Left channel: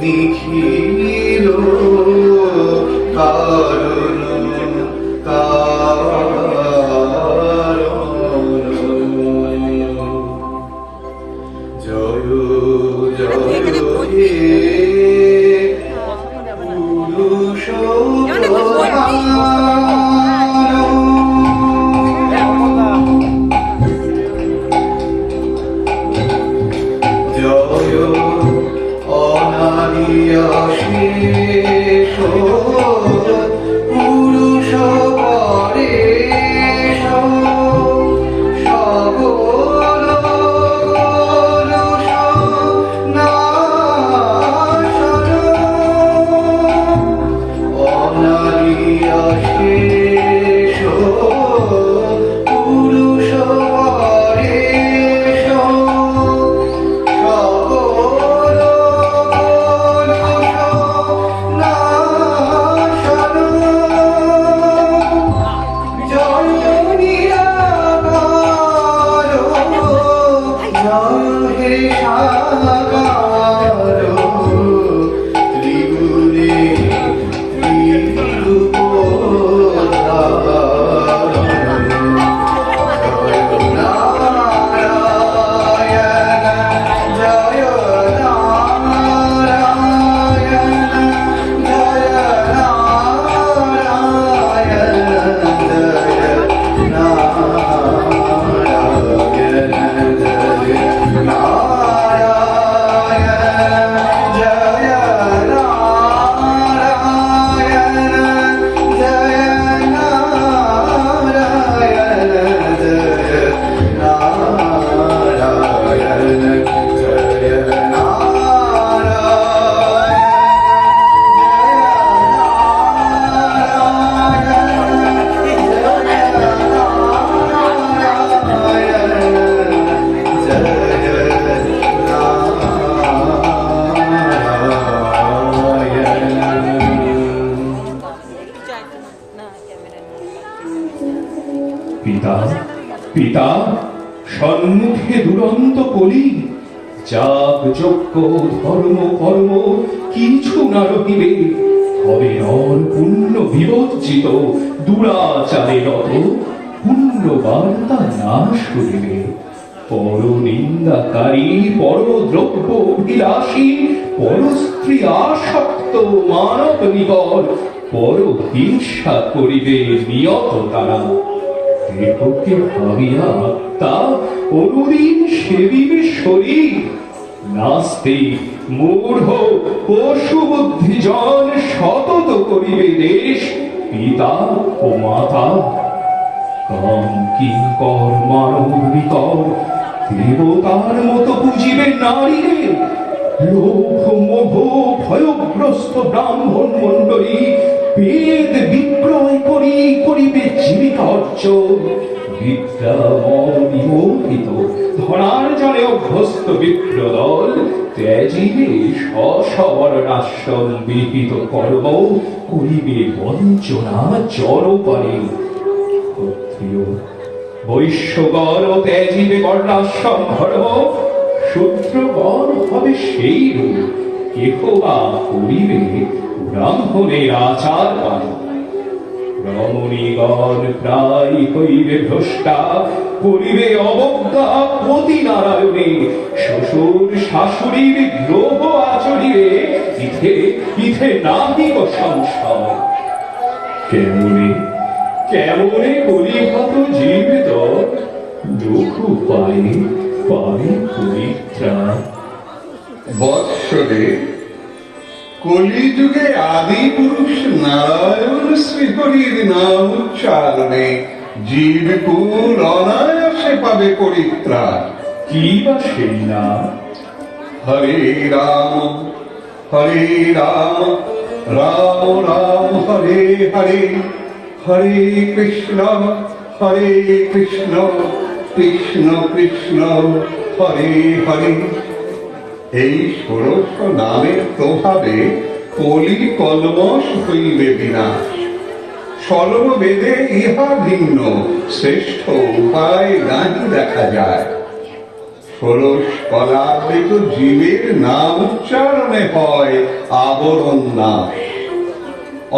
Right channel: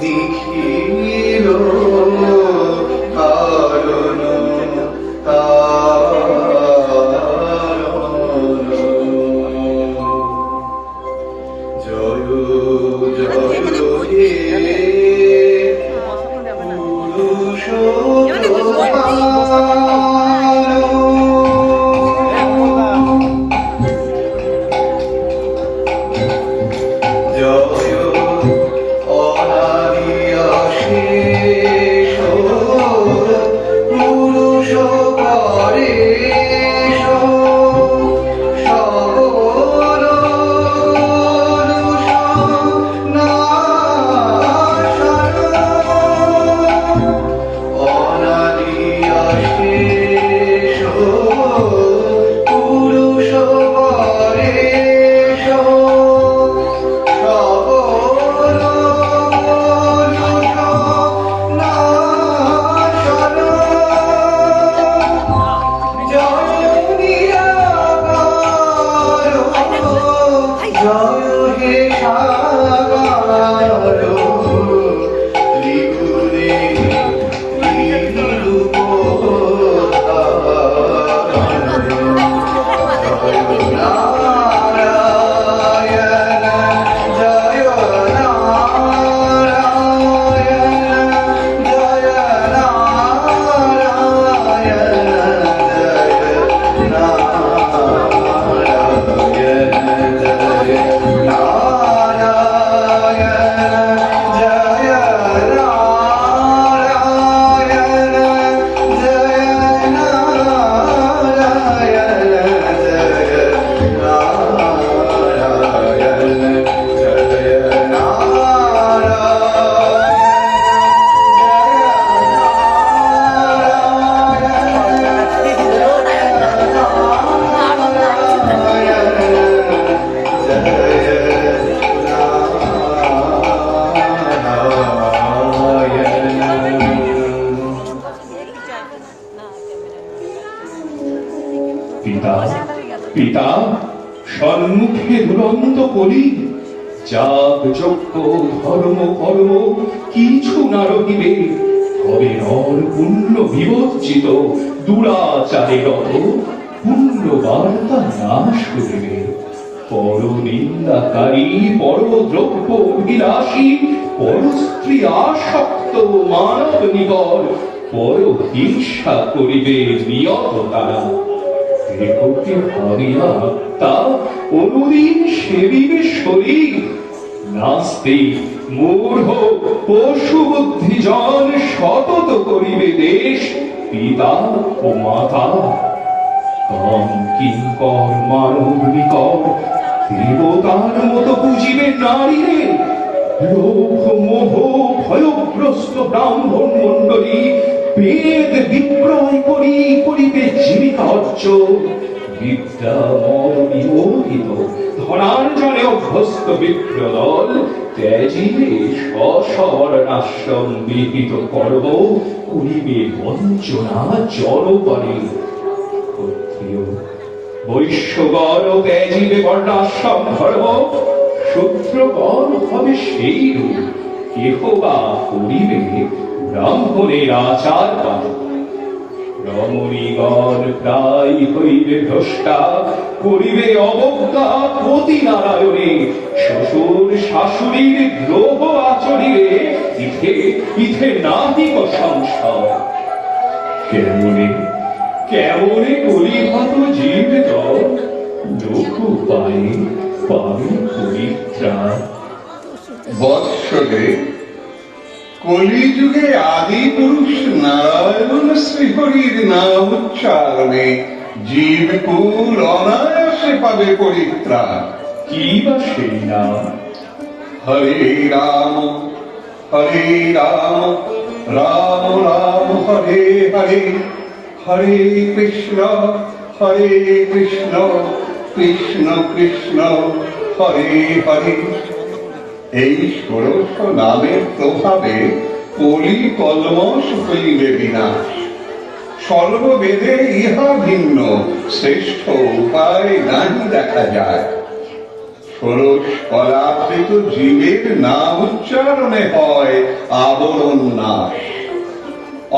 নিখিল কারণ জয় জয় হে পুরুষ পিতা পিতা সম্মুখে দুরন্ত কলি যাগ যজ্ঞ ধর্ম কর্ম কিছু না রহিবে হবে নর পুণ্য বিবর্জিত দুরাচারে রত পুণ্য বার্তা নাশ করিবে পর নিন্দাকারী পর দ্রব্য অভিলাষী পর স্ত্রী আসক্ত মানব নিগর পর হিংসা করিবে নিয়ত তারা দেহকে ভাবিয়া তা অনুদিন সেবিবে শরীর নাস্তিক মূঢ় পশু বুদ্ধিজন সতত করিবে দেশ পিতা ও মাতা কাম কিঙ্কর মানব নিকর দেবতার মতো বুঝিবে নারীরে লোভ মোহ ভয়গ্রস্ত ব্রাহ্মণ মণ্ডলী বেদ বিক্রয় করি করিবে জীবিকা অর্জন বিদ্যাময় বিমোহিত ধনার্জনে অভ্যস্ত বিপ্রদল ত্যাজিবে স্ববর্ণাশ্রম বিহিত কর্ম করিবে বঞ্চনা জনবরে ক্ষত্রিয় বৈশ্যগণ ত্যাজিবে বর্ণাশ্রম ধর্ম শূদ্রগণ হবে সেই রূপ কেহ বা করিবে ব্রাহ্মণের আচার পালন রমণীগণ প্রায় হইবে ভ্রষ্টা করিবে অবজ্ঞা পতি নারায়ণে শ্বশুর শাশুড়ির দ্রোহ আচরিবে ইথে ইথে নাহিক সংশয় কেমনে কেমনে করিহত জীবিত লোক পায়ে পাবে পরিত্রাণ বৎসরে কলিযুগে আদি পুরুষ নারায়ণ শ্রীহরির নাম উচ্চারণে জীবকুল অনায়াসে পাবে পরিত্রাণ কি বা সেই নাম হরে রাম রাম রাম হরে হরে হরে কৃষ্ণ কৃষ্ণ কৃষ্ণ হরে হরে এই 1600 নামের প্রভাবে কলি কলমশ হইবে বিনাশ সর্ববেদে ইহা ভিন্ন শ্রেষ্ঠ উপায় নাহি দেখা যায়। ষোড়শ পদার্থিত জীবের নাম উচ্চারণে হয় আবরণ নাশ।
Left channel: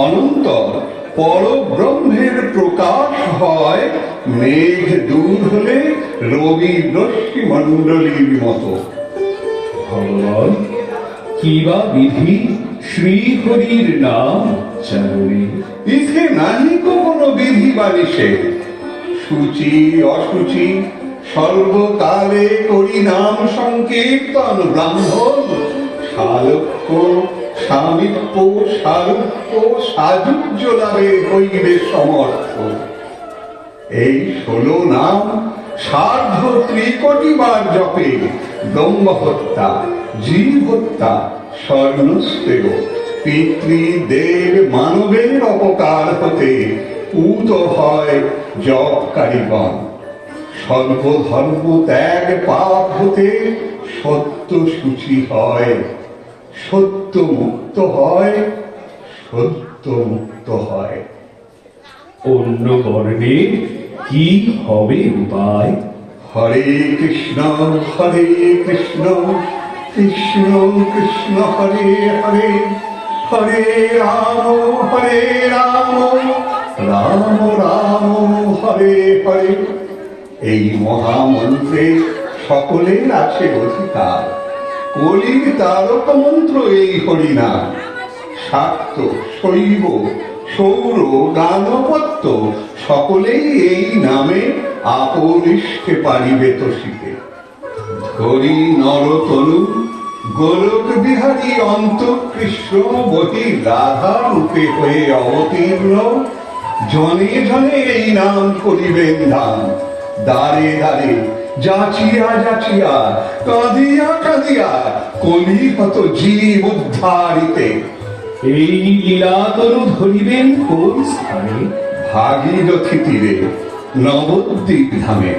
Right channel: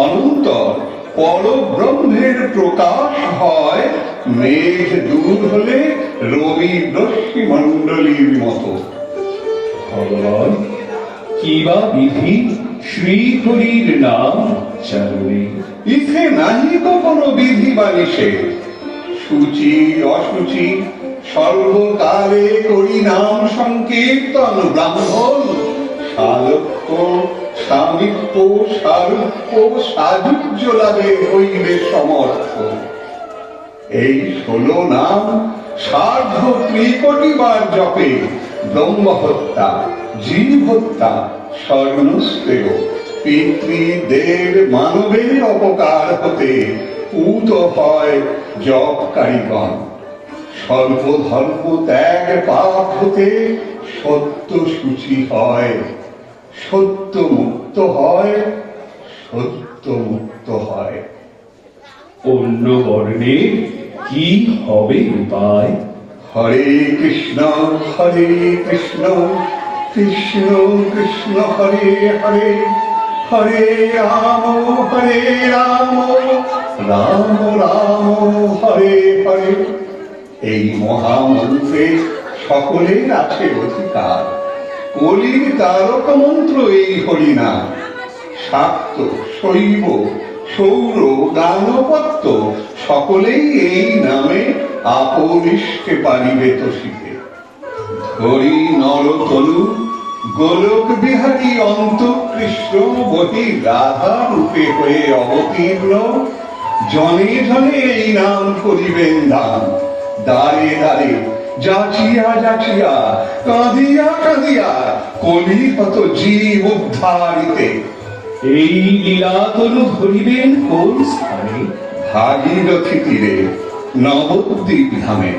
অনন্তর পরব্রহ্মের প্রকাশ হয় মেঘ দূর হলে রবি রশ্মি মণ্ডলীর মতো। ভগবান কিবা বিধি শ্রীহরির নাম চারণে? ইথে নাহি তো কোনো বিধি বা নিষেধ। সূচি অসুচি সর্বকালে করি নাম সংকীর্তন। ব্রাহ্মণ শালক্য স্বামিত্ব সারূপ্য সাযুজ্য লাভে হইবে সমর্থ। এই 16 নাম সার্ধ 3,000,000 বার জপে ব্রহ্ম হত্যা, জীব হত্যা, স্বর্ণস্তেয় পিতৃদেব মানবের অপকার হতে পূত হয় জপকারীগণ। সর্বধর্ম ত্যাগ পাপ হতে সত্য সূচি হয়, সত্য মুক্ত হয়, সত্য মুক্ত হয়। অন্য বর্ণে কি হবে উপায়? হরে কৃষ্ণ কৃষ্ণ কৃষ্ণ হরে হরে, হরে রাম রাম রাম হরে হরে। এই মহামন্ত্রে সকলের আছে অধিকার। কলির তারক মন্ত্র এই হরিনাম। শাক্ত শৈব সৌর গানপত্য সকলেই এই নামে আপরিষ্ঠে পারিবে তোষিতে। হরি নরতনু গোলক বিহারী অন্ত কৃষ্ণ বহি রাধা রূপে হয়ে অবতীর্ণ। জনে জনে এই নাম করিবেন দান। দ্বারে দ্বারে যাচিয়া যাচিয়া কাঁদিয়া কাঁদিয়া কলিহত জীব উদ্ধারিতে। এই লীলাতনু ধরিবেন কোন স্থানে? ভাগীরথী তীরে নবদ্বীপ ধামে।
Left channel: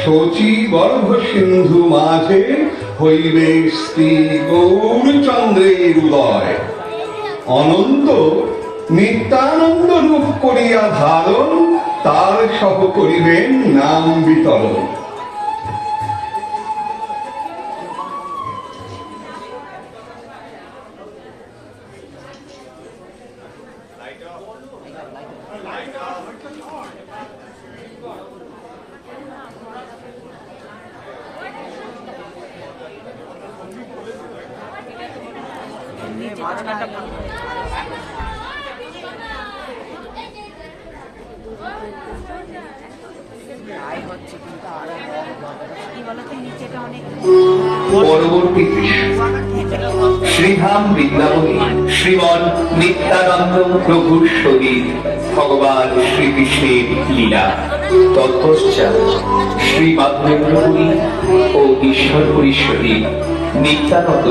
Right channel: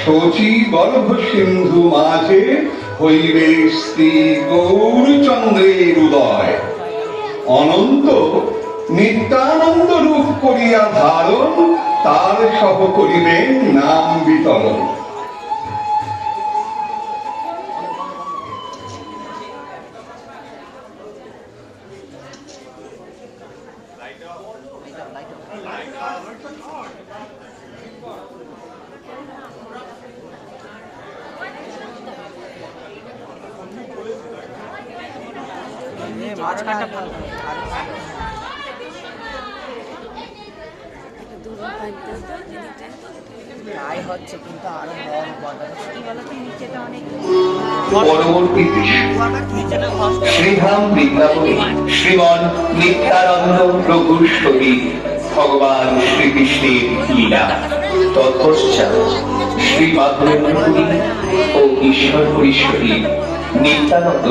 শচী গর্ভ সিন্ধু মাঝে হইবে শ্রী গৌরচন্দ্রের উদয়। অনন্ত নিত্যানন্দ রূপ করিয়া ধারণ, তার সহ করিবেন নাম বিতরণ। পরবর্তী শ্রীধাম বৃন্দাবনে শ্রীমন নিত্যানন্দ প্রভুর সহিত ভগবান শ্রীকৃষ্ণের লীলা। তৎপশ্চাৎ শ্রী মাধবেন্দ্র পুরী ও ঈশ্বরপুরীর সহিত নিত্যানন্দ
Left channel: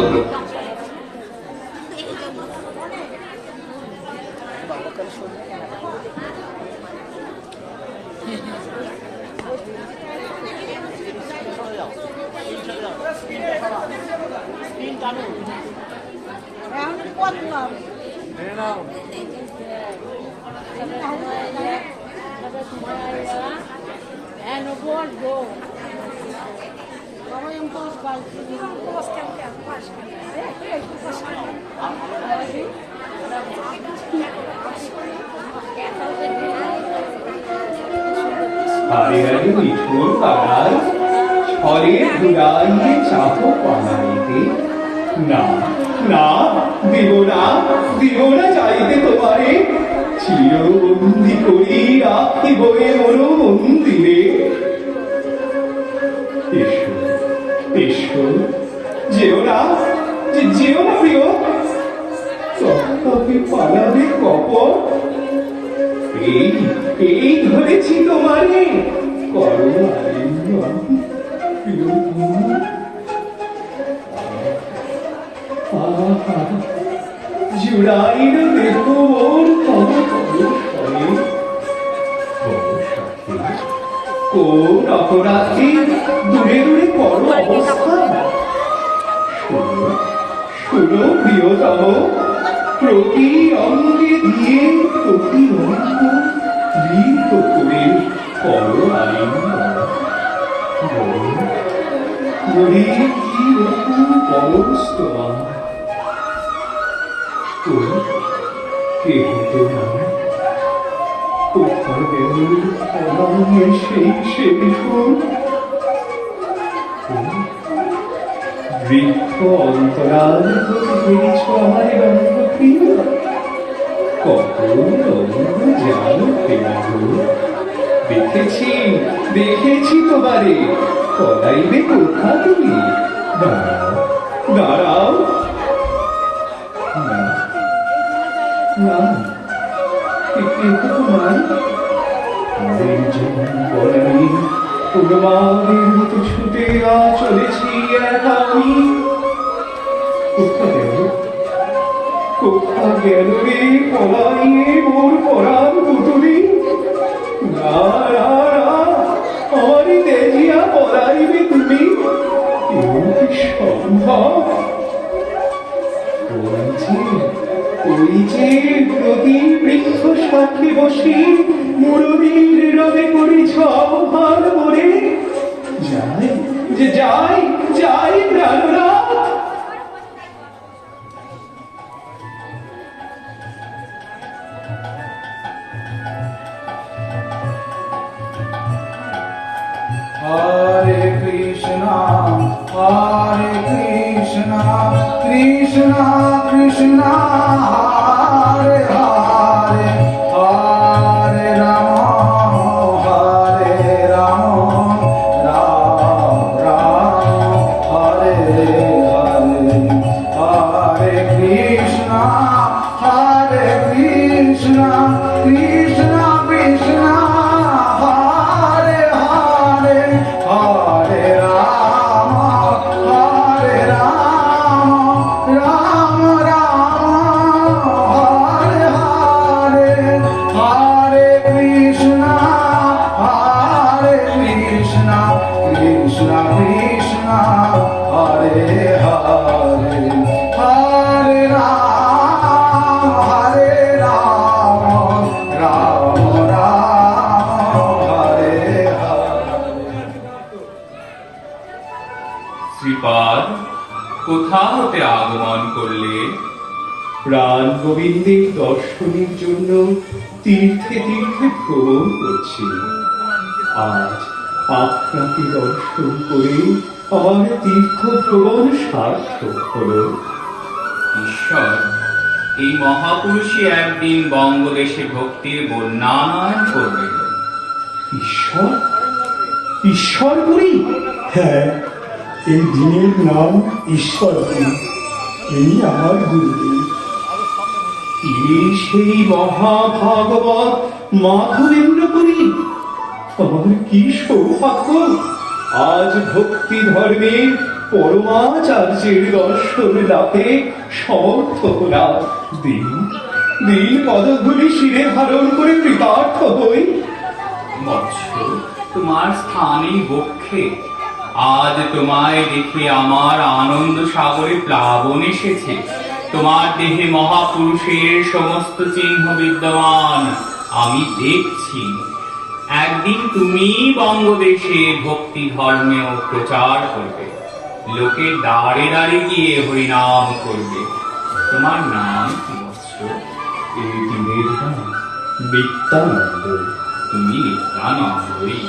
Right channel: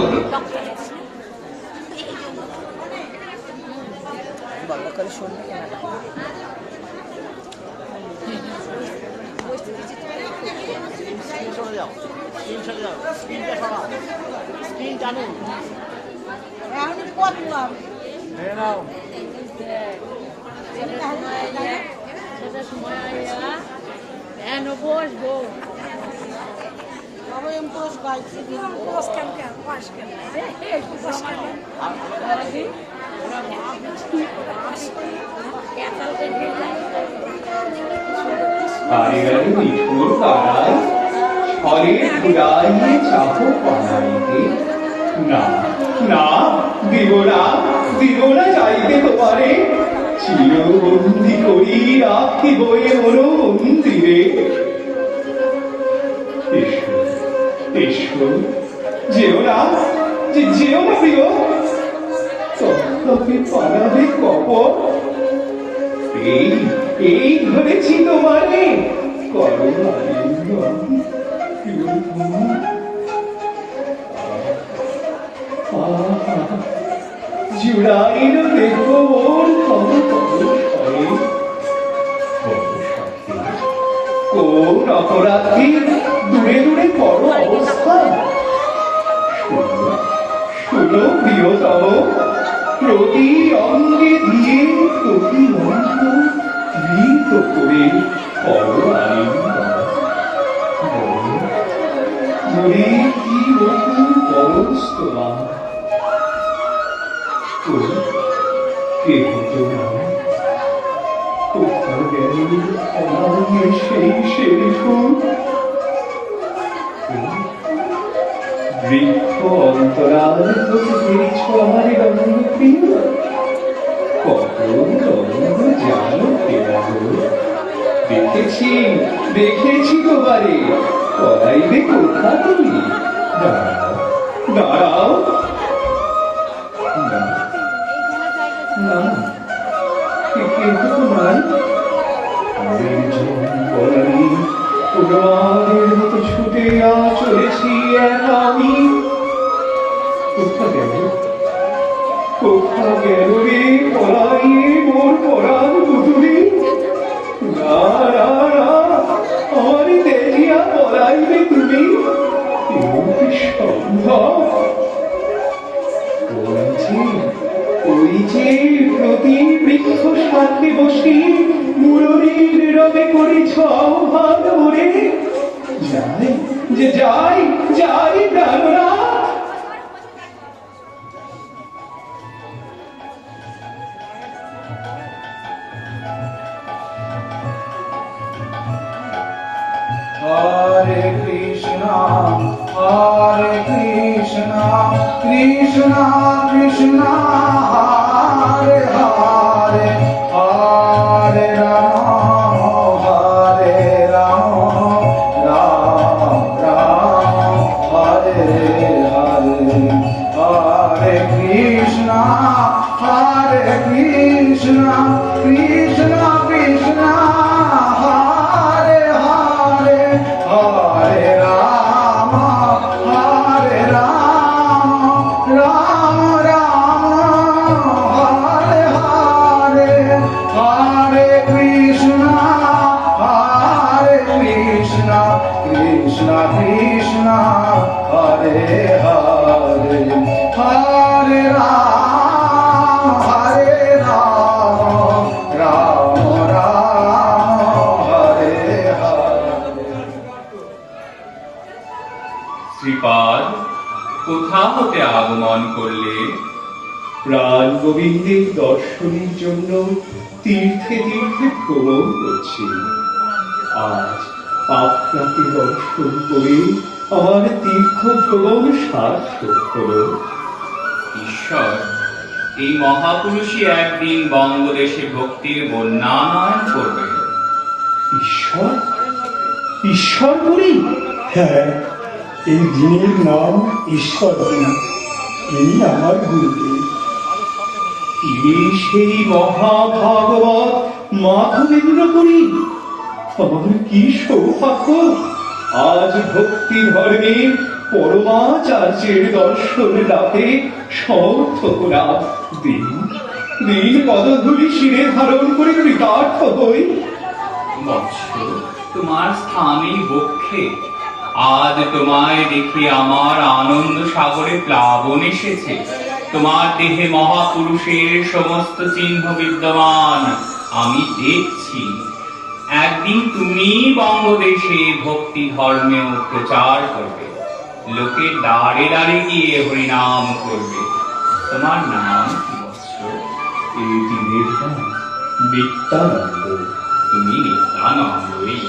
বাড়ির মিঠুর তারায় ঘরের ঘুরাইয়ে চাপ পানাইতে। না না, দিব না, দিব না যাইতে তোমারে। চিরবন্দি করি রাখিব এ মন মন্দিরে। এসো এসো, যেও না, যেও না প্রিয়। চক্ষকে পানাবে কপট। এই ধরেছি তোমারে, করো আলিঙ্গন প্রিয়তম। জুড়াইল দেখো মোর কত স্বরে। কোন অপরাধী দূরে দূরে করো অবস্থা। শুনো শুনো প্রিয়তম, প্রতি অঙ্গে দিয়ে প্রতি অঙ্গ মৃত করে করো মনে কি রকম পরশ তোমার তো কে হতো না কোথায় গেল আমার সেই শেষ বৃক্ষ অন্তরাল ঘিরেছ আমার রঙ্গপ্রিয় কত রঙ্গ জানো পেলাগো দেখেছি তোমারে পলাইবে কোথা তুমি দাঁড়াও না না কিন্তু তোমার তোমাদের মতো ছুটে চলেছি একা আমি কোথা গেল রে পলাইয়ে মোর পরাণ পুতুলি না না না আমারই দেখিয়া পলাইবে তুমি সম্ভব ওই যে প্রতি বৃক্ষ সাথে বসি মুরলীর রবে করিছ আহ্বান ওরে যাই প্রাণনাথ Hare Krishna, Hare Krishna, Krishna Krishna, Hare Hare, Hare Rama, Hare Rama, Rama Rama, Hare Hare, Hare Krishna, Hare Krishna, Krishna Krishna. Krishna Krishna, Hare Hare, Hare Rama, Hare Rama, Rama Rama, Hare Hare. শ্রীপাদ কোথা হতে আগমন করলে? প্রাণ গোবিন্দের দর্শনের জন্য তীর্থে তীর্থে ভ্রমণ করছি। আজ আপনাকে দর্শন করে আমার তীর্থ ভ্রমণ সার্থক হল। ঈশ্বর, এই মহাপুরুষই একদিন বঙ্গদেশে ভক্তির বন্যায়ন করবেন। ঈশ্বর ঈশ্বরপুরী? হ্যাঁ, এই দিনের নাম ঈশ্বরপুরী। এই আমার গুরুদেব। তিনি সেই মহাভাগবত মাধবেন্দ্রপুরী। আমার কি সৌভাগ্য! আজ ভক্তি ধর্মে পরমাচার্যের দর্শন লাভে সমর্থ হলাম। দিন পদধূলি শিরে ধারণ করে কৃতার্থ হই। বৎস, তোমার স্থানেই বক্ষে। আজ তোমায় দেখে আমার আনন্দ সাগরে প্লাবন এসেছে। তোমার দেহে মহাপুরুষের সমস্ত চিহ্ন বিদ্যমান আমি দেখছি। একদিন তুমি বঙ্গদেশে ভক্তি ধর্মেও প্রচার করবে, লোকের দ্বারে দ্বারে গিয়ে হরিনাম করবে। তোমার নাম কি বৎস? এই দিনের নাম নিত্যানন্দ। তুমি নিত্যানন্দই।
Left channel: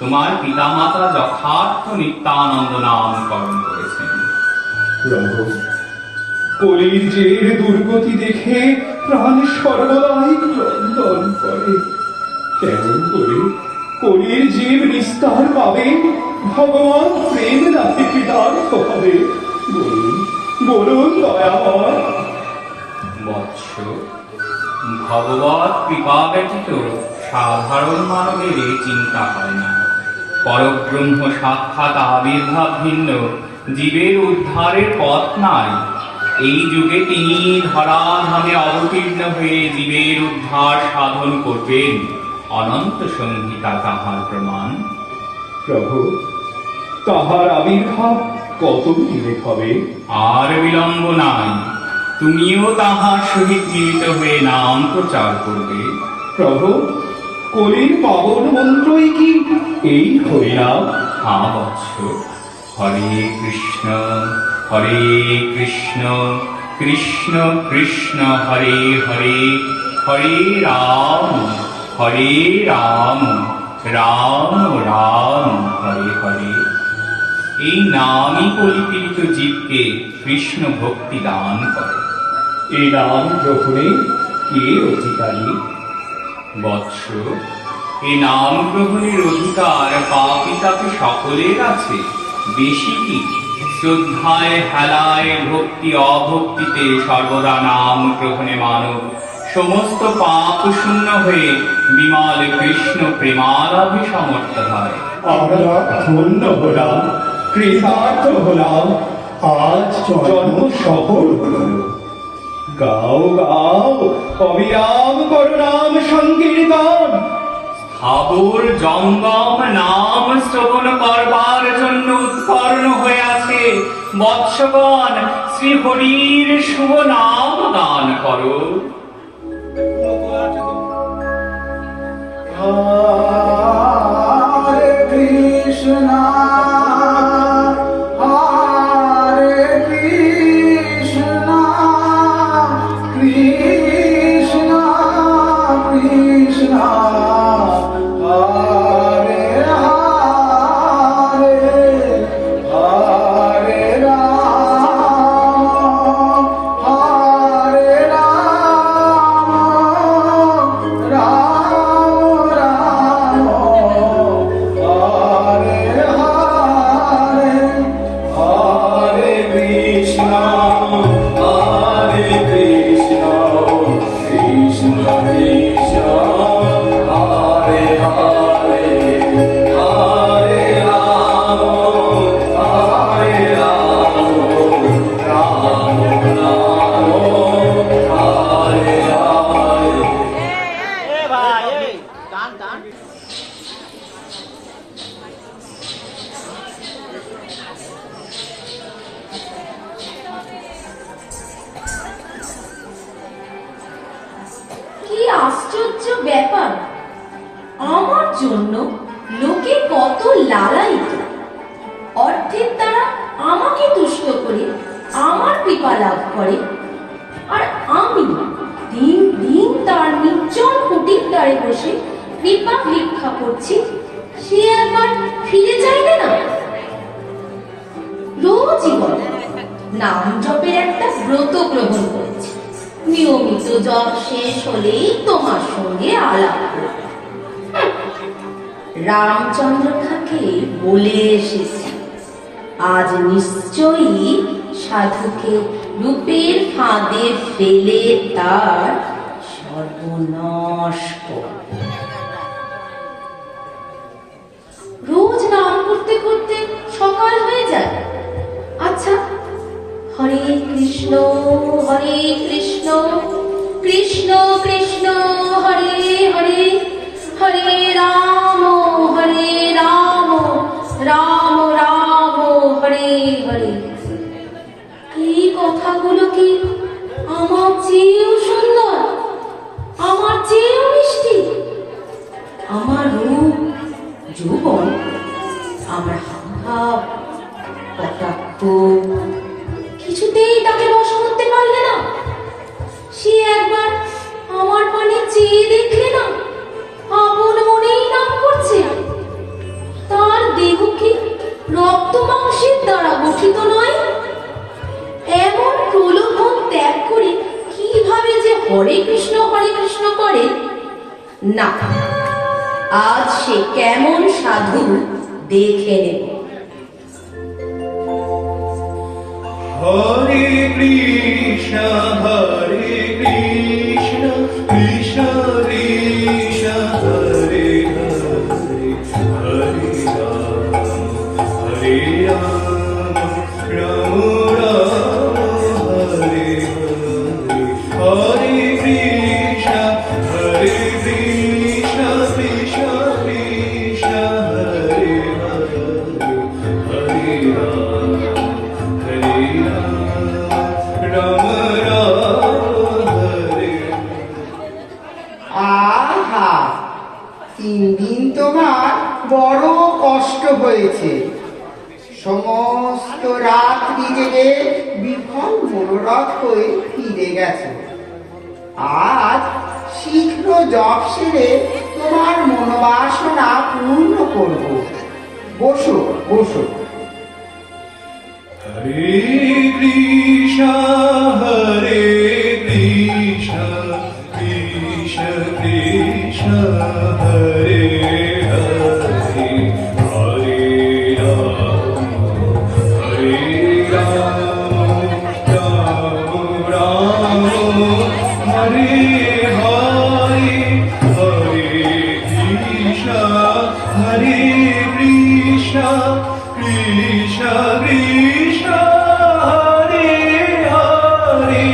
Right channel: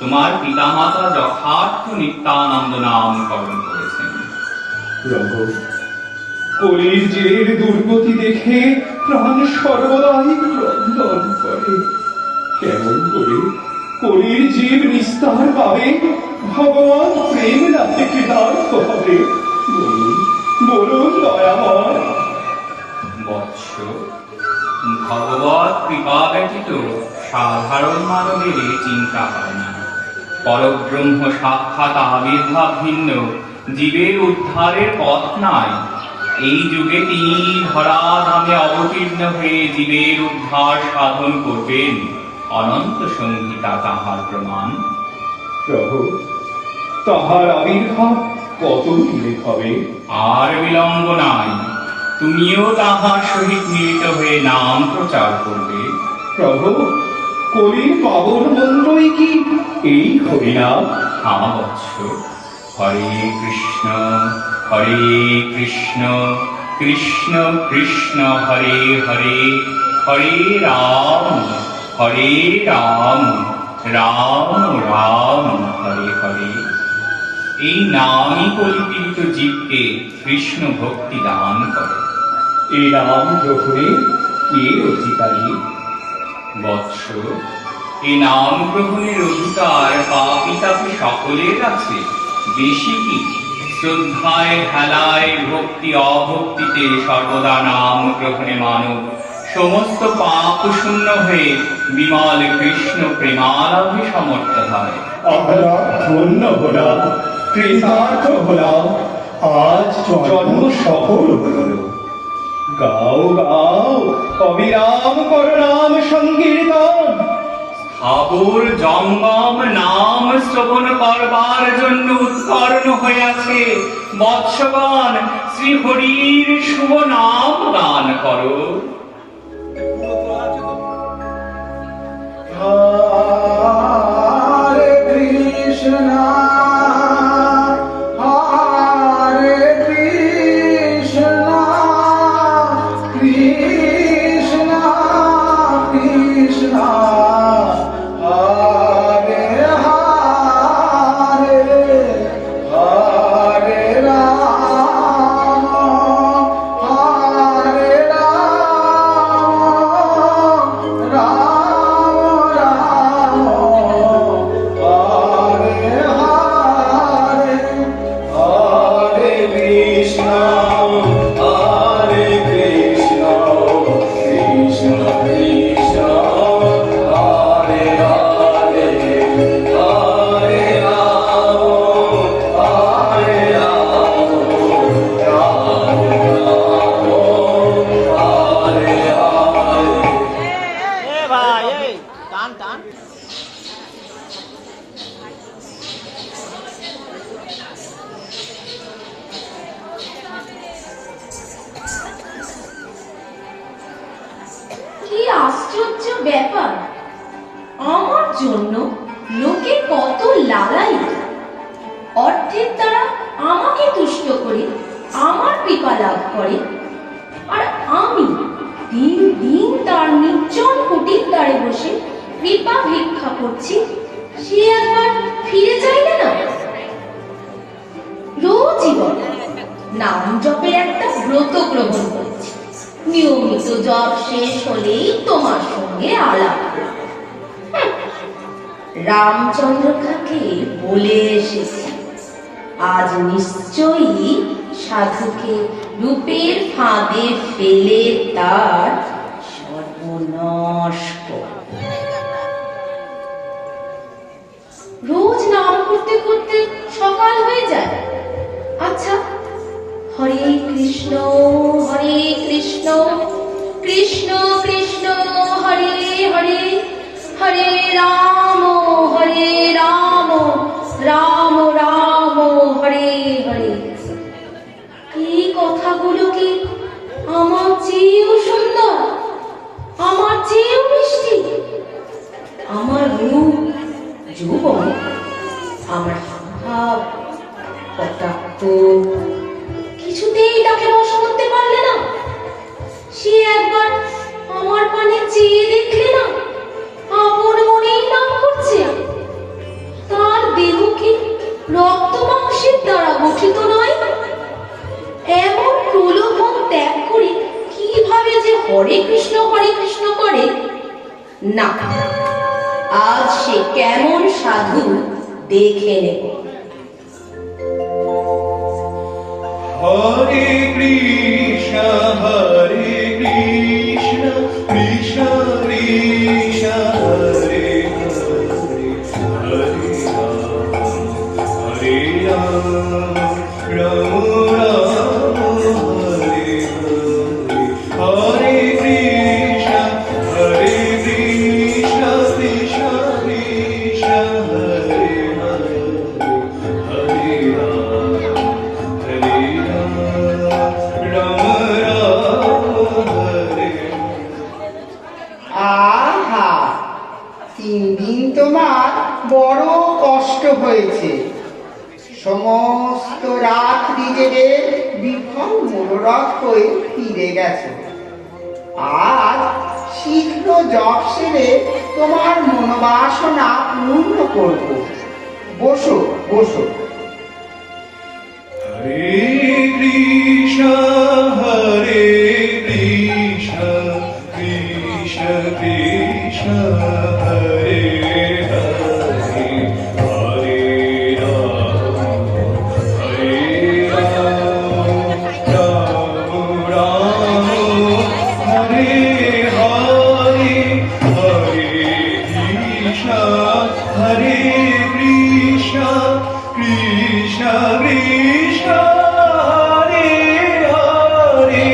তোমার পিতামাতা যথার্থ নিত্যানন্দ নামকরণ করেছেন। প্রভু, কলির জের দুর্গতি দেখে প্রাণ সর্বদাই ক্রন্দন করে। কেমন করে কলির জীব নিস্তার পাবে? ভগবান প্রেম রাখে কৃতার্থ হবে। বলুন দয়াময়। বৎস, ভগবৎ কৃপা ব্যতীত সাধারণ মানবের এই চিন্তা হয় না। পরব্রহ্ম সাক্ষাৎ আবির্ভাব ভিন্ন জীবের উদ্ধারের পথ নাই। এই যুগে তিনি ধরাধামে অবতীর্ণ হয়ে জীবের উদ্ধার সাধন করবেন। অনন্ত সংহিতা তাহার প্রমাণ। প্রভু, তাহার আবির্ভাব কত দিনে হবে? আর বিলম্ব নাই। তুমিও তাহার সহিত মিলিত হয়ে নাম প্রচার করবে। প্রভু, কলির পাবন মন্ত্রই কি এই হরিনাম? হ্যাঁ বৎস, হরে কৃষ্ণ কৃষ্ণ কৃষ্ণ হরে হরে, হরে রাম রাম রাম হরে হরে। এই নামই কলিপীড়িত জীবকে কৃষ্ণ ভক্তি দান করে। এই নাম গ্রহণে কে অধিকারী? বৎস, এই নাম গ্রহণের অধিকার পাপী তাপী সকলের আছে। বেশি কি, শ্রদ্ধায় হেলায় ভক্তি অভক্তিতে সর্বদা নাম গ্রহণে মানব সমস্ত পাপ শূন্য হয়ে বিমল কৃষ্ণ প্রেমালাভে সমর্থ হয়। আমরা ধন্য হলাম, কৃতার্থ হলাম, আজ জন্ম সফল হল। গাও গাও অবিরাম করো নাম সংকীর্তন। স্থাবর জঙ্গম নাম শ্রবণ করবার জন্য উৎকর্ণ হয়ে আছে। বৎসগণ, শ্রী হরির শুভ নাম গান করো। Hare Krishna, Hare Krishna, Krishna Krishna, Hare Hare, Hare Ram, Hare Ram, Ram কি আশ্চর্য ব্যাপার! আমার জন্য লোকে কত লালায়িত, অর্থের দ্বারা আমাকে তুষ্ট করে আমার কৃপা লাভ করে, আর আমি দিন দিন তার নির্জন কুটির দ্বারে বসে কৃপা ভিক্ষা করছি। সে একবার ফিরে চাইলে না। রোজই বলে নাম জপের একটা ব্রত গ্রহণ করছি, নিয়মিত জপ শেষ হলেই তোমার সঙ্গে আলাপ করব। রামচন্দ্র খাকে বলে এসেছি, আজ নিশ্চয়ই সাধুকে রূপের ফাঁদে ফেলে তার সর্বনাশ করব। রোজ নাম করতে করতে সকাল হয়ে যায়। আচ্ছা, হরে কৃষ্ণ কৃষ্ণ কৃষ্ণ হরে হরে, হরে রাম রাম রাম হরে হরে। এই কথাগুলো কি আমার চেয়েও সুন্দর, আমার চেয়েও মিষ্টি? আমার রূপ যৌবন, আমার হাব কটাক্ষ কিছুতেই তাকে রস করতে পারলে না। সে একবার আমার পানে চেয়ে দেখলে না, আপন মনেই নাম করছে। তার দেহ কি রক্ত মাংসের দ্বারা গঠিত নয়? এমন প্রলোভন ত্যাগ করে কিভাবে যে হরে কৃষ্ণ করে না, আজ সে কেমন সাধু দেখে নেব। হরে কৃষ্ণ কৃষ্ণ কৃষ্ণ হরে হরে, হরে রাম রাম রাম হরে হরে। হরে কৃষ্ণ কৃষ্ণ কৃষ্ণ হরে হরে, হরে রাম রাম রাম সমস্ত রাত্রি জেগে বিফল মনোরথ হয়ে ফিরে গেছে। আজ শীঘ্র জপ সেরে তোমার মনোবাসনা পূর্ণ করব। বসো বসো। হরে কৃষ্ণ হরে কৃষ্ণ কৃষ্ণ কৃষ্ণ হরে হরে হরে রাম হরে রাম রাম রাম হরে হরে হরে কৃষ্ণ হরে কৃষ্ণ কৃষ্ণ কৃষ্ণ হরে হরে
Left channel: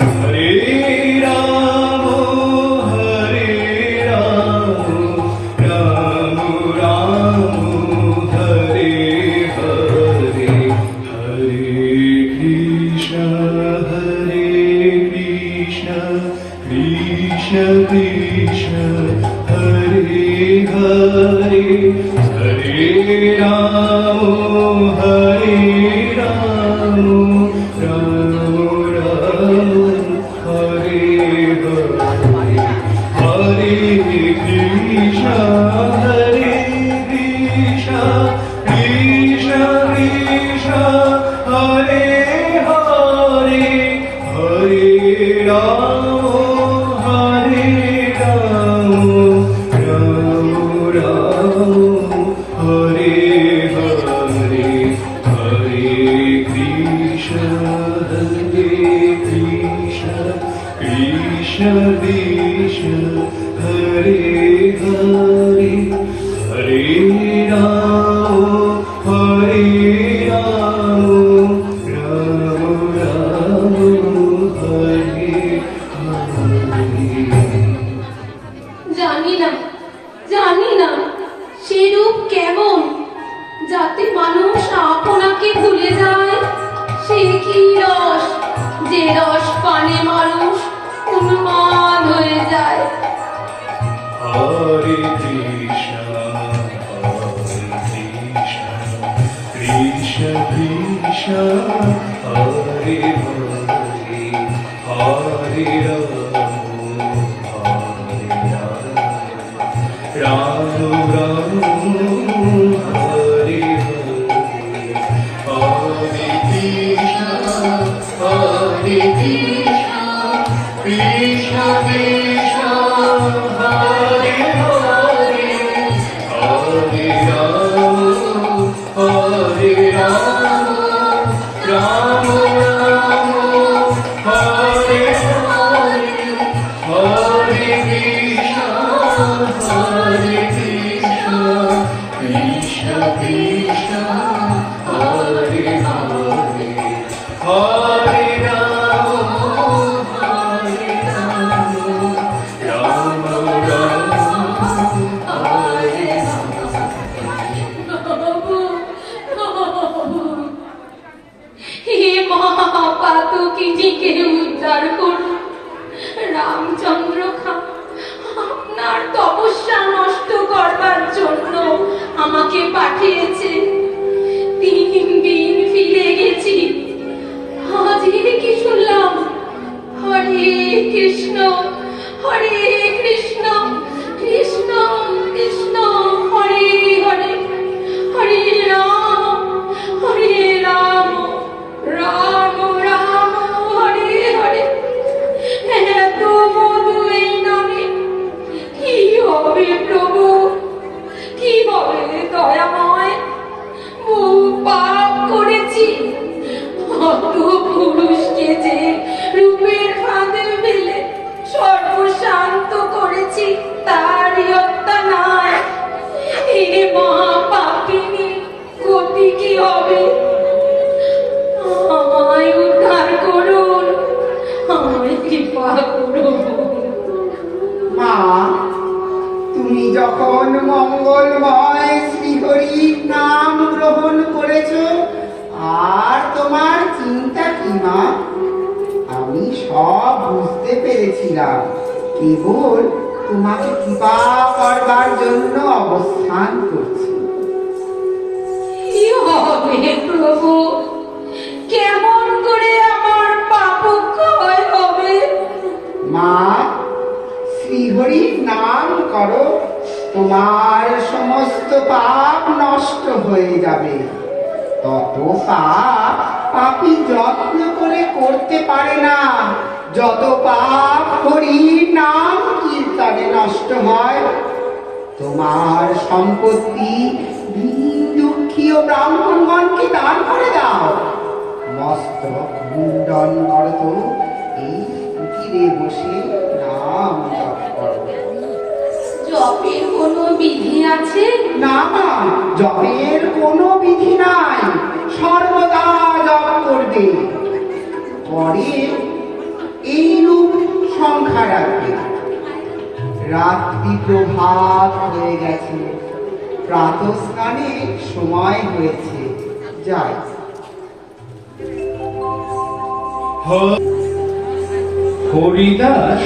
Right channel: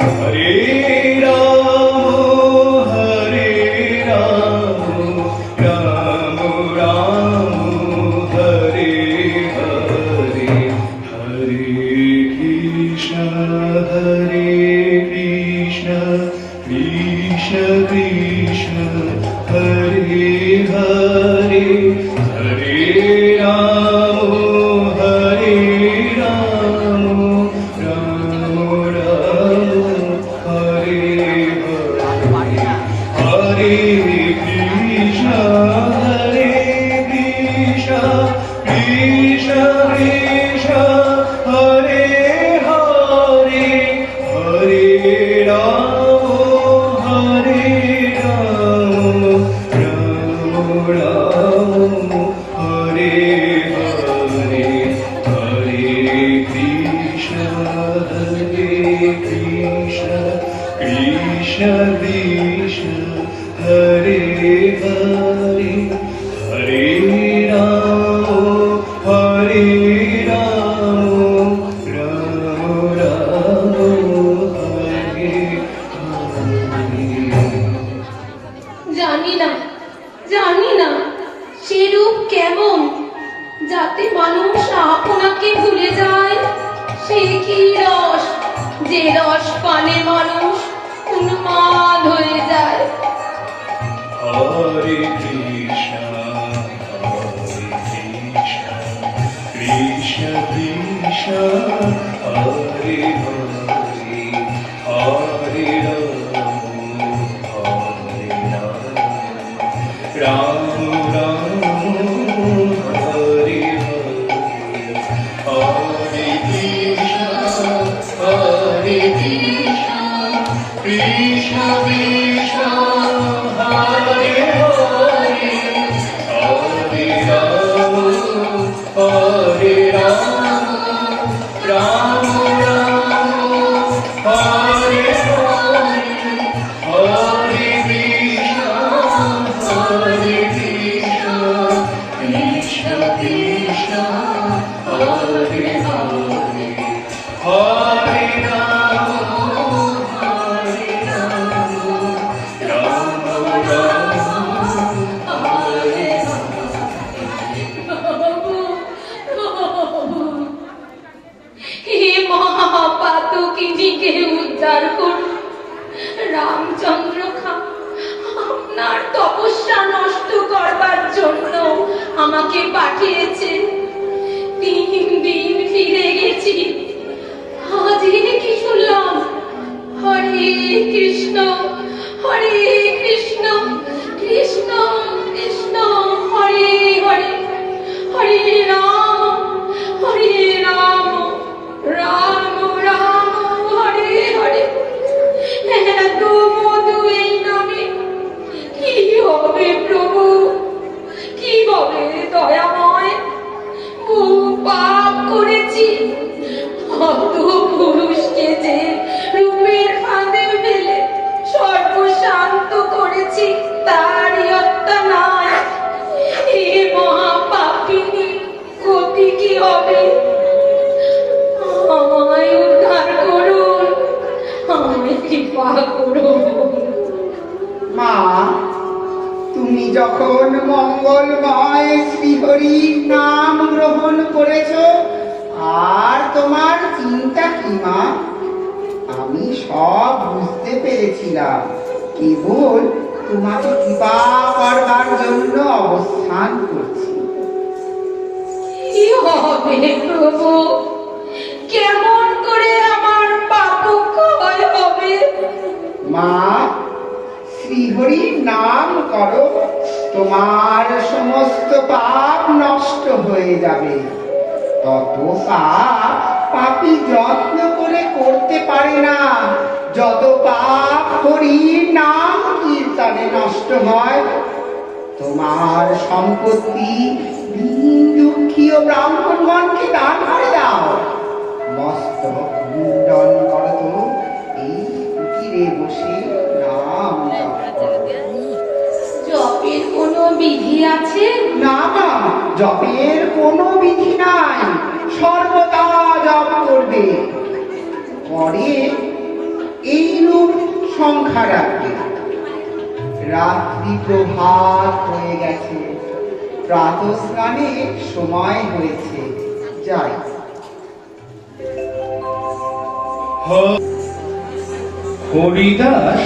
হরে রাম রাম রাম হরে হরে হরে কৃষ্ণ কৃষ্ণ কৃষ্ণ হরে হরে হরে রাম রাম রাম হরে হরে হরে কৃষ্ণ কৃষ্ণ কৃষ্ণ হরে হরে হরে রাম রাম রাম হরে হরে হরে কৃষ্ণ কৃষ্ণ কৃষ্ণ হরে হরে হরে রাম রাম রাম হরে হরে। জানি না সেরূপ কেমন, যাতে মানুষ আপনাকে ভুলে যায়। সে কি রস, যে রস পানে মানুষ উন্মাদ হয়ে যায়। হরে কৃষ্ণ কৃষ্ণ কৃষ্ণ হরে হরে হরে রাম রাম হরে হরে কৃষ্ণ কৃষ্ণ কৃষ্ণ হরে হরে হরে রাম রাম রাম হরে হরে হরে কৃষ্ণ কৃষ্ণ কৃষ্ণ হরে হরে হরে রাম রাম হরে হে মহাপাতকিনীকে উদ্ধার করুন। রামচন্দ্র খাঁ আপনার তপস্যা নষ্ট করবার জন্য আমাকে পাঠিয়েছে। 3 দিন ফিরে গেছি, আজকে কি শুনলাম? হরে কৃষ্ণ কৃষ্ণ কৃষ্ণ হরে হরে হরে রাম রাম রাম হরে হরে। এত মধু এই নামে কি হবে প্রভু, কি হবে দয়াময়? বহু পাপ করেছি, অত পুরুষকে যে রূপের ফাঁদে ফেলে সর্বশান্ত করেছি, তারই হত্যা নয়। এ মহাপাপিনী গতি কি হবে? আমায় উদ্ধার করুন, আমায় কৃপা করুন। মা, তুমি যখন মঙ্গলময় শ্রীহরির নাম গ্রহণ করেছ, আর তোমার চিন্তা কি মা? আমি সব বুঝতে পেরেছিলাম। কেবল তোমাকে কৃপা করবার জন্য অবস্থান করছি। কি হবে তত পাপ পাপী যত্ন করে করতে পারে না, যত পাপ হরির নাম কীর্তনে নষ্ট হয়। তোমার সম্পত্তি দীন দুঃখী ও ব্রাহ্মণগণকে দান করে দাও। মস্তক মুন্ডন করত, এই কুটিরে বসে নাম জপ করো। জপের কোনো বিধি আছে? না মা, জপের কোনো বিধি নাই, সর্বদা জপ করবে। পরে এইরূপ সংখ্যা রাখবে। রাত্রি প্রভাত হয়ে গেছে, প্রাতঃ স্নানের সময় হয়েছে, যাই। হরিদাস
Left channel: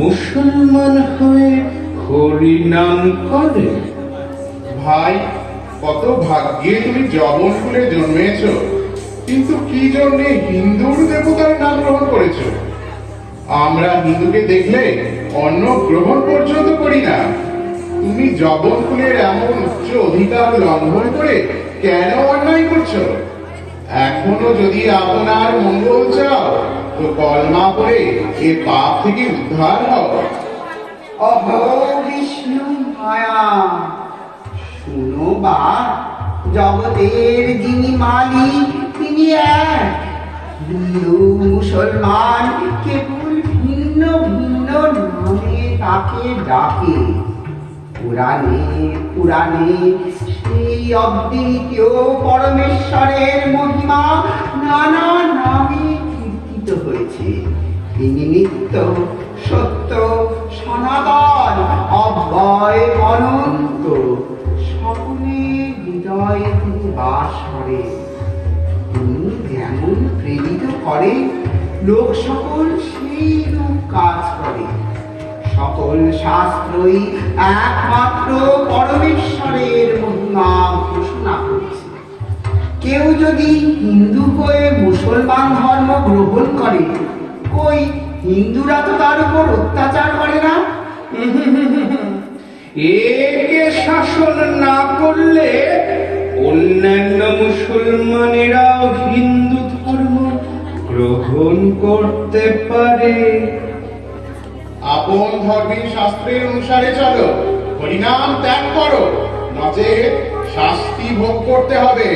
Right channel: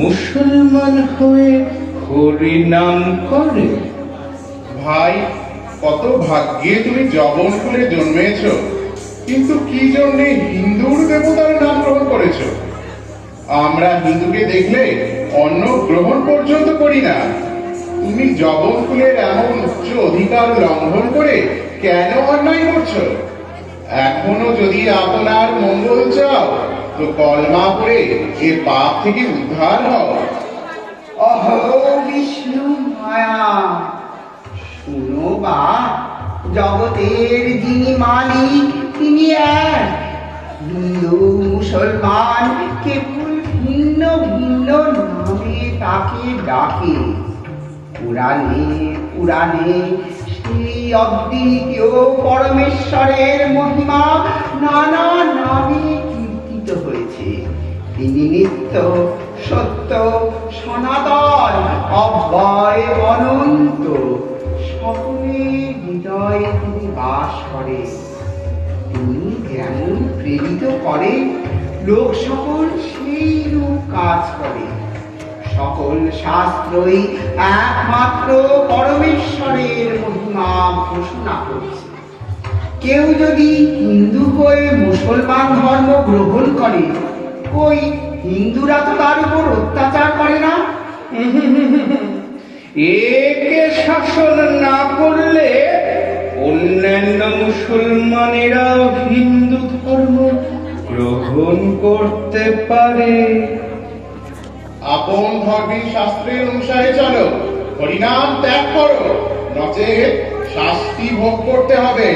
মুসলমান হয়ে হরিনাম করে? ভাই, কত ভাগ্যে তুমি জবন কুলে জন্মেছ, কিন্তু কি জন্যে হিন্দুর দেবতার নাম গ্রহণ করেছ? আমরা হিন্দুকে দেখলে অন্ন গ্রহণ পর্যন্ত করি না। তুমি জবন কুলের এমন উচ্চ অধিকার লঙ্ঘন করে কেন অন্যায় করছো? এখনো যদি আপনার মঙ্গল চাও তো কলমা পড়ে এ পাপ থেকে উদ্ধার হও। অহো বিষ্ণু মায়া, শুনো বা, জগতের যিনি মালিক তিনি এক। হিন্দু মুসলমান কেবল ভিন্ন ভিন্ন নামে তাকে ডাকে। পুরাণে পুরাণে সেই অদ্বিতীয় পরমেশ্বরের মহিমা নানা নামে কীর্তিত হয়েছে। তিনি নিত্য, সত্য, সনাতন, অব্যয়, অনন্ত। সকলের হৃদয়ে তিনি বাস করে। তিনি যেমন প্রেরিত করে, লোক সকল সেই রূপ কাজ করে। সকল শাস্ত্রই একমাত্র পরমেশ্বরের মহিমা ঘোষণা করছে। কেউ যদি হিন্দু হয়ে মুসলমান ধর্ম গ্রহণ করে, ওই হিন্দুরা তো তার উপর অত্যাচার করে না? একে শাসন না করলে অন্যান্য মুসলমানেরাও হিন্দু ধর্ম গ্রহণ করতে পারে। আপন ধর্মের শাস্ত্রের অনুসারে চলো, হরিনাম ত্যাগ করো, নচেত শাস্তি ভোগ করতে হবে।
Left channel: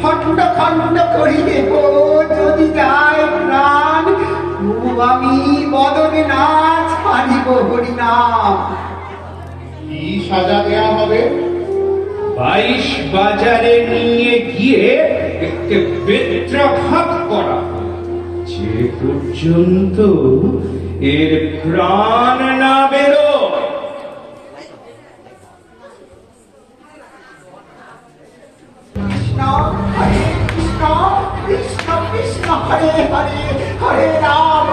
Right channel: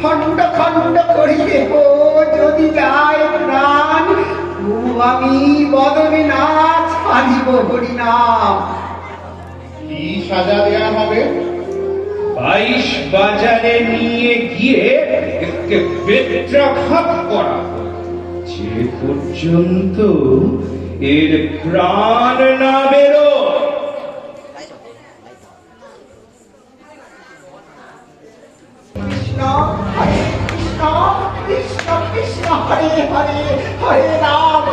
খণ্ড খণ্ড করিবে গো যদি যায় প্রাণ, তবু আমি বদনে নাচ পারিব হরিনাম। কি সাজা দেয়া হবে? 22 বাজারে নিয়ে গিয়ে একে বেত্রাঘাত করা, যে পর্যন্ত এর প্রাণ না বেরো। কৃষ্ণ হরে কৃষ্ণ, কৃষ্ণ কৃষ্ণ হরে হরে, হরে রাম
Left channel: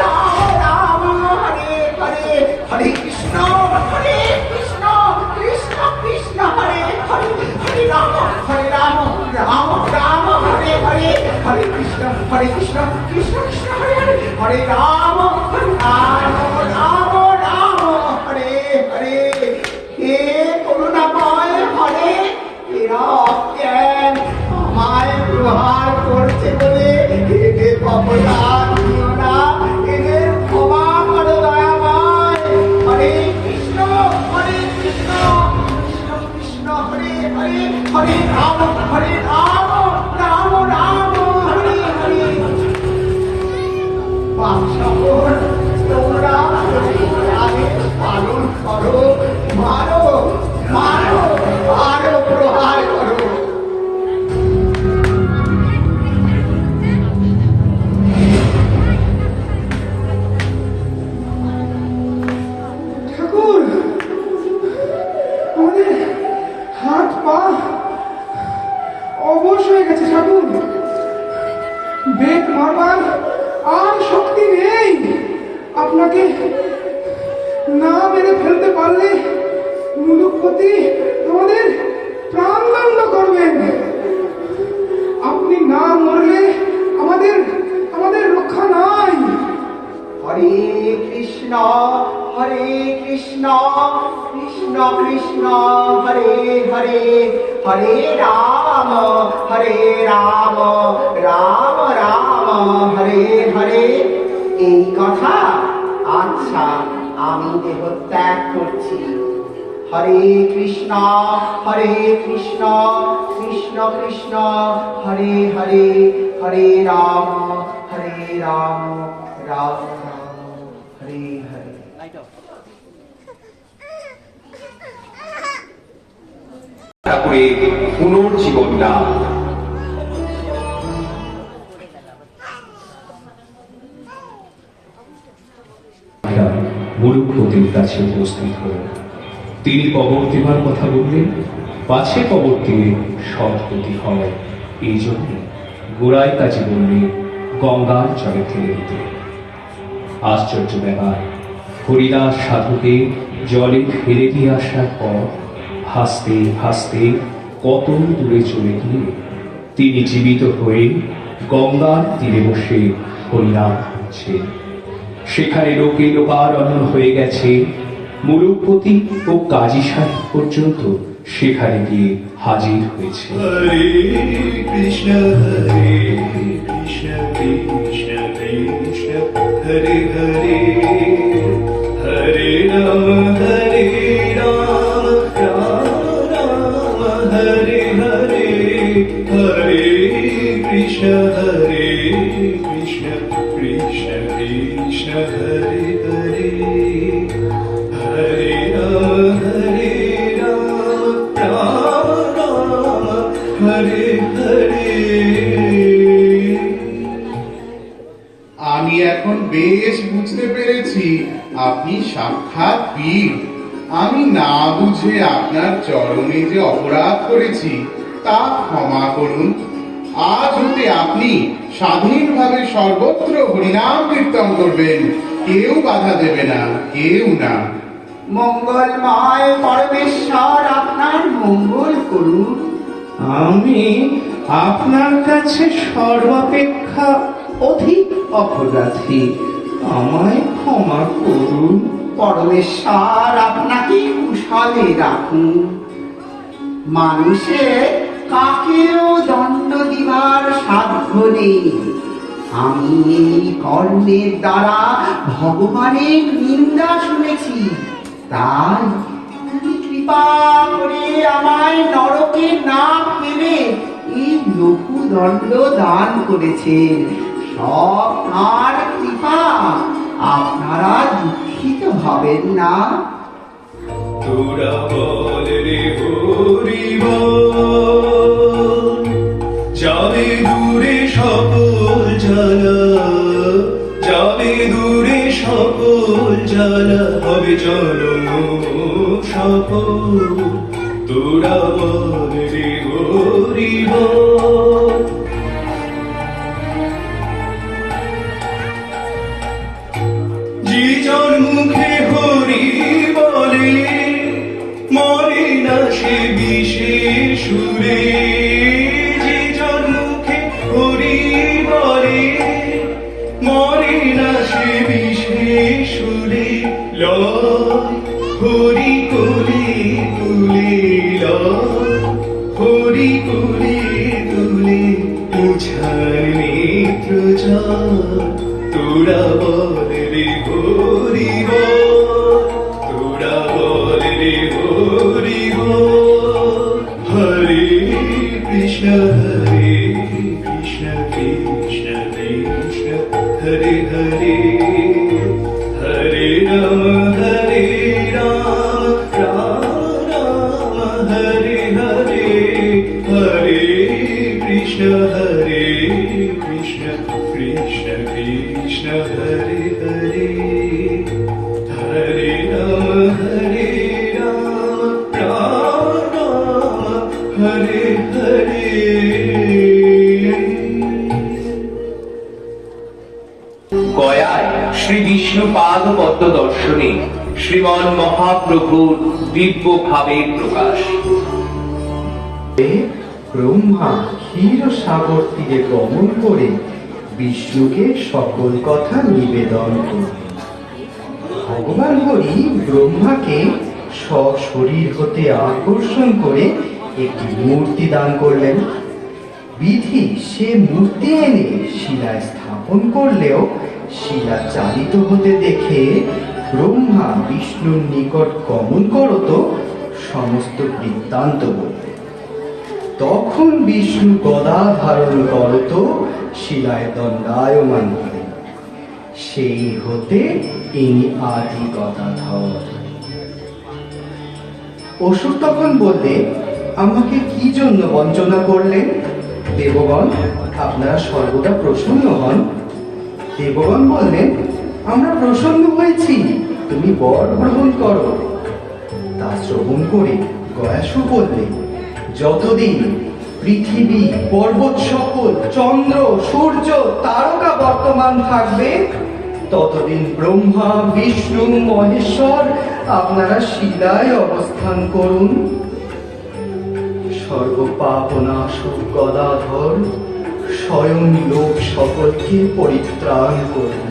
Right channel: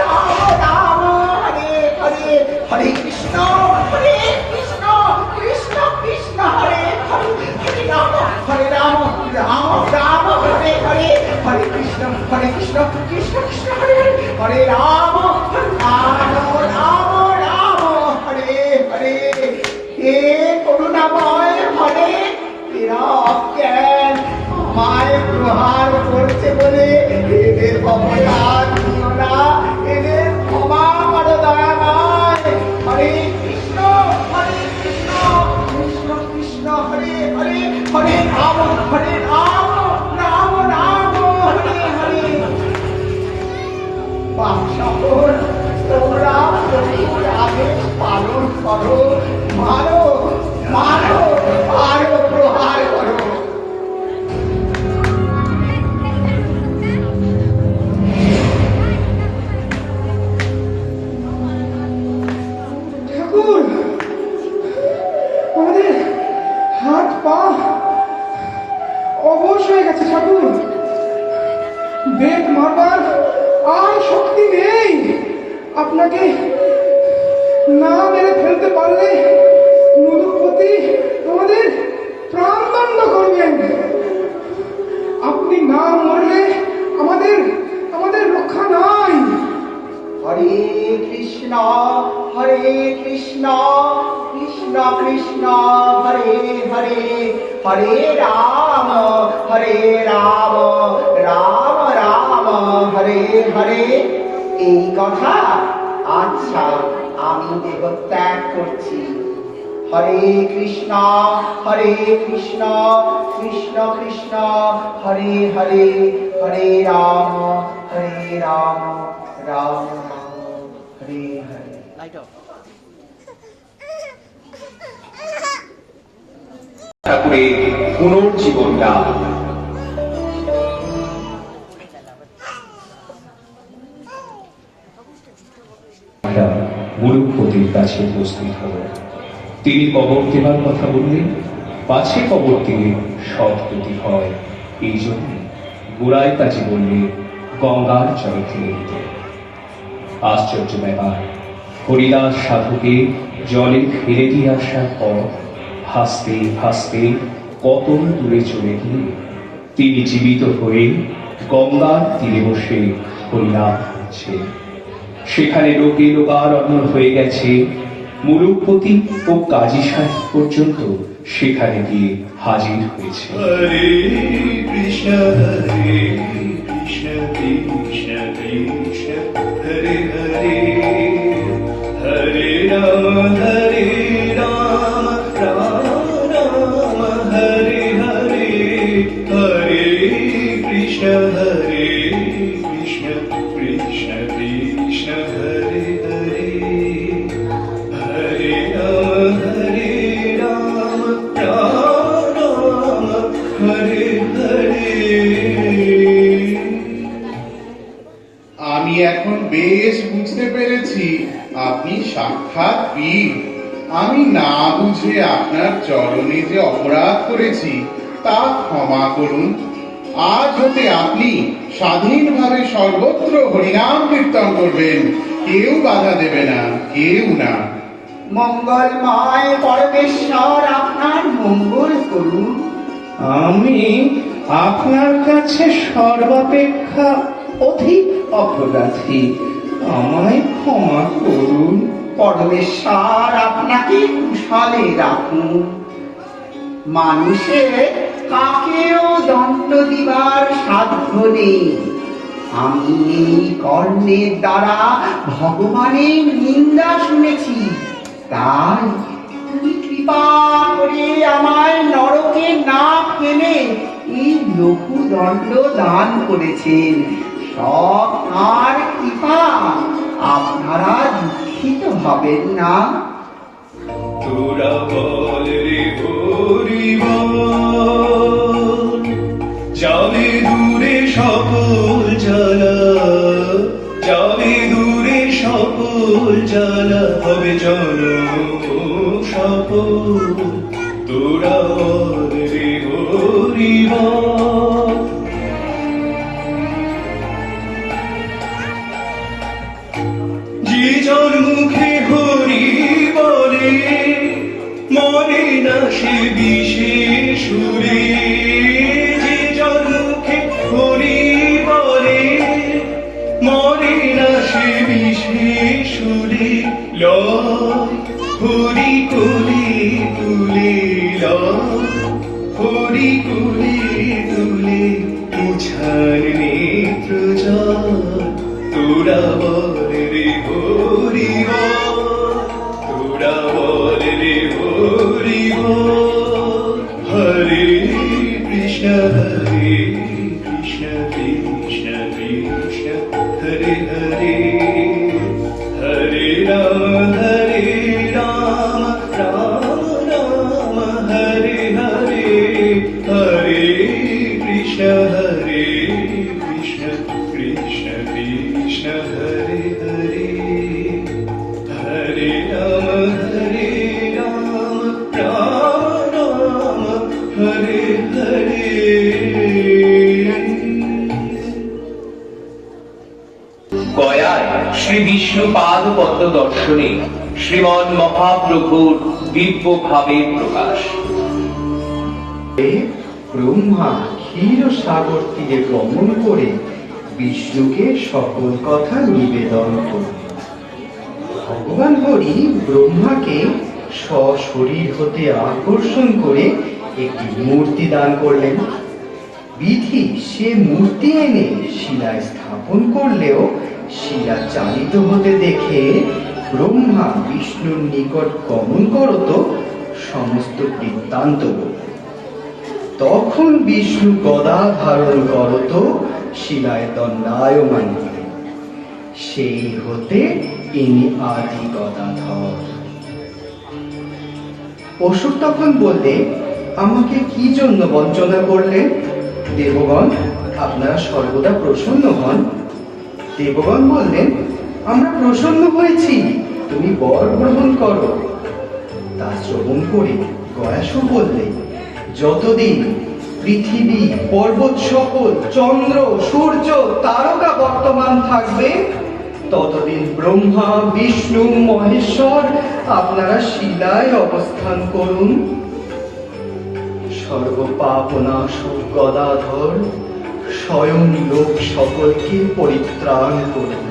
রাম রাম হরে হরে, হরে কৃষ্ণ কৃষ্ণ কৃষ্ণ হরে হরে, হরে রাম রাম রাম হরে হরে, হরে কৃষ্ণ কৃষ্ণ কৃষ্ণ হরে হরে, হরে রাম রাম রাম হরে হরে। হে করুণাময় হরে, এরা অজ্ঞান আমায় ব্যবহার করছে বলে এদের অপরাধ দিও না, এদের ক্ষমা করো দয়াময়। হরে কৃষ্ণ কৃষ্ণ কৃষ্ণ হরে হরে, হরে রাম রাম রাম হরে হরে। বাদশাহর, তোমরা আদেশ পালন করো, মারো মারো আরো প্রহার করো। ঠাকুর, আমাদের হাত পা অবশ হয়ে গেছে ঠাকুর। বেগ মারবার আর শক্তি নেই। আপনাকে না মেরে ফেলতে পারলে মুলুকপতি আমাদের প্রাণদণ্ড করবেন। আপনি না মরলে আমাদের আমাদের রক্ষা নাই। হরে কৃষ্ণ কৃষ্ণ কৃষ্ণ হরে হরে, হরে রাম রাম রাম হরে হরে। এই কথা? আচ্ছা, আমি দেহ ত্যাগ করছি। হরে কৃষ্ণ কৃষ্ণ কৃষ্ণ হরে হরে, হরে রাম রাম রাম হরে হরে। ঠাকুরের পুনর্জীবন লাভ। গুরুপতির কাছে উপস্থিত হল। তিনি কবর দেবার কথা বললেন, পাছে কবর দিলে সৎগতি হয়, এই জন্য গোড়ায় কাজে বললে গঙ্গার জলে ফেলে দিতে। আশ্চর্য ব্যাপার, হরিদাস সাধুকে জলে ফেলে দিয়ে আসার পর হাসতে হাসতে কত দূরে চলে গিয়ে তিনি জীবিত হয়ে গঙ্গার তীরে বসে হরিনাম করছে। সেখানে লোকে লোকারণ্য হয়ে গেছে। মুরুপতি ও কাজী সাহেব পর্যন্ত সেখানে গিয়ে হাজির হয়েছে। হরে কৃষ্ণ কৃষ্ণ কৃষ্ণ কৃষ্ণ হরে হরে, হরে রাম রাম রাম হরে হরে, হরে কৃষ্ণ কৃষ্ণ কৃষ্ণ কৃষ্ণ হরে হরে, হরে রাম রাম হরে হরে। আমি এখন বেশ বুঝতে পেরেছি আপনি সাক্ষাৎ পীর। আমি না বুঝে আপনার চরণে যে অপরাধ করেছি তা ক্ষমা করুন। আজ হতে আপনি স্বাধীনভাবে সর্বত্র হরিনাম কীর্তন করবেন, কেউ বাধা দেবে না, কেউ না। মঙ্গলময় পরমেশ্বর আপনার মঙ্গল করুন। আমি আপনার কাছে সর্বাপেক্ষা অধিক অপরাধী, আমায় ক্ষমা করুন। পরমেশ্বর আপনাকে কুশলে রাখুন। মানুষের কাকেও দণ্ড দিবার সাধ্য নেই। আমি এই কর্ণের দ্বারা ভগবানের নিন্দা শুনেছি, তাই তুমি কৃপা করে আমায় নরকে না ফেলে এই লঘু দণ্ড দান করেছেন। সব আর কৃপা, আপনারা দুঃখিত হবেন না। তোরা বল রে হরি বল, যাবে দূরে সকল জ্বালা, যাবে দূরে সকল জ্বালা, হবে জনম সফল। তোরা বল রে হরি বল। যে জন মুখে হরি বলে, মরে না সে বিশেষ সুরে। যে জন মুখে হরি বলে, মরে না সে বিশেষ সুরে। লয় হরি কোলে তুলে, লয় হরি কোলে তুলে, মুছার নেত্র জল। তোরা বল রে হরি বল, তোরা বল রে হরি বল। হরে কৃষ্ণ কৃষ্ণ কৃষ্ণ কৃষ্ণ হরে হরে, হরে রাম রাম রাম হরে হরে, হরে কৃষ্ণ কৃষ্ণ কৃষ্ণ কৃষ্ণ হরে হরে, হরে রাম রাম হরে হরে। গয়ায় শ্রী বিষ্ণুপাদ পদ্ম দর্শনে শ্রীমন মহাপ্রভুর দিব্য ভাবের প্রকাশ। ব্রহ্মা ক্ষীর সাগর তীরে গমন করে বিষ্ণুকে সকল কথা নিবেদন করলেন। ভগবান হরি ব্রহ্মাকে স্বশরীর হতে আকর্ষণ করে একটি মূর্তি দান করলেন। বিধি সে মূর্তি এনে শিলায় স্থাপন করলেও শিলা চালিত হতে দেখে ব্রহ্মা বিষ্ণুর নিকট গমন করত সমস্ত বৃত্তান্ত বলে। তখন বিষ্ণু গদা ধারণ করত শিলায় দণ্ডায়মান করেন। সেই হতে ইনি আদি গদাধর। অসুর তখন বললে, আমাকে কি জন্য বঞ্চনা করলেন? দেবগণ, আপনারা সর্বদা প্রসন্ন হন। দেবগণ বললেন, আমরা প্রসন্ন হয়েছি, তুমি বর গ্রহণ করো। তা শ্রবণ করে গয়াসু বললে, যতদিন পৃথিবী, পর্বত সকল, চন্দ্র, সূর্য, তারকা বর্তমান থাকবে, ততদিন ব্রহ্মা, বিষ্ণু, মহেশ্বর আপনারা শিলায় অবস্থান করুন। সর্বপাপনাশক গদাধর স্বয়ং লোক সকলকে পরিত্রাণ করুন।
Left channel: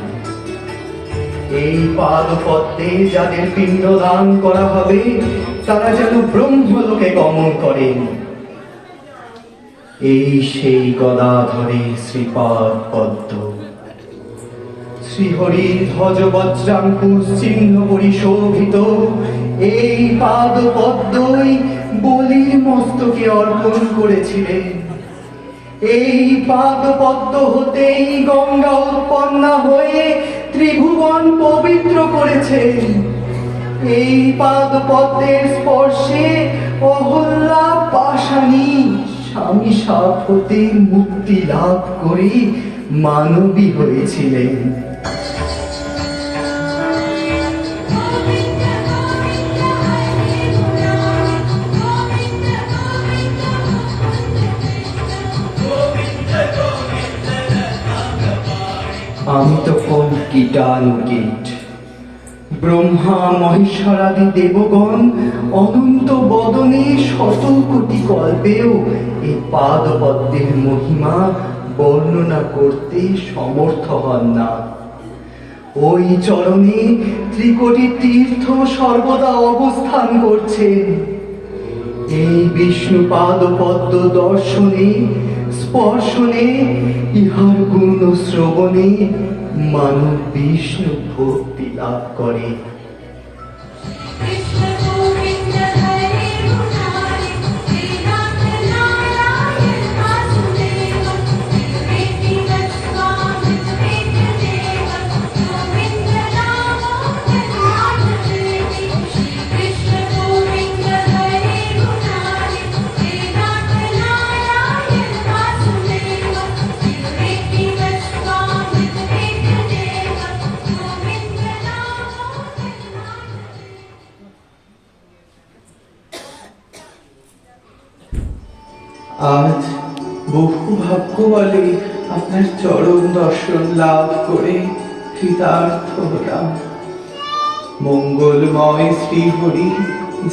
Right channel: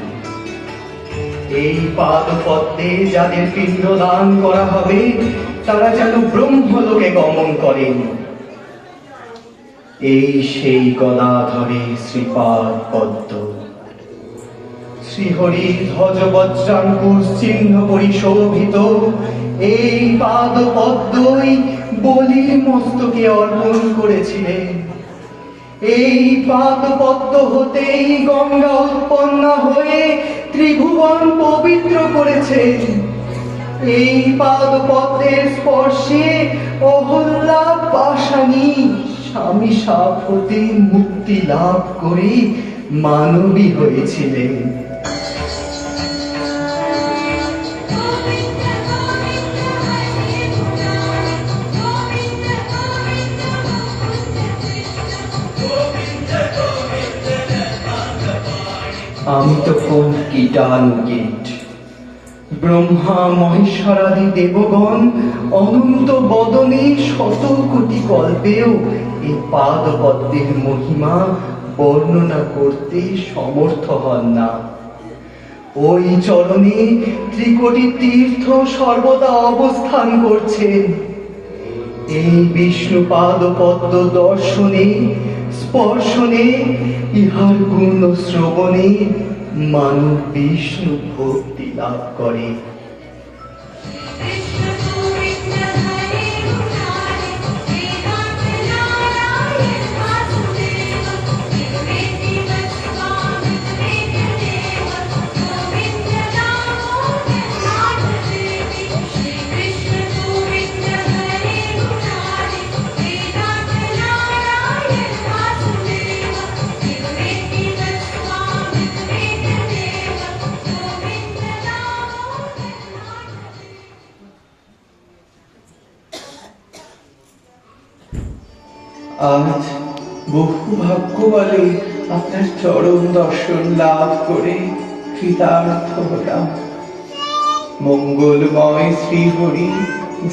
এই পাদপদ্মে যাদের পিণ্ডদান করা হবে, তারা যেন ব্রহ্মলোকে গমন করেন। এই সেই গদাধরের শ্রীপাদ পদ্ম। শ্রীহরির ধ্বজ বজ্রাঙ্কুশ চিহ্ন পরিশোভিত এই পাদ পদ্মই বলির মস্তকে অর্পণ করেছিলেন। এই পাদ পদ্ম হতেই গঙ্গা উৎপন্না হয়ে ত্রিভুবন পবিত্র করেছেন। এই পাদ পদ্মের স্পর্শে অহল্যা পাশানি স্বামী সাপ হতে মুক্তি লাভ করে মানবী হয়েছিলেন। আমি তখন কীটানুকীট। ব্রহ্মা মহেশ্বরাদি দেবগণ অনন্ত বদনে শত কোটি কল্পেও এই পাদ পদ্মের মহিমা বর্ণনা করতে সমর্থ হন না। ওই চরণে ত্রিকোটি তীর্থ সর্বদা অবস্থান করছেন। এই বিষ্ণু পাদ পদ্ম দর্শনে, স্পর্শনে, ইহার গুণ শ্রবণে মানব বিষ্ণু ভক্তি লাভ করে। আজ বহু ভাগ্য বলে আপনার চরণ দর্শন লাভ করে কৃতার্থ হলাম। মঙ্গলময় শ্রীহরি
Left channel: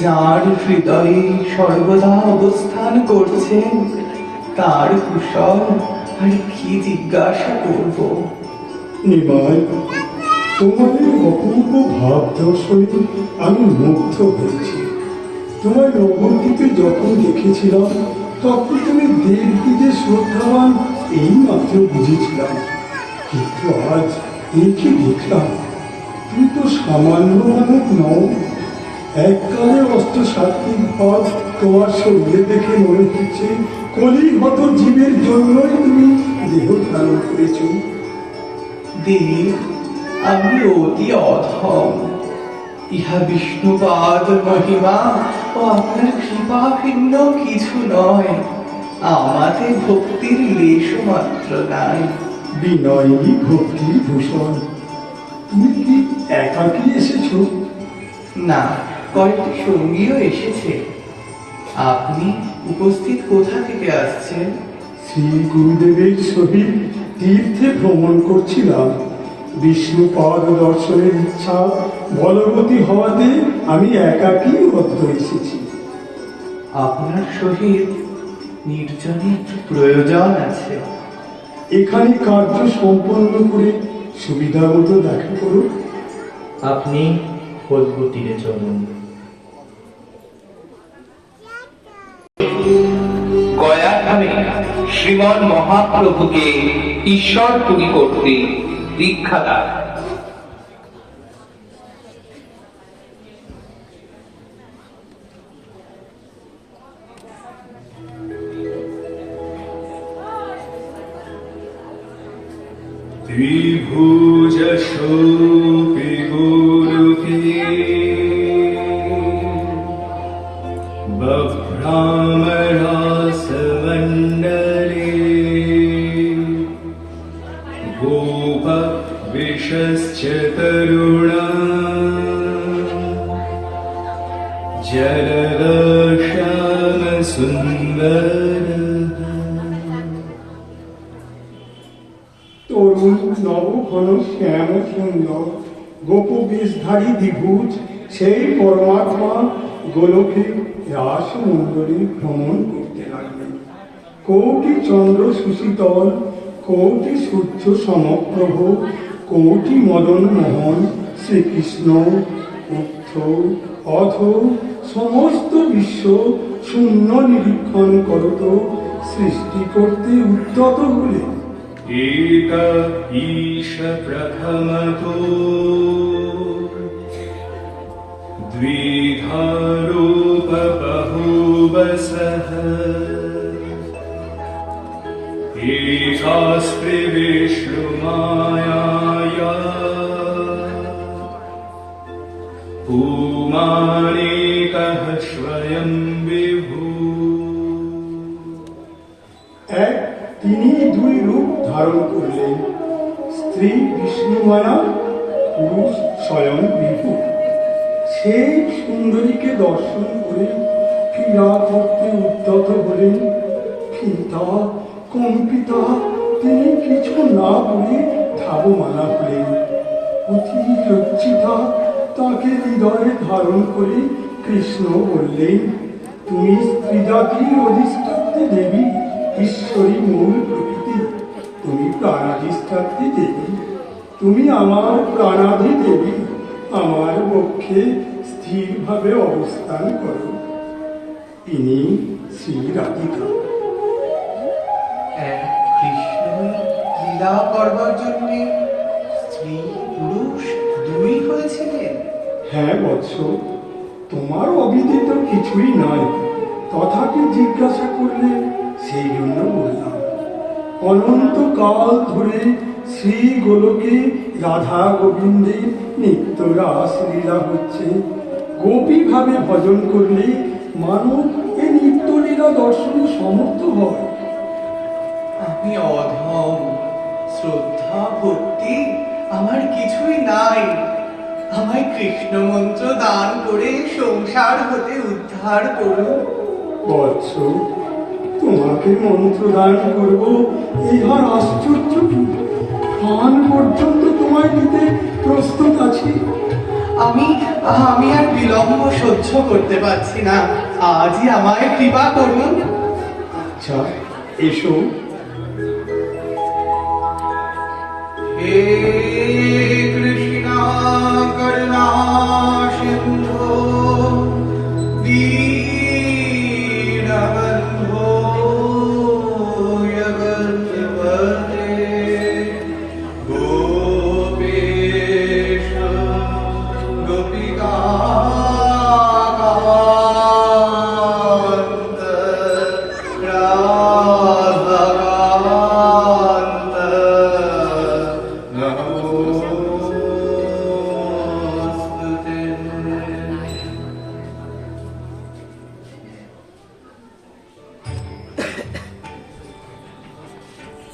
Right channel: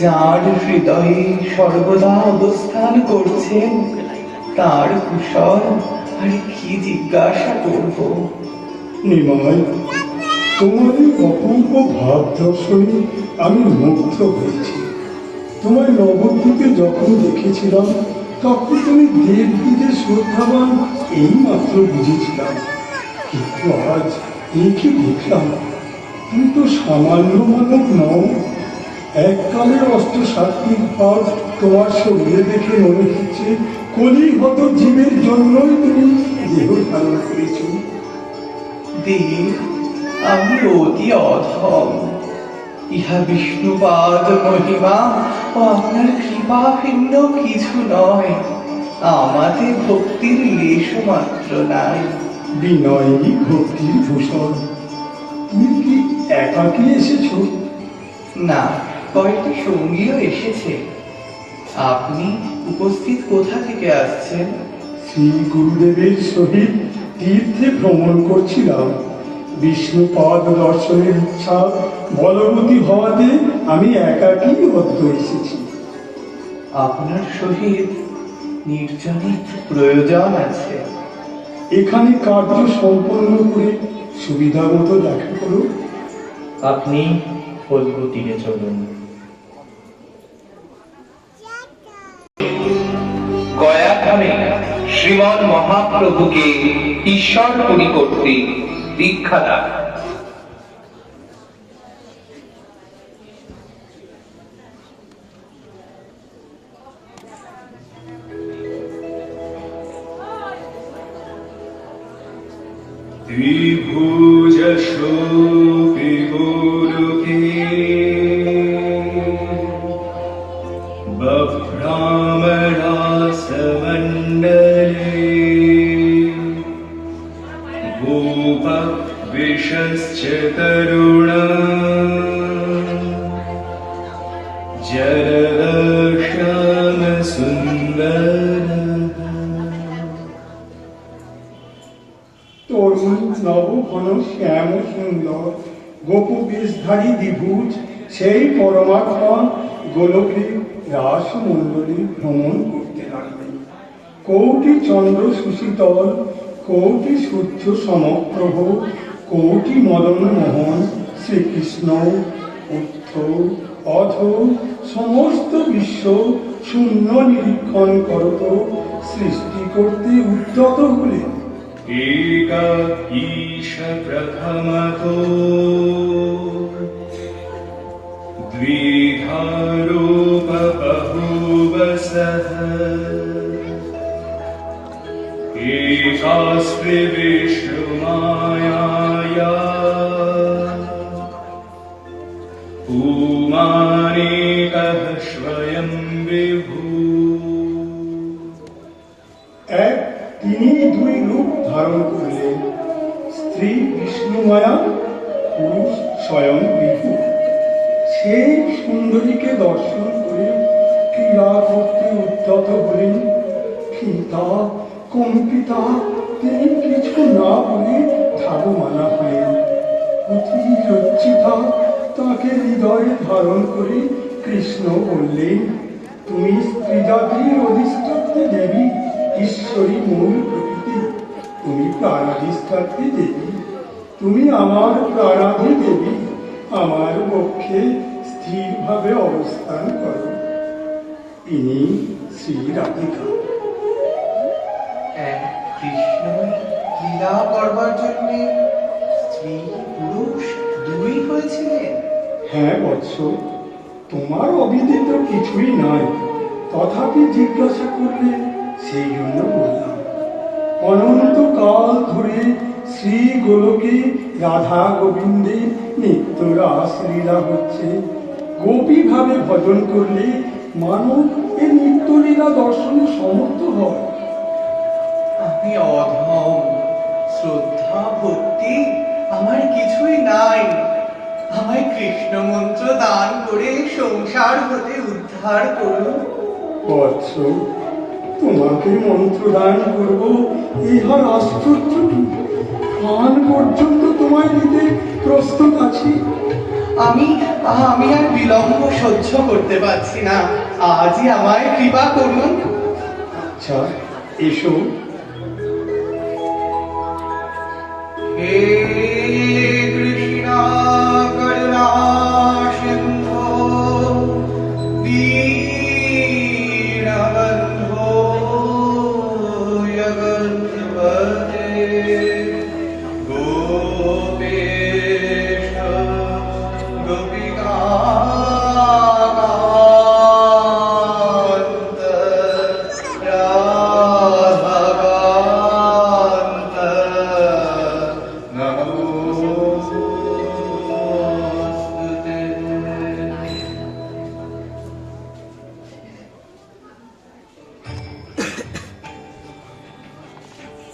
যার হৃদয়ে সর্বদা অবস্থান করছেন, তার কুশল আর কি জিজ্ঞাসা করব। নিমাই, তোমাদের অপূর্ব ভাব দর্শনে আমি মুগ্ধ হয়েছি। তোমার নবদ্বীপে যখন দেখেছিলাম, তখন তুমি দেবদ্বীপে শ্রদ্ধাবান এই মাত্র বুঝেছিলাম। কিন্তু আজ একে দেখলাম, তুমি তো সামান্য মানব নও। এককালে অষ্টসাত্ত্বিক ভাব তোমার শরীরে দেখে মনে হচ্ছে কলিহত জীবের জন্যই তুমি দেহ ধারণ করেছ। দেব, আমি অতি অধম। ইহা বিষ্ণুপাদ মহিমা ও আপনার কৃপা ভিন্ন কিছু নয়। আমাদের ভক্তির লেশ মাত্র নাই। বিনয়ী ভক্তির ভূষণ। তুমি কি একাকী এসেছ? না, কয়েকটি সঙ্গীও এসেছে। আপনি উপস্থিত কোথা থেকে আসছেন? শ্রী গুরুদেবের সহিত তীর্থে ভ্রমণ করছিলাম। বিষ্ণুপাদ দর্শনের ইচ্ছা বলবতী হওয়াতে আমি একাকী অদ্য এসেছি। আপনার সহিত নির্জনে প্রয়োজন আছে। এখানে কার্য সম্পন্ন করে সুবিধা মতো দেখা করো। আপনি ফলগু তীরে চলুন। শ্রীমন মহাপ্রভুকে ঈশ্বর তুমি করতে দীক্ষা দান। त्रिभुज शोभि गुरुके बभ्रामरासमण्डले गोपविशश्च तरुण जलदर्शन सुन्दर। তরুণ নবঘন শ্যাম সুন্দর গোপবেশধারী দ্বিভুজ সেই পরমাত্মা গোলকে রাসমণ্ডলী ভ্রমণ করতে লাগলেন। কোটি চন্দ্র সুশীতল, কোটি সূর্য সমপ্রভ, কোটি মদন মোহন শ্রীকৃষ্ণ উর্ধ্ব অধ সমস্ত বিশ্ব শূন্য নিরীক্ষণ করত সৃষ্টি করতে উদ্যত হলেন। एक ईश प्रथमतो द्विधारूप बहुवसः एकास्त्रि विष्णुमायाया पुमानेकः स्वयं विभू। তিনি দুই রূপ ধারণ করলেন, স্ত্রী বিষ্ণুমায়া, পুরুষ স্বয়ং বিভু। সেই সুন্দরীকে দর্শন করে ক্রীড়া করতে উদ্যত হলেন। পিতা কম্পিতা তিনি কিছু না বলে ধাবমানা হলেন। অতি লজ্জিতা তাকে হৃদয়ে ধারণ করে কৃষ্ণ বললেন, তুমি স্ত্রী জাতির অধিষ্ঠাত্রী দেবী, ঈশ্বরী মূল প্রকৃতি, তুমি প্রাণাধিষ্ঠাত্রী দেবী, তুমি আমার প্রাণাধি দেবী, আমার পক্ষে স্থিরভাবে অবস্থান করো। ইনি শ্রী রাধিকা। কৃষ্ণ লীলা করবার জন্য স্ত্রী পুরুষ দুই হয়েছিলেন। হ্যাঁ বৎস, তোমার অবিদিত কিছুই নাই, তথাপি জিজ্ঞাসা করলে সেই জন্য বললাম। অনন্তকাল ধরে শ্রী গোলকে রাধা গোবিন্দের নিত্য রাসলীলা হচ্ছে। গোপী ভাবে ভজন করলে মানব এই নিত্যলীলা দর্শনে সমর্থ হয়। আমি অধম, শ্রদ্ধা ভক্তি আমার কিছুই নাই। আমায় কৃষ্ণ মন্ত্র দান করে সংসার হতে উদ্ধার করো। বৎস, তোমাকে মন্ত্র দান করব, ইহার আশ্চর্য কি? প্রাণ পর্যন্ত তোমায় দিতে প্রস্তুত আছি। আমি আর বিলম্ব সহ্য করতে পারছি না, আজই আমায় কৃপা করুন। আচ্ছা, এসো। হে কৃষ্ণ করুণা সিন্ধু দীনবন্ধো জগৎপতে গোপেশ গোপিকাকান্ত রাধাকান্ত নমোস্তুতে।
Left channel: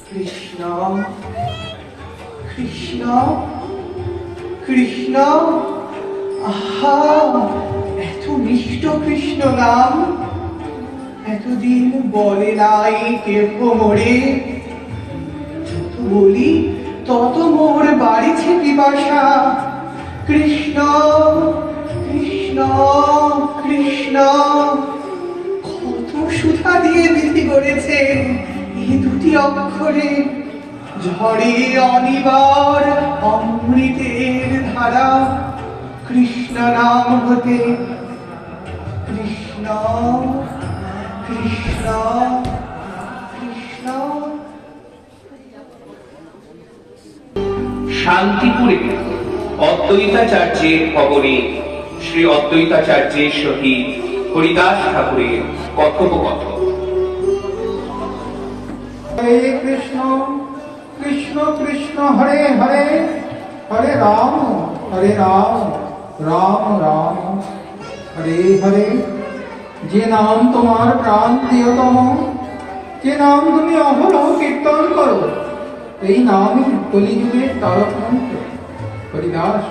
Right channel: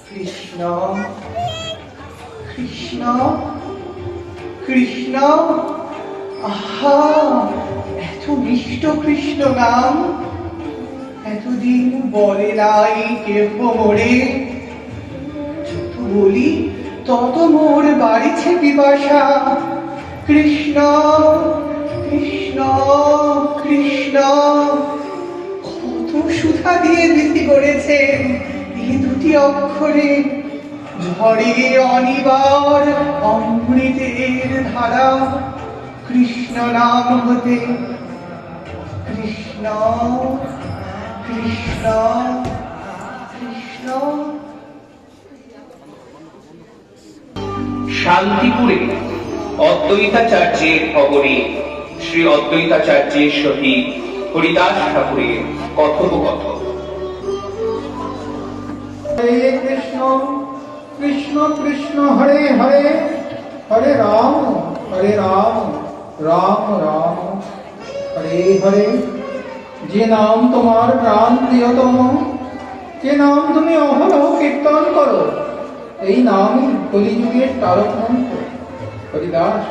কৃষ্ণ কৃষ্ণ কৃষ্ণ, আহা এত মিষ্ট কৃষ্ণ নাম এতদিন বলে নাই কেহ মোরে। যত বলি তত মোর বাড়িছে পিপাসা। কৃষ্ণ কৃষ্ণ কৃষ্ণ, কত সুধা দিয়ে বিধি করেছেন এই দুটি অক্ষরে। ঝড়ে অনিবার অমৃতের ধারা কৃষ্ণ নাম হতে। কৃষ্ণ কৃষ্ণ কৃষ্ণ। শান্তিপুরে অদ্বৈতাচার্যের কবরে শ্রী অদ্বৈতাচার্যের সহিত হরিদাস ঠাকুরের কথোপকথন। হরে কৃষ্ণ কৃষ্ণ কৃষ্ণ হরে হরে হরে রাম রাম রাম হরে হরে। যে নাম তোমার প্রাণ প্রিয়তম, যে নাম তুমি অহরহ কীর্তন করো, এই নামই কলিযুগের তারক মন্ত্র। হরিদাস,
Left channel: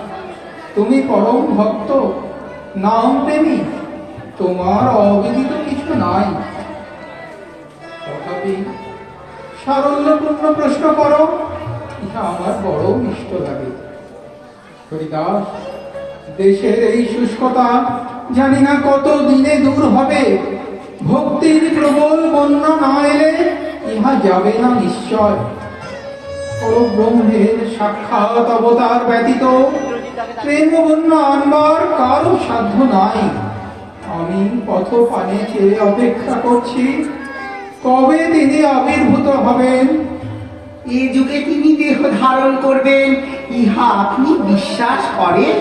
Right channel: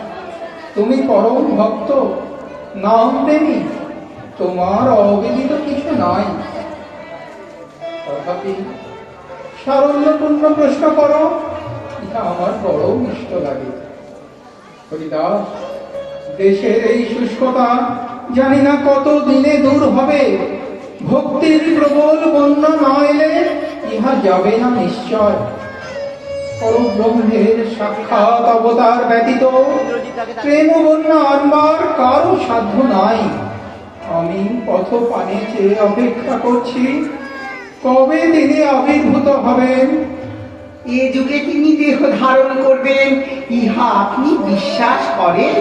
তুমি পরম ভক্ত, নাম প্রেমী, তোমার অবিদিত কিছু নাই। তথাপি সারল্যপূর্ণ প্রশ্ন করো, এটা আমার বড় ইষ্ট লাগে। হরিদাস, দেশের এই শুষ্কতা জানি না কত দিনে দূর হবে। ভক্তির প্রবল বন্যা না এলে ইহা যাবে না নিশ্চয়। পরব্রহ্মের সাক্ষাৎ অবতার ব্যতীত প্রেম বন্যা আনবার কারো সাধ্য নাই। আমি পথ পানে চেয়ে অপেক্ষা করছি, কবে তিনি আবির্ভূত হবেন। এ যুগে তিনি দেহ ধারণ করবেন, ইহা আপনি বিশ্বাস করেন?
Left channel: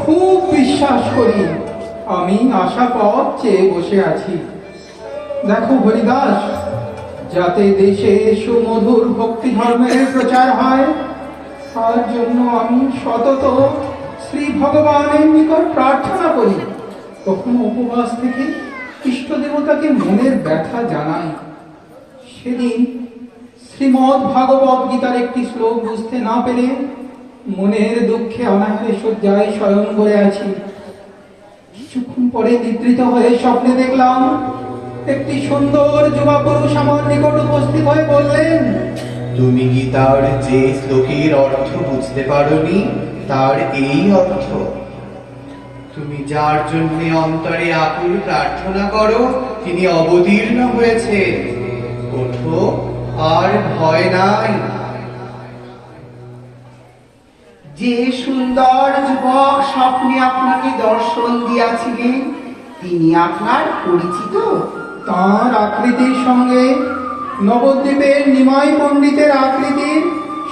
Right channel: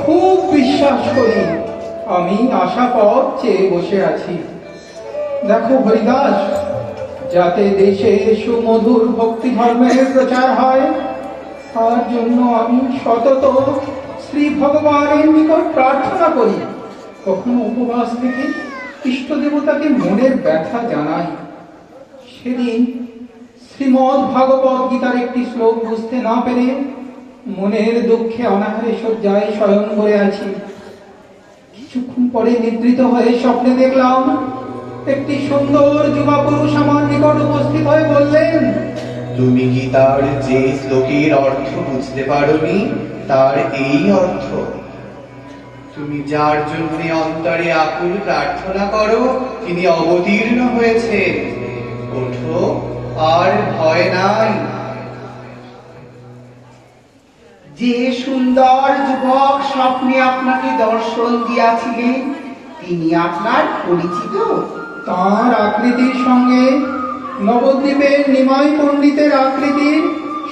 খুব বিশ্বাস করি। আমি আশা পথ চেয়ে বসে আছি। দেখো হরিদাস, যাতে দেশে সুমধুর ভক্তি ধর্মের প্রচার হয়, তার জন্য আমি সতত শ্রী ভগবানের নিকট প্রার্থনা করি। কখনো উপবাস থেকে ইষ্ট দেবতাকে মনের ব্যথা জানাই। সেদিন শ্রীমদ্ ভাগবত গীতার একটি শ্লোক বুঝতে না পেরে মনের দুঃখে অনাহারে শয্যায় শয়ন করে আছি। কিছুক্ষণ পরে নিদ্রিত হয়ে স্বপ্নে দেখলাম একটি সুন্দর যুবা পুরুষ আমার নিকট উপস্থিত হয়ে বললেন, তুমি গীতার যে শ্লোকের অর্থ বুঝতে পারোনি, তার এই অর্থ। তুমি যার জন্য অন্তরে আকুল প্রার্থনা করো, তিনি অবতীর্ণ হয়েছে। ওঠো, আর ভয় নাই। যে সুন্দর যুবক স্বপ্নে আপনাকে দর্শন দিয়াছিলেন, তিনি আপনার পরিচিত? তাঁর আকৃতির সঙ্গে নবদ্বীপের নিমাই পণ্ডিতের আকৃতির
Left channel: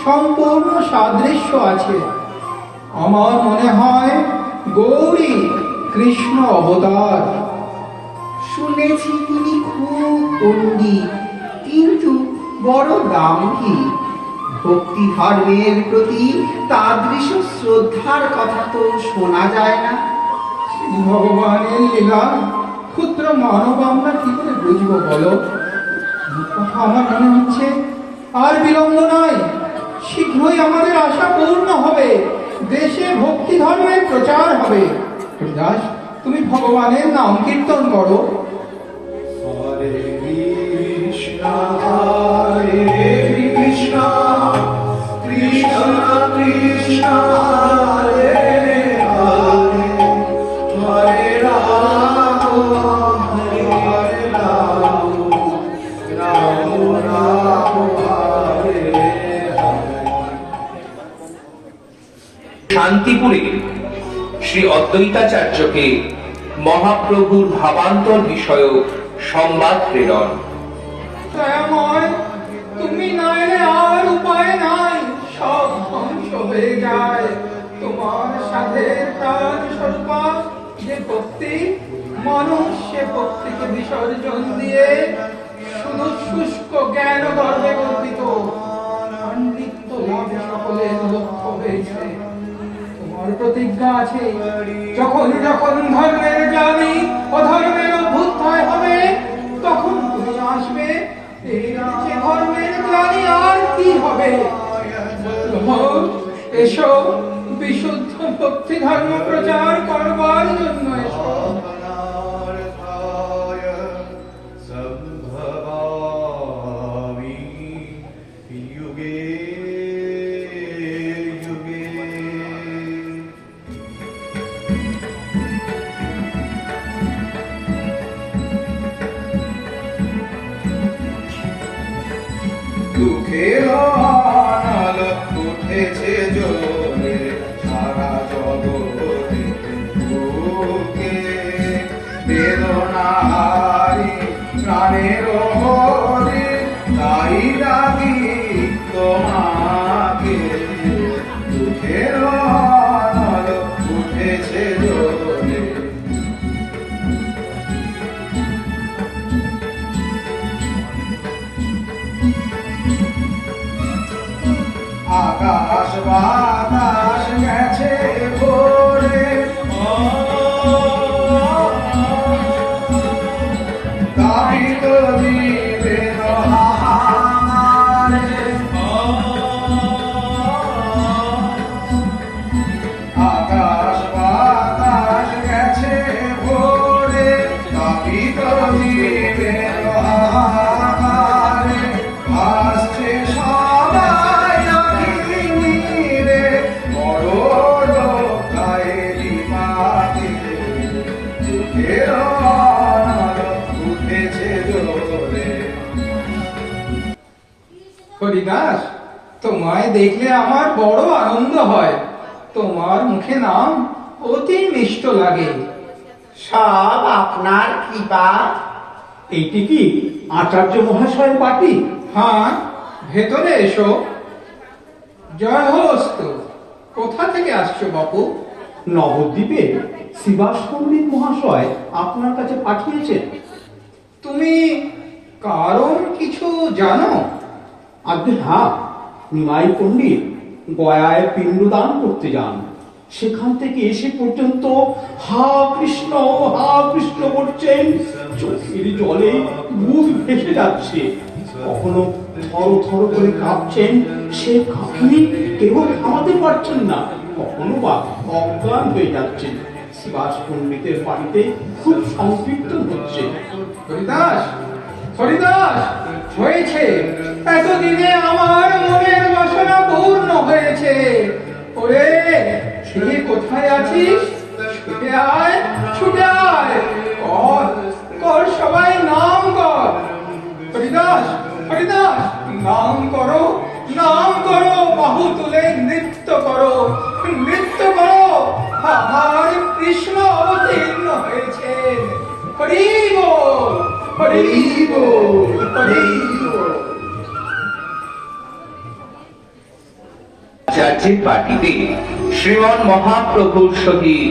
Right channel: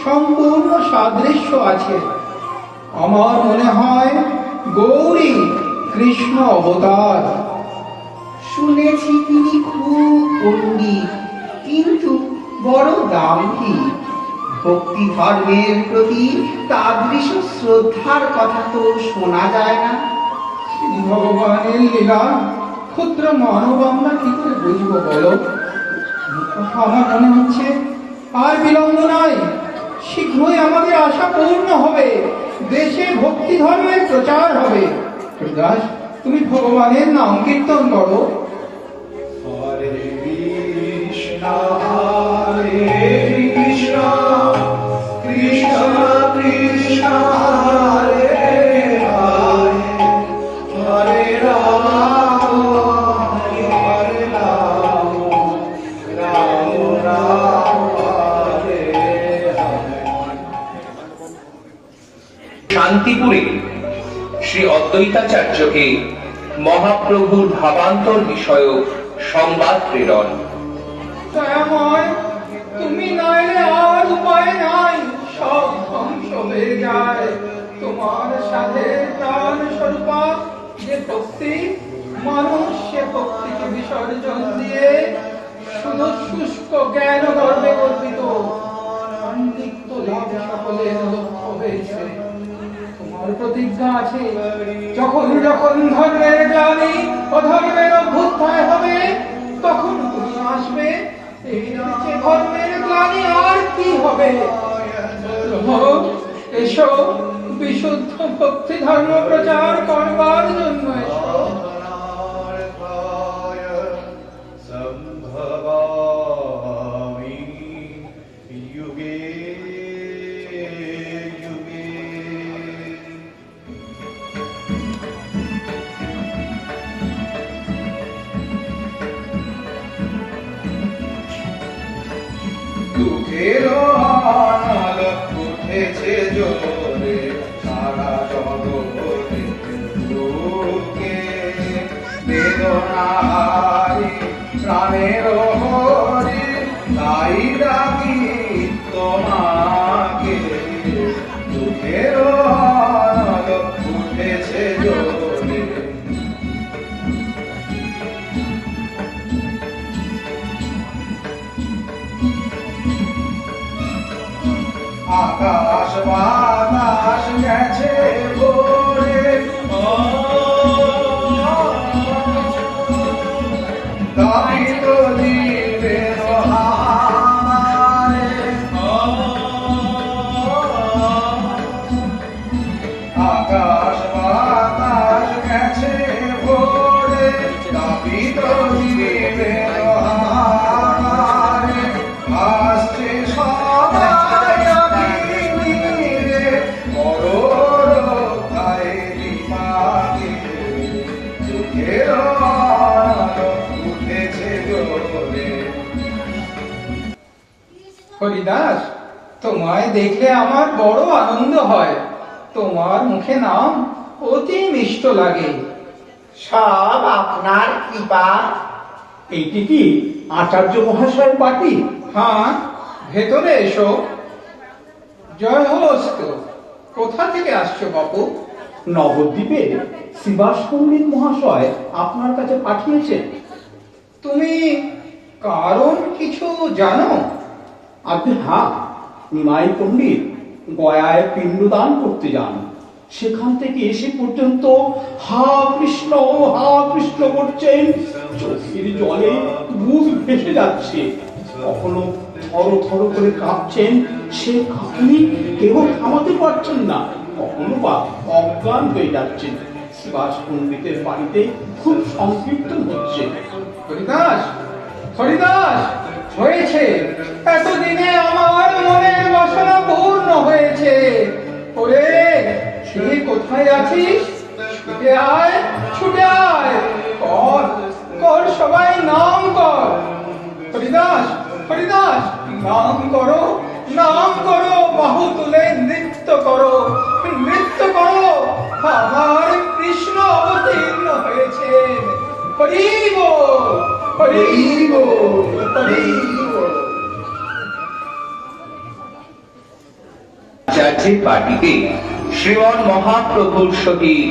সম্পূর্ণ সাদৃশ্য আছে। আমার মনে হয় গৌরী কৃষ্ণ অবতার। শুনেছি তিনি খুব পণ্ডিত, কিন্তু বড় দাম্ভিক। ভক্তি ধর্মের প্রতি তাদৃশ শ্রদ্ধার কথা তো শোনা যায় না। ভগবানের লীলা ক্ষুদ্র মানব আমরা কি করে বুঝবো বলো? আমার মনে হচ্ছে আর বিলম্ব নয়, শীঘ্রই আমাদের আশা পূর্ণ হবে, দেশে ভক্তি ধর্মের প্রচার হবে। দাস, তুমি ভগবানের নাম কীর্তন করো। হরে কৃষ্ণ হরে কৃষ্ণ কৃষ্ণ কৃষ্ণ হরে হরে হরে রাম হরে রাম রাম রাম হরে হরে। শান্তিপুরে শ্রী অদ্বৈতাচার্যকে মহাপ্রভুর ভাবান্তর বিষয়ক সংবাদ প্রেরণ। দয়াময়, তুমি না এলে আর উপায় নাই, সব ধ্বংস হয়ে যায়। তোমার সাথে প্রাণ স্বরূপা যে ভক্তি, মানুষ সে ভক্তিকে বিসর্জন দিয়ে শুধু শুষ্ক জ্ঞান গর্বে গর্বিত পাণ্ডিত্য লাভ সকলের লক্ষ্য হয়েছে। তোমার প্রতিজ্ঞা আছে, যখন যখন ধর্মের গ্লানি অধর্মের অভ্যুদয় হবে, তখন তুমি আসবে। এই রাজ্যে ধর্মের গ্লানি আর কি হবে? এসো, বিশুদ্ধ ভক্তি ধর্ম প্রচার করবার জন্য এসো। সম্ভবামি যুগে যুগে। দুঃখের আনাল উঠেছে জোরে সারা জগতে, দুঃখে বেদনাহারি প্রাণের হরি, তাই ডাকি তোমাকে। দুঃখে আকাশ বাতাস গেছে ভরে গাহিত জীবের হারে আকাশ বাতাস গেছে ভরে গাহিত জীবের হারে আসছে সবাই অগ্নিরে মরণ খায়রি মাটি দুঃখের উঠেছে জোরে। হরিদাস, তোমায় দেখলে আমার বড় আনন্দ হয়। তোমার মুখে নাম অতি মিষ্ট লাগে। সব আপনার কৃপা। এইটি কি আচার্য মহাশয়ের বাটি? হ্যাঁ, ভেতরে এসো। জয় হস্ত। কোথা থেকে আসছো বাপু? নবদ্বীপে শিবাস পণ্ডিত মহাশয় আপনার কাছে পাঠিয়েছেন। তুমি কারণ কিছু জানো? আপনি হ্যাঁ, নিমাই পণ্ডিত গয়ায় পিণ্ডদান করতে যান। সেখান থেকে এসে পর্যন্ত হা কৃষ্ণ করছেন, চোখের জলে মুখ ভেসে যাচ্ছে। কখনো থর থর করে কাঁপছেন, সে কাঁপুনি কেউ থামাতে পারছেন না। কখনো বা অজ্ঞান হয়ে যাচ্ছেন। শিবাস পণ্ডিতের বাড়িতে খুব সংকীর্তন হচ্ছে। হরিদাস, হরিদাস, হয়েছে। এতদিনে আমার মনের বাসনা পূর্ণ হয়েছে। ওরে, তুই কোথায় আছিস? ছুটে আয়, ছুটে আয়। কর, কর, সবাই নাম কর। হরিদাস, হরিদাস, নাম করো, নাম করো। বাহু তুলে নৃত্য করো, নৃত্য করো। আমার কৃষ্ণ অবতীর্ণ হয়েছে। হরি বল, হরি বল, হরি বল। আচার্যের বাটিতে শ্রীমন মহাপ্রভুর সহিত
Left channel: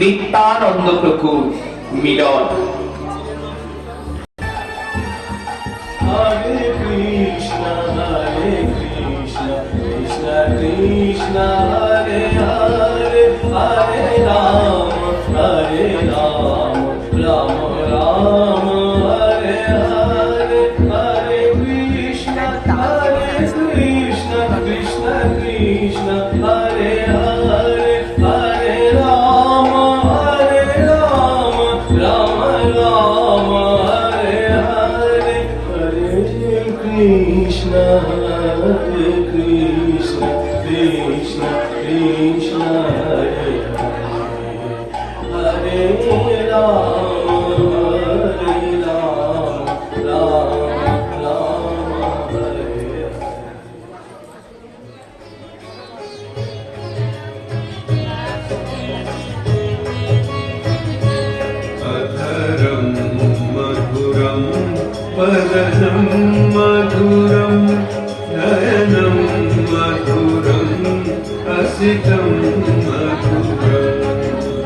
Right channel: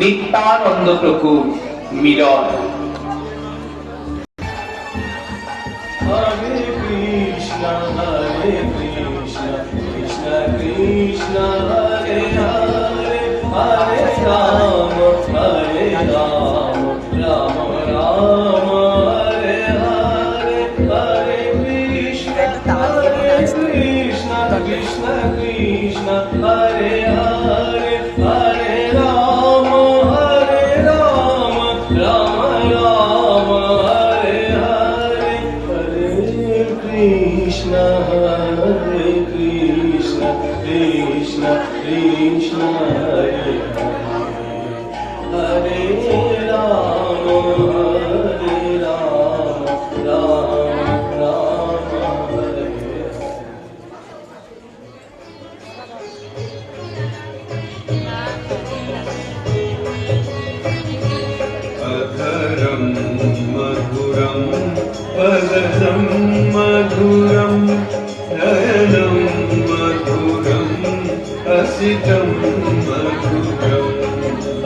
নিত্যানন্দ প্রভুর মিলন। হরে কৃষ্ণ কৃষ্ণ কৃষ্ণ হরে হরে, হরে রাম রাম রাম হরে হরে, হরে কৃষ্ণ কৃষ্ণ কৃষ্ণ হরে হরে, হরে রাম রাম রাম হরে হরে, হরে কৃষ্ণ কৃষ্ণ কৃষ্ণ হরে হরে, হরে রাম রাম হরে হরে। अधरं मधुरं वदनं मधुरं नयनं मधुरं हसितं मधुरम्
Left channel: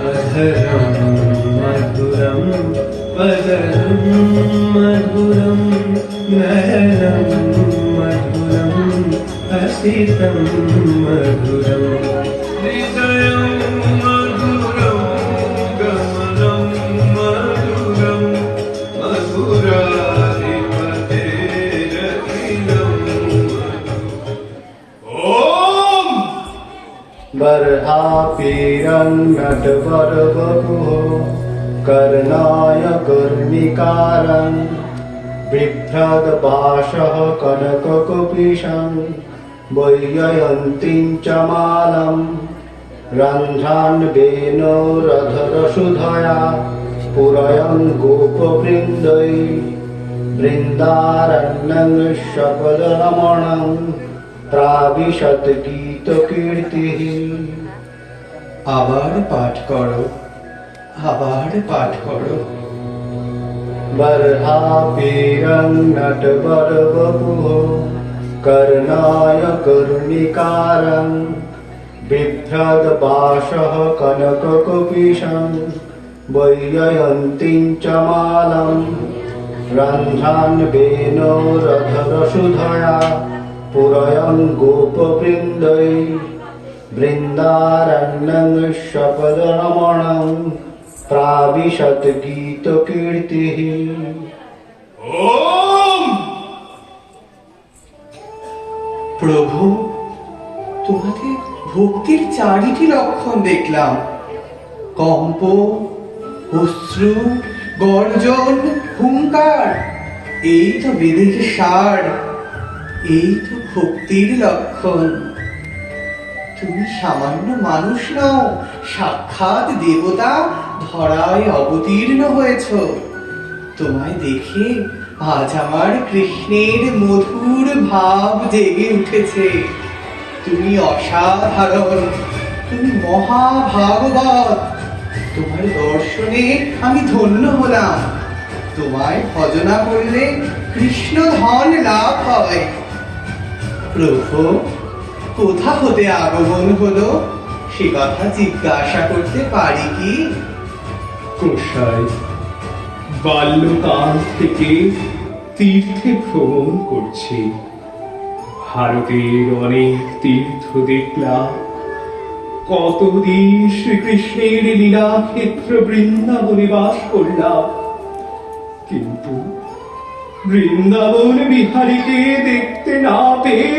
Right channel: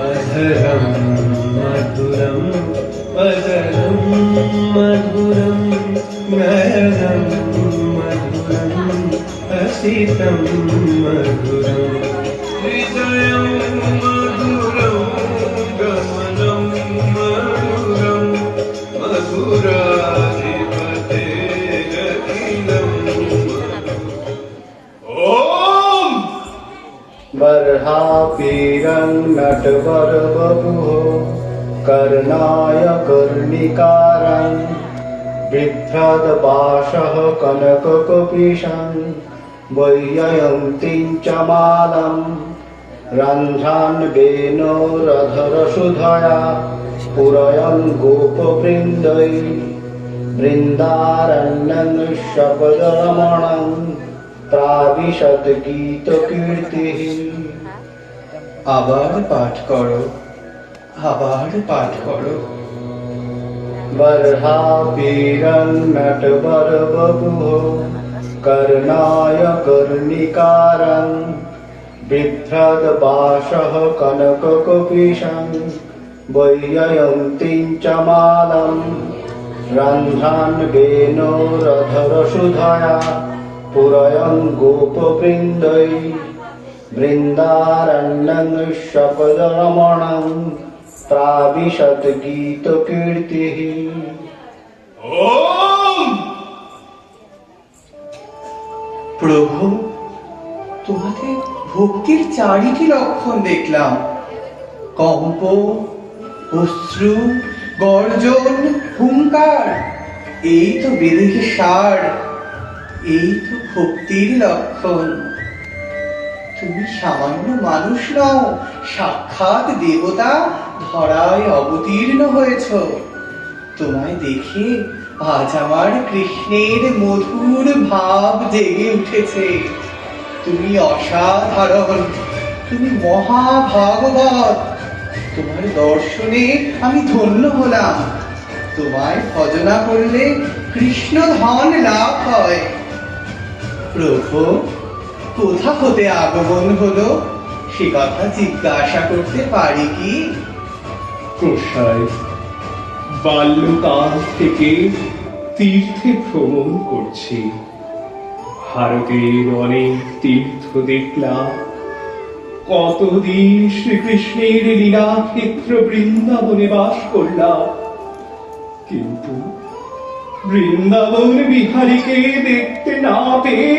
अधरं मधुरं वदनं मधुरं नयनं मधुरं हसितं मधुरम् हृदयं मधुरं गमनं मधुरं मधुराधिपतेरखिलं ॐ बर्हापीरं नटवरवपुः कर्णाय कर्णिकारं बिभ्रदपाशः कनककपिशं वैजयन्तीं च मालं रन्ध्रान् वेणोरधरसुधया पुरयन् गोपवृन्दै बृन्दारण्यं शपदरमणं प्राविशत् गीतकीर्तिः। আবার পাঠ করো, আবার পাঠ করো। बर्हापीरं नटवरवपुः कर्णाय कर्णिकारं बिभ्रदपाशः कनककपिशं वैजयन्तीं च मालं रन्ध्रान् वेणोरधरसुधया পুরয়ং গোপবৃন্দৈ বৃন্দারণ্যং শপদরমণং প্রাবিশত গীত কীর্তি। প্রভু, তোমাদের ভক্তির চারিটি লক্ষণ দেখলাম, কম্প, অশ্রু, গর্জন, হুঙ্কার, এই তো বেদের সার, এই তো ভক্তির লক্ষণ। তুমি সামান্য মানুষ নও, সাক্ষাৎ দেবতা ধরায় অবতীর্ণ হয়েছ। তোমায় দেখে আজ আমার কৃষ্ণের মধুর ভাব জেগে উঠেছে। তুমি অসাধারণ, তুমি মহাভাগবত। তোমার দর্শনে আমি ধন্য হলাম। তোমায় ভজনা করলে কৃষ্ণ ধন লাভ হয়। প্রভু, কোথা হতে আগমন হলো সে কথা জিজ্ঞাসা করতে পারি কি? গোসাই, বাল্যকাল থেকে তীর্থে ভ্রমণ করছি। ভারতের অনেক তীর্থ দেখলাম। কতদিন শ্রীকৃষ্ণের লীলা ক্ষেত্র বৃন্দাবনে বাস করলাম, কিন্তু বৃন্দাবন বিহারীকে দেখতে না পেয়ে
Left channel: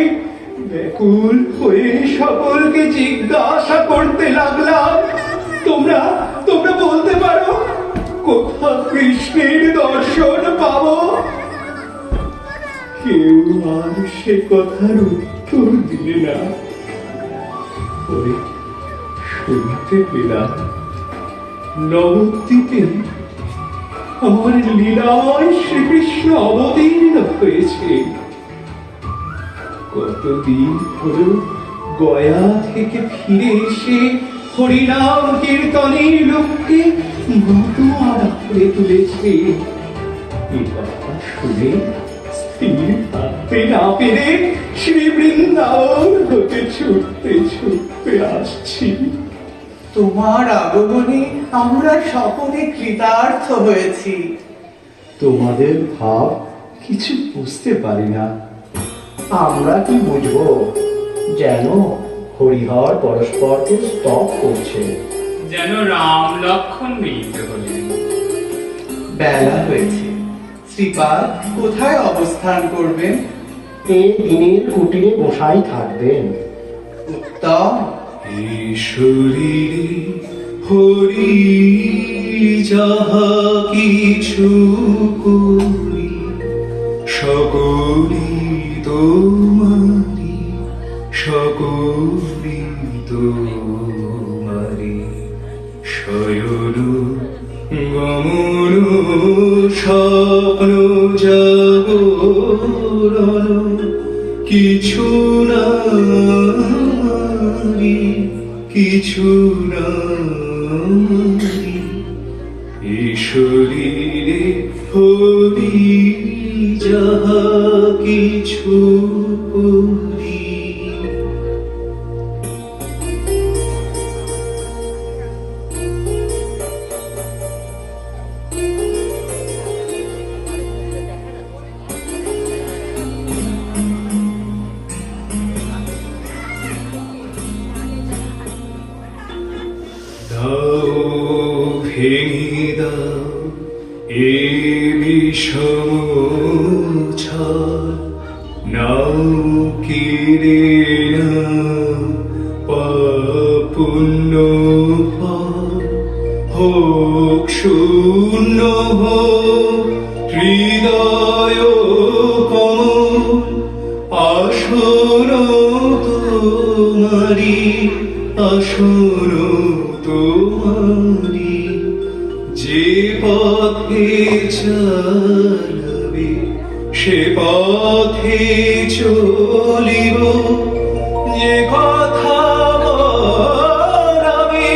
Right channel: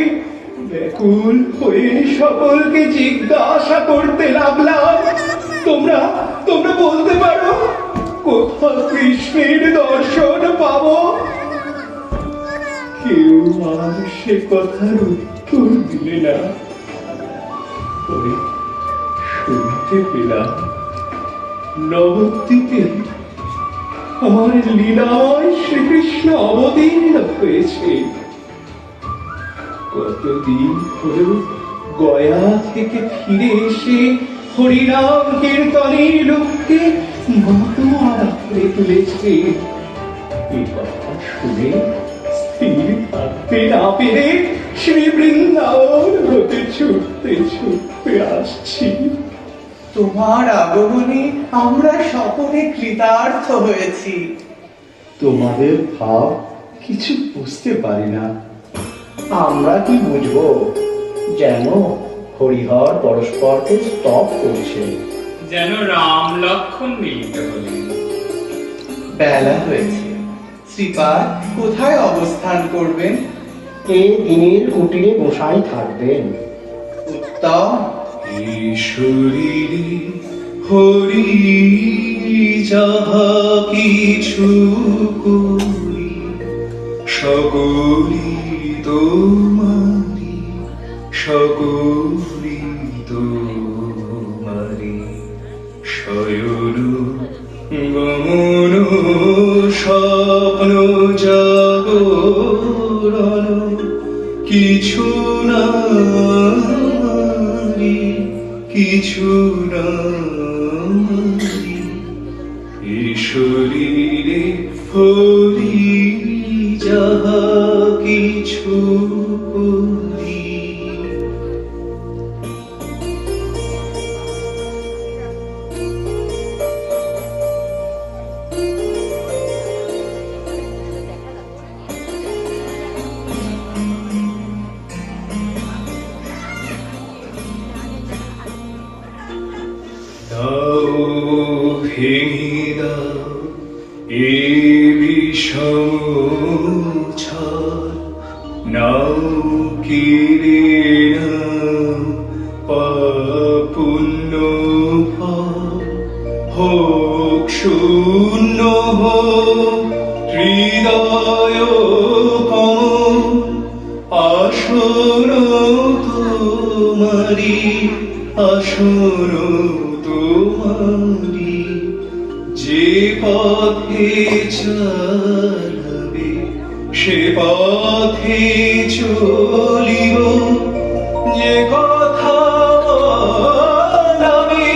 ব্যাকুল হয়ে সকলকে জিজ্ঞাসা করতে লাগলাম, তোমরা তোমরা বলতে পারো কোথা কৃষ্ণের দর্শন পাবো? কেউ আর সে কথার উত্তর দিলে না। পরে শুনতে পেলাম নবদ্বীপে আমার লীলাময় শ্রীকৃষ্ণ অবতীর্ণ হয়েছে। কতদিন হলো গয়া থেকে ফিরে এসে হরিনাম কীর্তনের লোককে মতোয়ারা করে তুলেছে। এই কথা শুনে স্থির থাকতে না পেরে শ্রী বৃন্দাবন হতে ছুটতে ছুটতে আসছি। তোমার আগমনে আমরা সকলে কৃতার্থ হয়েছি। তোমাদের ভাব কিছু বুঝতে পারি না। আমরা কি বুঝবো? যেন হরিহর পরস্পরকে স্তব করছে। যেন রাম লক্ষণ মিলিত হলেন। বেলা হয়েছে, শ্রীপাদ কোথায় অবস্থান করবেন? এই দিনের কুটিরে গোসাই থাকবেন। উত্তম। ঈশ্বরীরে হরি যাহা কিছু করি, সকলি তোমারি, সকলি তোমারি। শয়ন গমন স্বপ্ন জাগরণ কিছু না, কিছু না। ঈশ্বরীরে হরি যাহা কিছু করি। ভেঙে দাও এ বিষম ছাড়, নাও কিরে নাও পাপুণ্য হোক শূন্য হোক হৃদয় কমল, আসন তোমারি, আসন তোমারি। যে পথে চলবে সে পথে চলিব, যে কথা বলাবে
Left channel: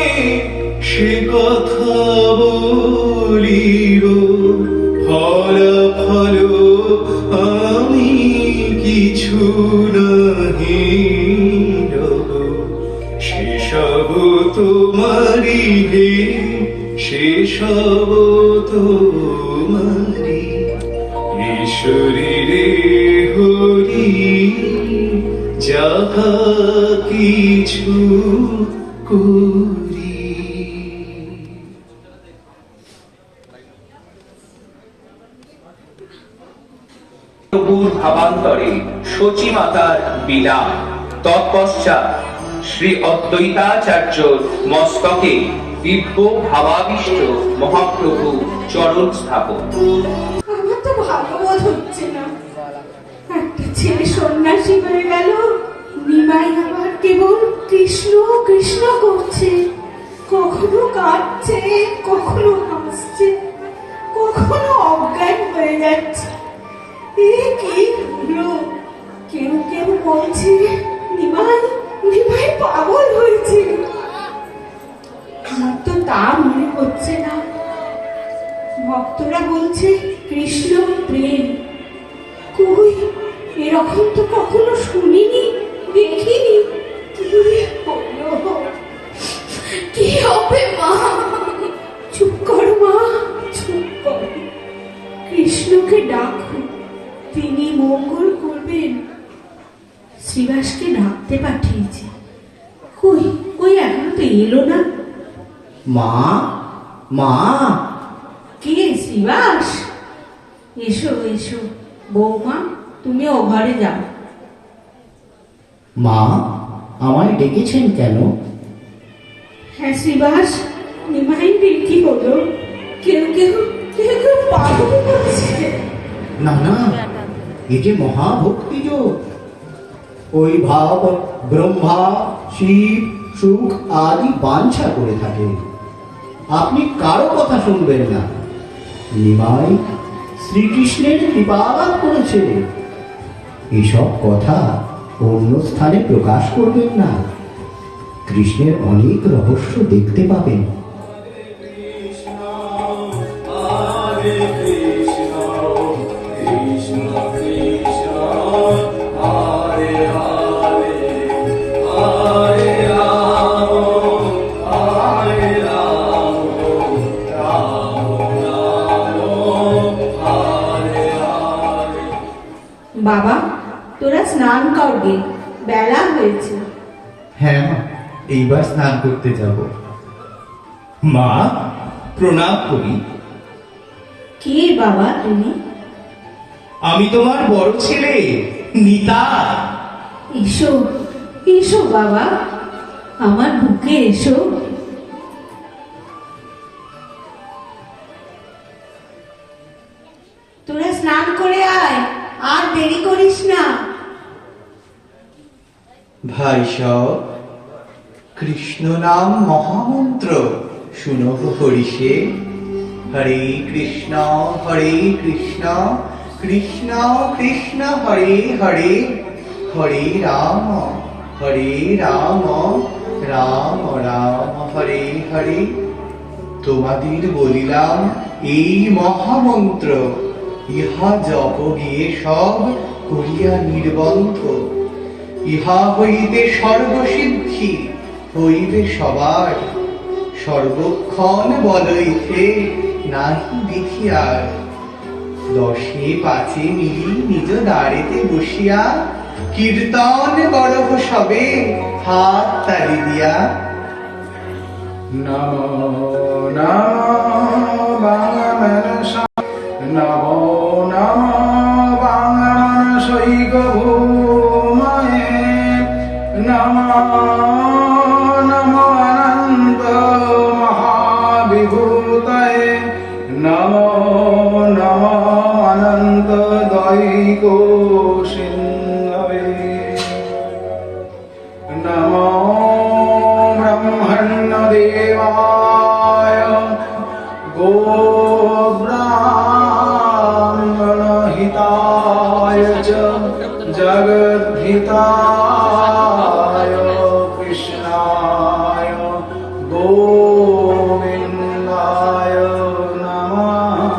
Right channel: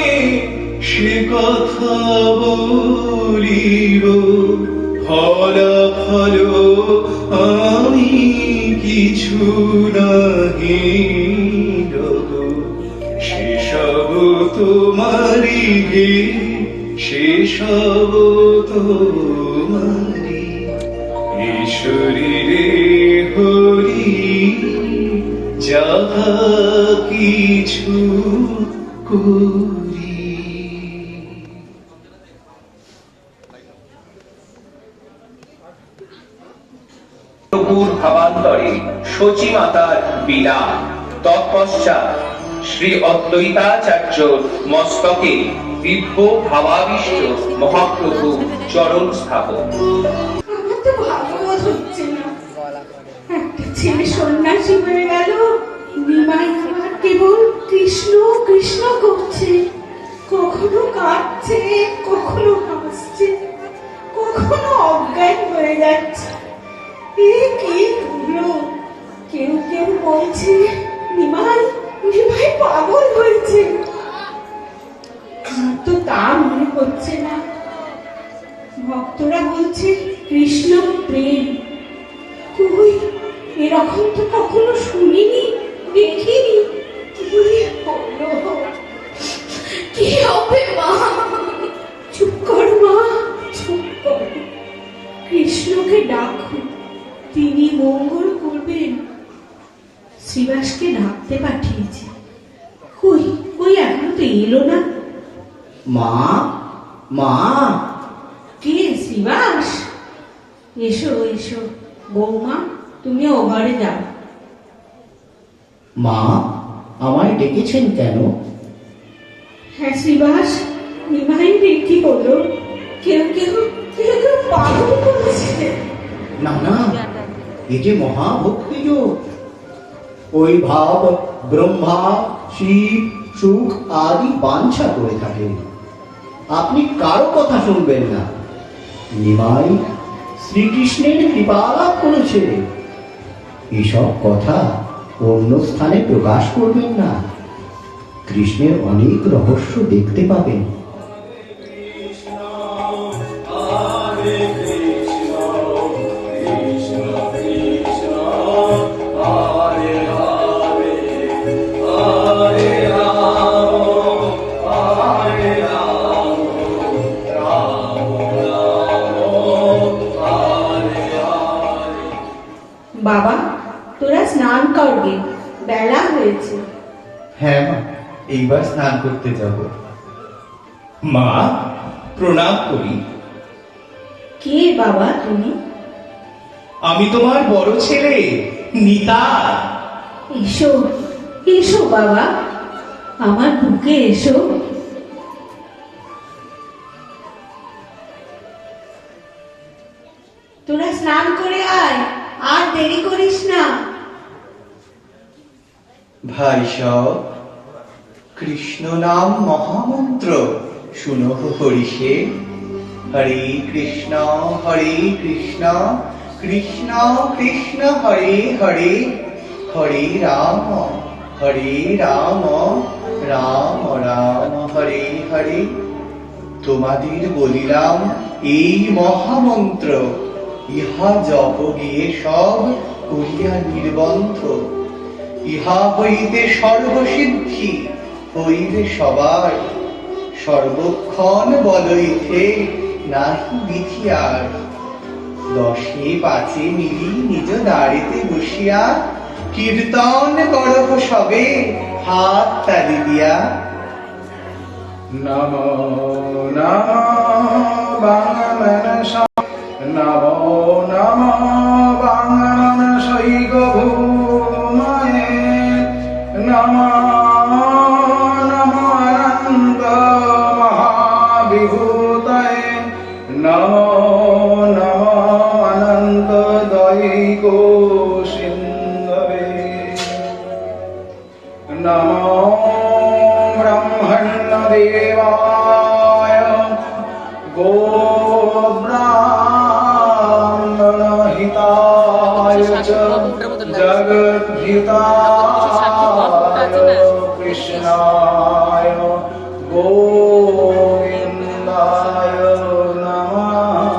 সে কথা বলিব। ফলাফল আমি কিছু নাহি রব, সেসব তোমারি গে, সেসব তোমারি। ঈশ্বরীরে হরি কিছু করি। প্রভুর ভাবান্তরে শচী মাতার বিদায়, তৎপশ্চাৎ শ্রী অদ্বৈতাচার্য মস্তকে দিব্য ভাবাবিষ্ট মহাপ্রভু চরণ স্থাপন। আমার তো ভাগ্যবোধ হচ্ছে না, একটা ছেলে সন্ন্যাসী হয়ে গেল, নিমাই আবার কেবল কৃষ্ণ কৃষ্ণ করছে, কখনো কাঁদছে, কখনো হাসছে, কখনো অজ্ঞান হয়ে যাচ্ছে। এ কি হলো? কেউ কেউ বলছে নিমাই নিমাই পাগল হয়েছে। আমার তো তা মনে হচ্ছে না। ভক্তরা বলছে কৃষ্ণ প্রেম। কই, এরকম তো কখনো শুনিনি, দেখিনি। কি হবে মা? চুপ কর মা, চুপ কর। কৃষ্ণকে ডাকো, তিনি মঙ্গল করবেন। শ্রীবাসকে ডাকতে পাঠিয়েছি, কই কই এখনো তো এলো না। মা, মা, কে শ্রীবাস? এসো এসো বৌমা, তুমি ও ঘরে যাও। মা, আমায় ডেকেছেন কেন? হ্যাঁ শ্রীবাস, নিমাইয়ের কি হলো? কেউ কেউ কেউ কেউ পাগল করছে। না না, এ যে মহাভক্তি যোগ। ওই ভাব ব্রহ্মা, শিব, সুখ আদি বাঞ্ছা করে থাকেন। আপনি কারো কথা শুনবেন না। নিমাই শ্রীকৃষ্ণের কৃপা লাভ করেছে। এসব কথা অন্য স্থানে প্রকাশ করবেন না। কৃষ্ণের অনেক রহস্য দেখতে পাবেন। বাবা, তোরা স্নান করবে, বেলা হয়েছে। হ্যাঁ মা, এইবার স্নান করতে যাব। মা, প্রণাম করি। কে বাবা তুমি? আমি তোমার বড় ছেলে নিতা। এসো এসো বাবা, আমার বুকে এসো। তোরা স্নান করে আয়, আর দেরি করিস না। ভাই সব, কৃষ্ণ নাম মহামন্ত্র শুনো হরিষে। হরে কৃষ্ণ কৃষ্ণ কৃষ্ণ হরে হরে, হরে রাম রাম রাম হরে হরে। তোমাদের বলিলাম এই মহামন্ত্র, ইহা জপ গিয়ে সব করিয়া নির্বন্ধ। ইহা হইতে সর্বসিদ্ধি হইবে সবার, সর্বক্ষণ বলইতে নাহি দেখিয়ার। 10 5 মিলি নিজ দ্বারেতে বসিয়া, কীর্তন করহ সবে হাত তালি দিয়া। নমো নমো বাংলা, নমো নমো বাংলাশৈক ভূময়ে, নমো নমো অনন্ত মহাবিভূতয়ে, নমো নমো অনন্ত দৈক সিন্ধবে, নমো ব্রহ্মণ্য দেবায়, গোব্রাহ্মণহিতায় চ জগদ্ধিতায় কৃষ্ণায় গোবিন্দায় নমঃ।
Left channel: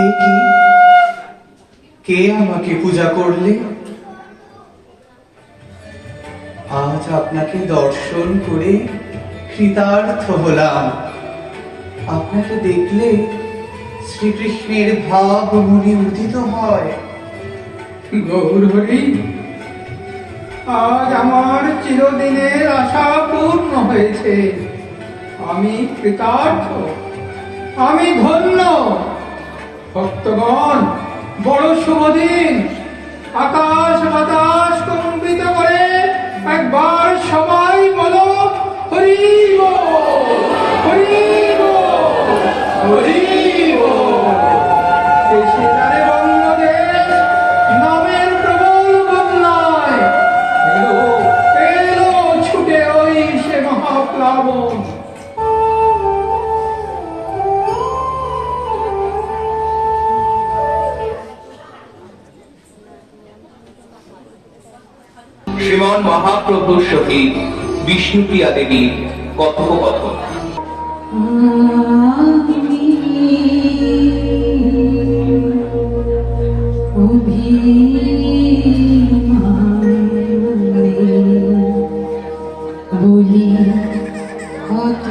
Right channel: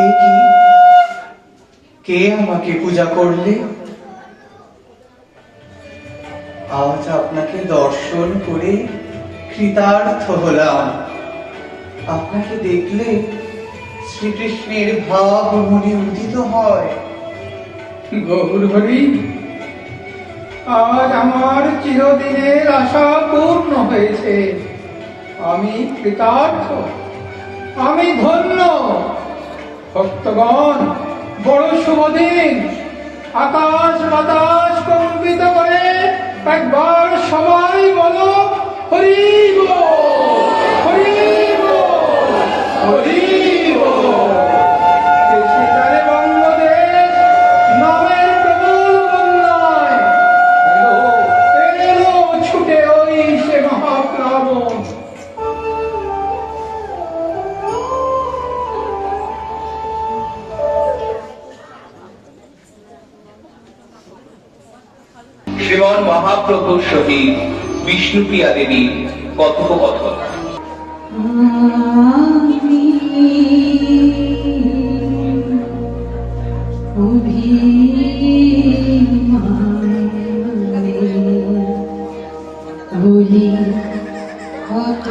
এ কি? কে আমাকে পূজা করলে? আজ আপনাকে দর্শন করে কৃতার্থ হলাম। আপনাকে দেখলে শ্রীকৃষ্ণের ভাব মনে উদিত হয়। গৌর হরি, আজ আমার চিরদিনের আশা পূর্ণ হয়েছে। আমি কৃতার্থ, আমি ধন্য। ভক্তগণ, বড় শুভ দিন। আকাশ বাতাস কম্পিত করে একবার সবাই বলো হরি বল, হরি বল, হরি বল। দেশে তারে বঙ্গদেশ নামের প্রবল বন্যায় এলো এলো ছুটে ওই সে মহাপ্লাবন। শ্রীমান মহাপ্রভুর সহিত বিষ্ণুপ্রিয়া দেবীর কথোপকথন। বলি কত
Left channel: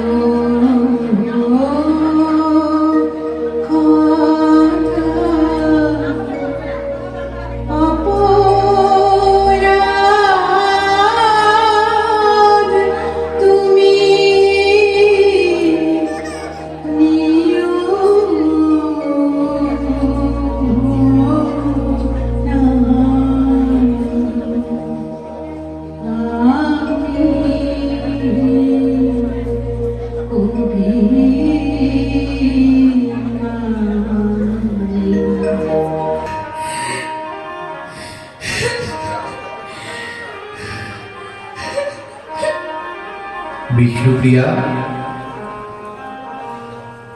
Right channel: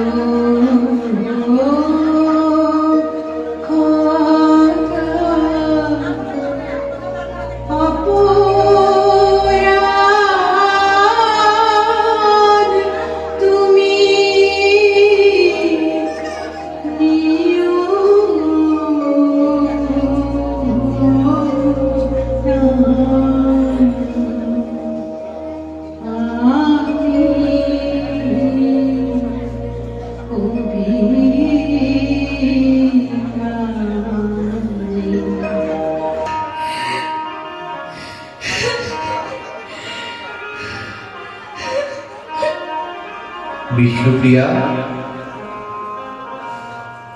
বিষ্ণুপ্রিয়া,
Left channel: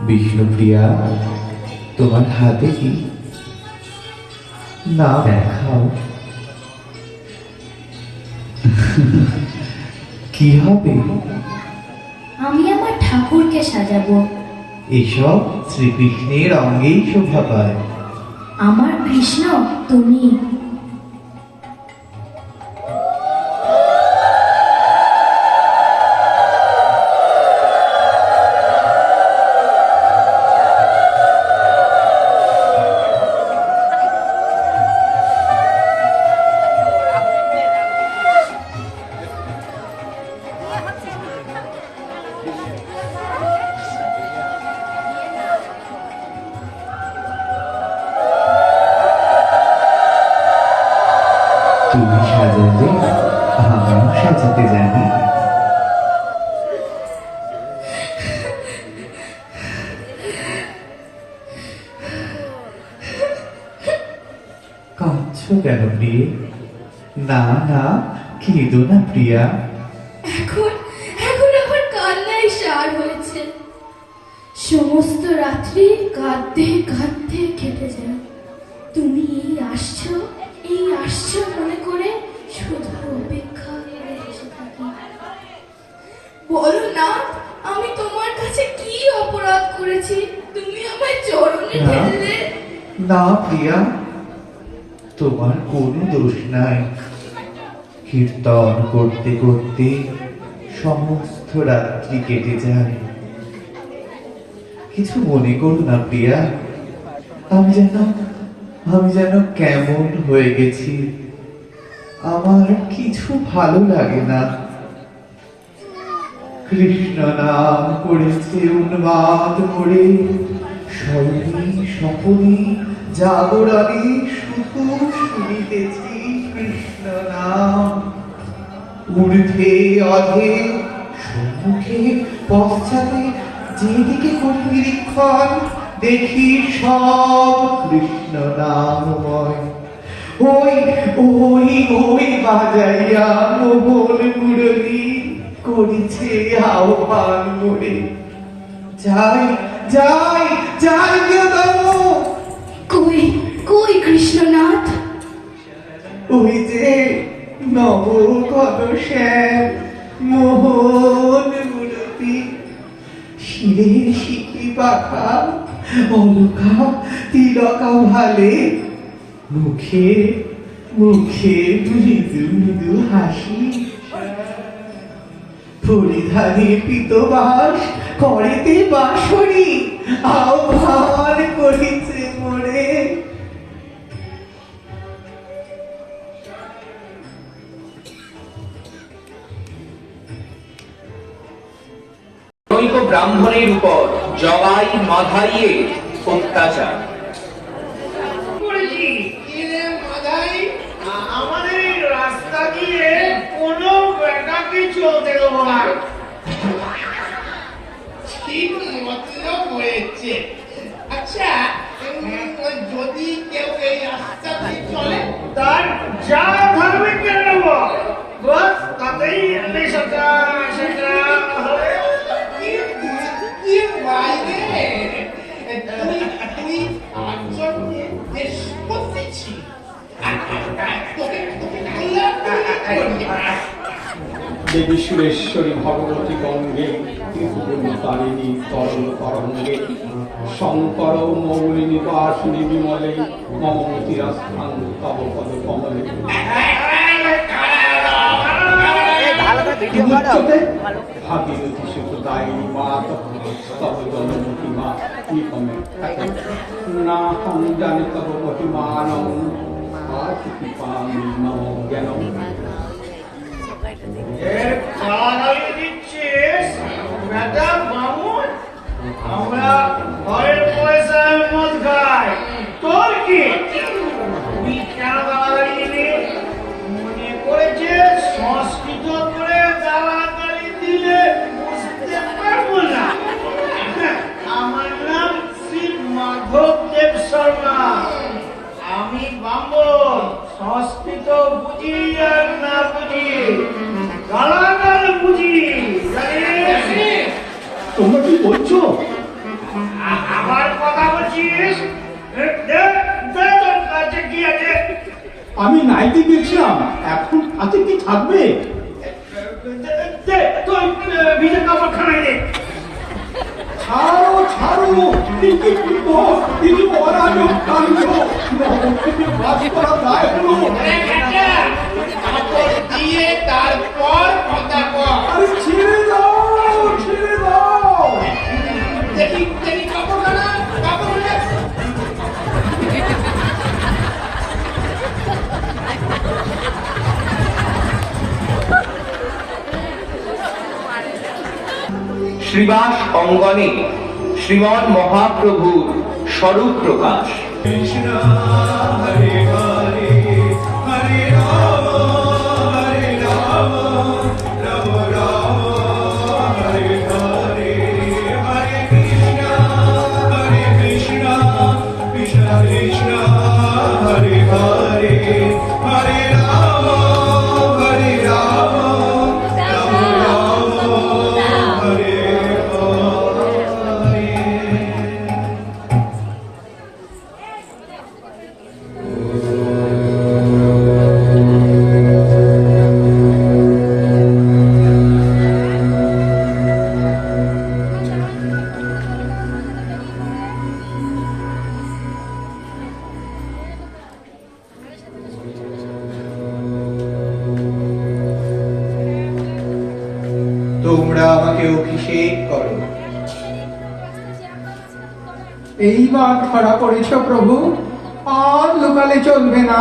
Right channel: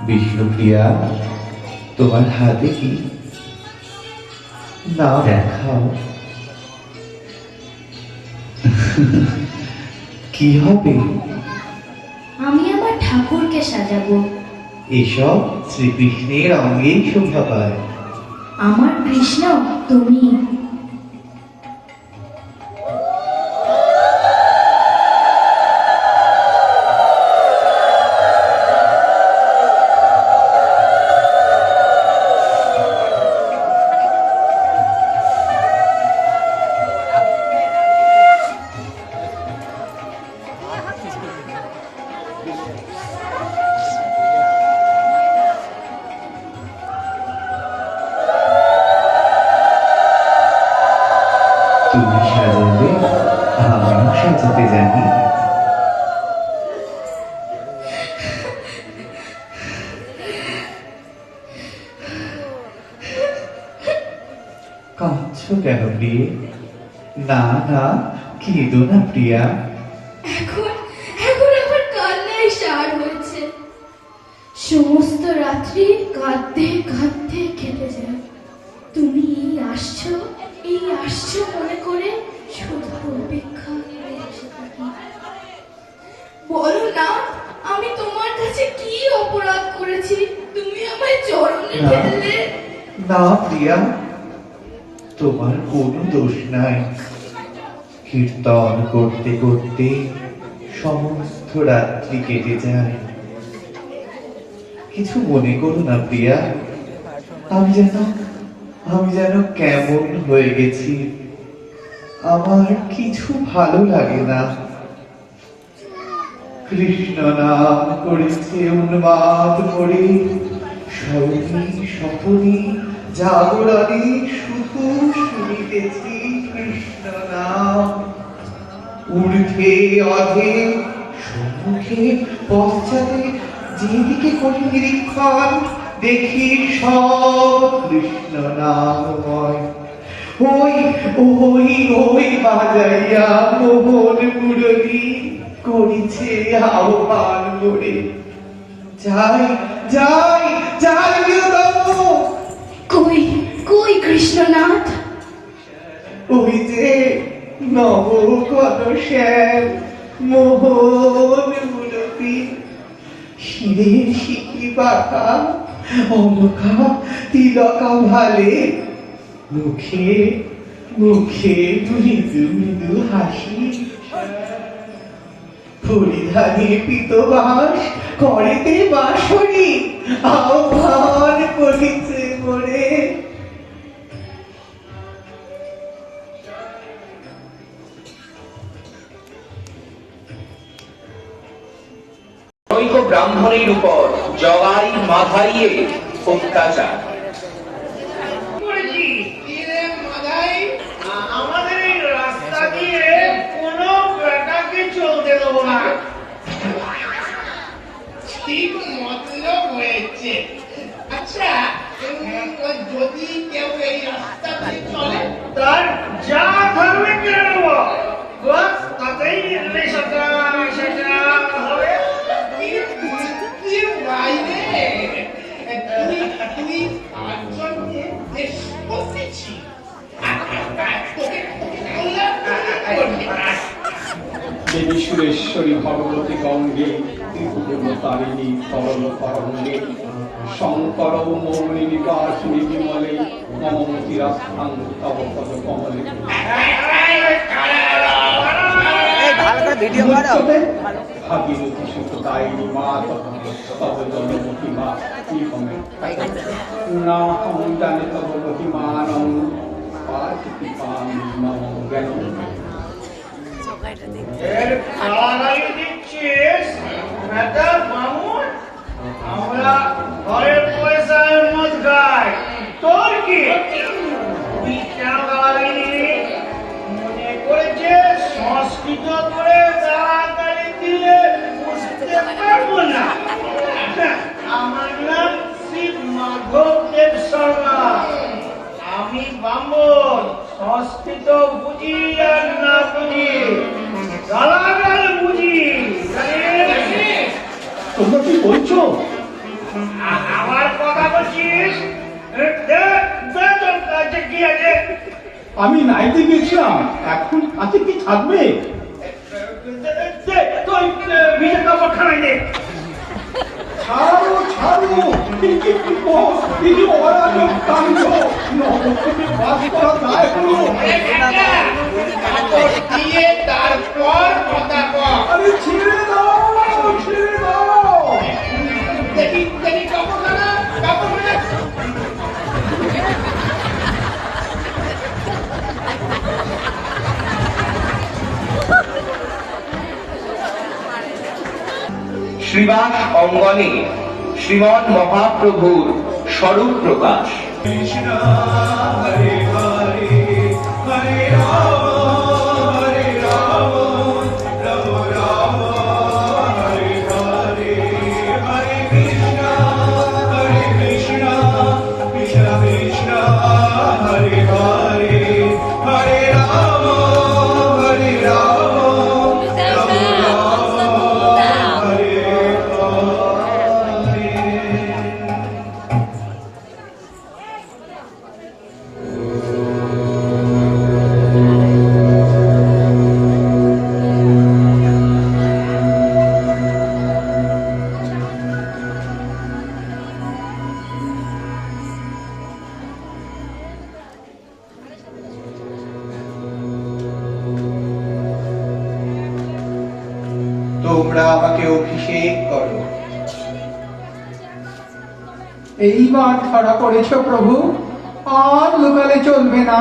বিষ্ণুপ্রিয়া, তোমার হাতে কি? না দেখাও। কি হবে? আমি আমার ঠাকুরকে সাজাবো। এসব শ্রীকৃষ্ণের অঙ্গেই শোভা পায়। আমার কৃষ্ণ তুমি। তুমি সাজালে আমিও সাজাতে জানি। কাঁদছো কেন প্রিয়ে? না না, কেঁদো না প্রিয়া। এখন এখন আমার কান্নায় সার হয়েছে। সমস্ত রাত্রি কাঁদতে কাঁদতে কেটে যায়। তুমি এই আসছো মনে করে শুধু অপেক্ষা করে বসে থাকি। বলো না, আমি তোমার কাছে কি অপরাধ করেছি তুমি আমায় চরণে ফেললে? না প্রিয়া, তোমার কোনো দোষ নাই। কীর্তন করতে করতে সমস্ত রাত্রি কেটে যায়। কিছু মনে করো না প্রিয়া, আমি যেন কেমন হয়ে গেছি। আমার কিছু ভালো লাগে না। কৃষ্ণ নাম করেছে উন্মাদ করে, সরণী সপনী জাগরণে শুধু শুনিতেছি কৃষ্ণ নাম। ঊর্ধ্বে অধে সম্মুখে পশ্চাতে যেদিকে করি নিরীক্ষণ, দেখি সব কৃষ্ণ নামময়। ওই ওই ওই বাজাইয়া মোহন মুরলী করিছে আহ্বান করে। যাই যাই যাই প্রিয়তম। কই কই কৃষ্ণনাথ? ওই যে নবকত শ্যাম মোহন মুরলী, শিরের শিখি পাখা অলকা তিলকা ভালে, মুখে মুখে মৃদু মৃদু হাসি, পরিধানে পিতবাস করেতে বাঁশরি, আহ্বান করিছে মোরে। জনৈক ব্রাহ্মণের উপর জগাই মাধাইয়ে অত্যাচার। আমাদের এই রাস্তা দিয়ে কোনো বেটাকে চলতে দেবো না। ঠিক মতলব হয়েছে। আচ্ছা, যদি কেউ এই রাস্তা দিয়ে চলে তার যা ধরবে কেন নেব, বস তাতেই সেটা সেটা হবে। বাইরে তুই পাঁচজনকে বেশ করতেছি। দেবী সুরেশ্বরী ভগবতী গঙ্গে তারিণী তরল তরঙ্গে শঙ্কর মৌলি নিবাসিনী বিমলে মমতিরাস্থান তব তব কমলে। ভাগীরথী সুখদায়িনী মা তব জনমতি মা কি কমে না হম জানি তব মহিমানং পাঠি পান জ্ঞান। এর কারাগারে দিচ্ছিস বেটা মামুন, আমরা ঘরের পয়সায় মদ খাই, তোর কি? তুই কেন গালাগালি দিলি? মনে করেছে সংস্কৃত করে গালাগালি দিলে বুঝতে পারবো না? আমার নাম শ্রী মাধব দেব শর্মা, আমি ব্রাহ্মণ, সংস্কৃত বুঝি আর না বুঝি গালাগাল বুঝি। তোমরা কি বলছো? আমার কথা বলছিস? তোর কাছে কি আছে? আমি নাইতে গেছিলাম, এখন হাতে কি থাকবে? তোর ভিজে কাপড় খানাই দে। ছাড়ো ছাড়ো, অরাজক কাণ্ড, নবদ্বীপে বাস করা দায় হলো। দিয়ে তারপর কথা কর। আরে ছেড়ে দাও, ছেড়ে দাও। দেখি দেখি কাপড়খানা, কাপড়খানা। শ্রীবাস অঙ্গনে শ্রীমন মহাপ্রভুর স্বরূপ প্রকাশ। তোমরা আমাকে অভিষেক করো। এইবার ধরা পড়েছ প্রভু, আর লোকালে চলবে না।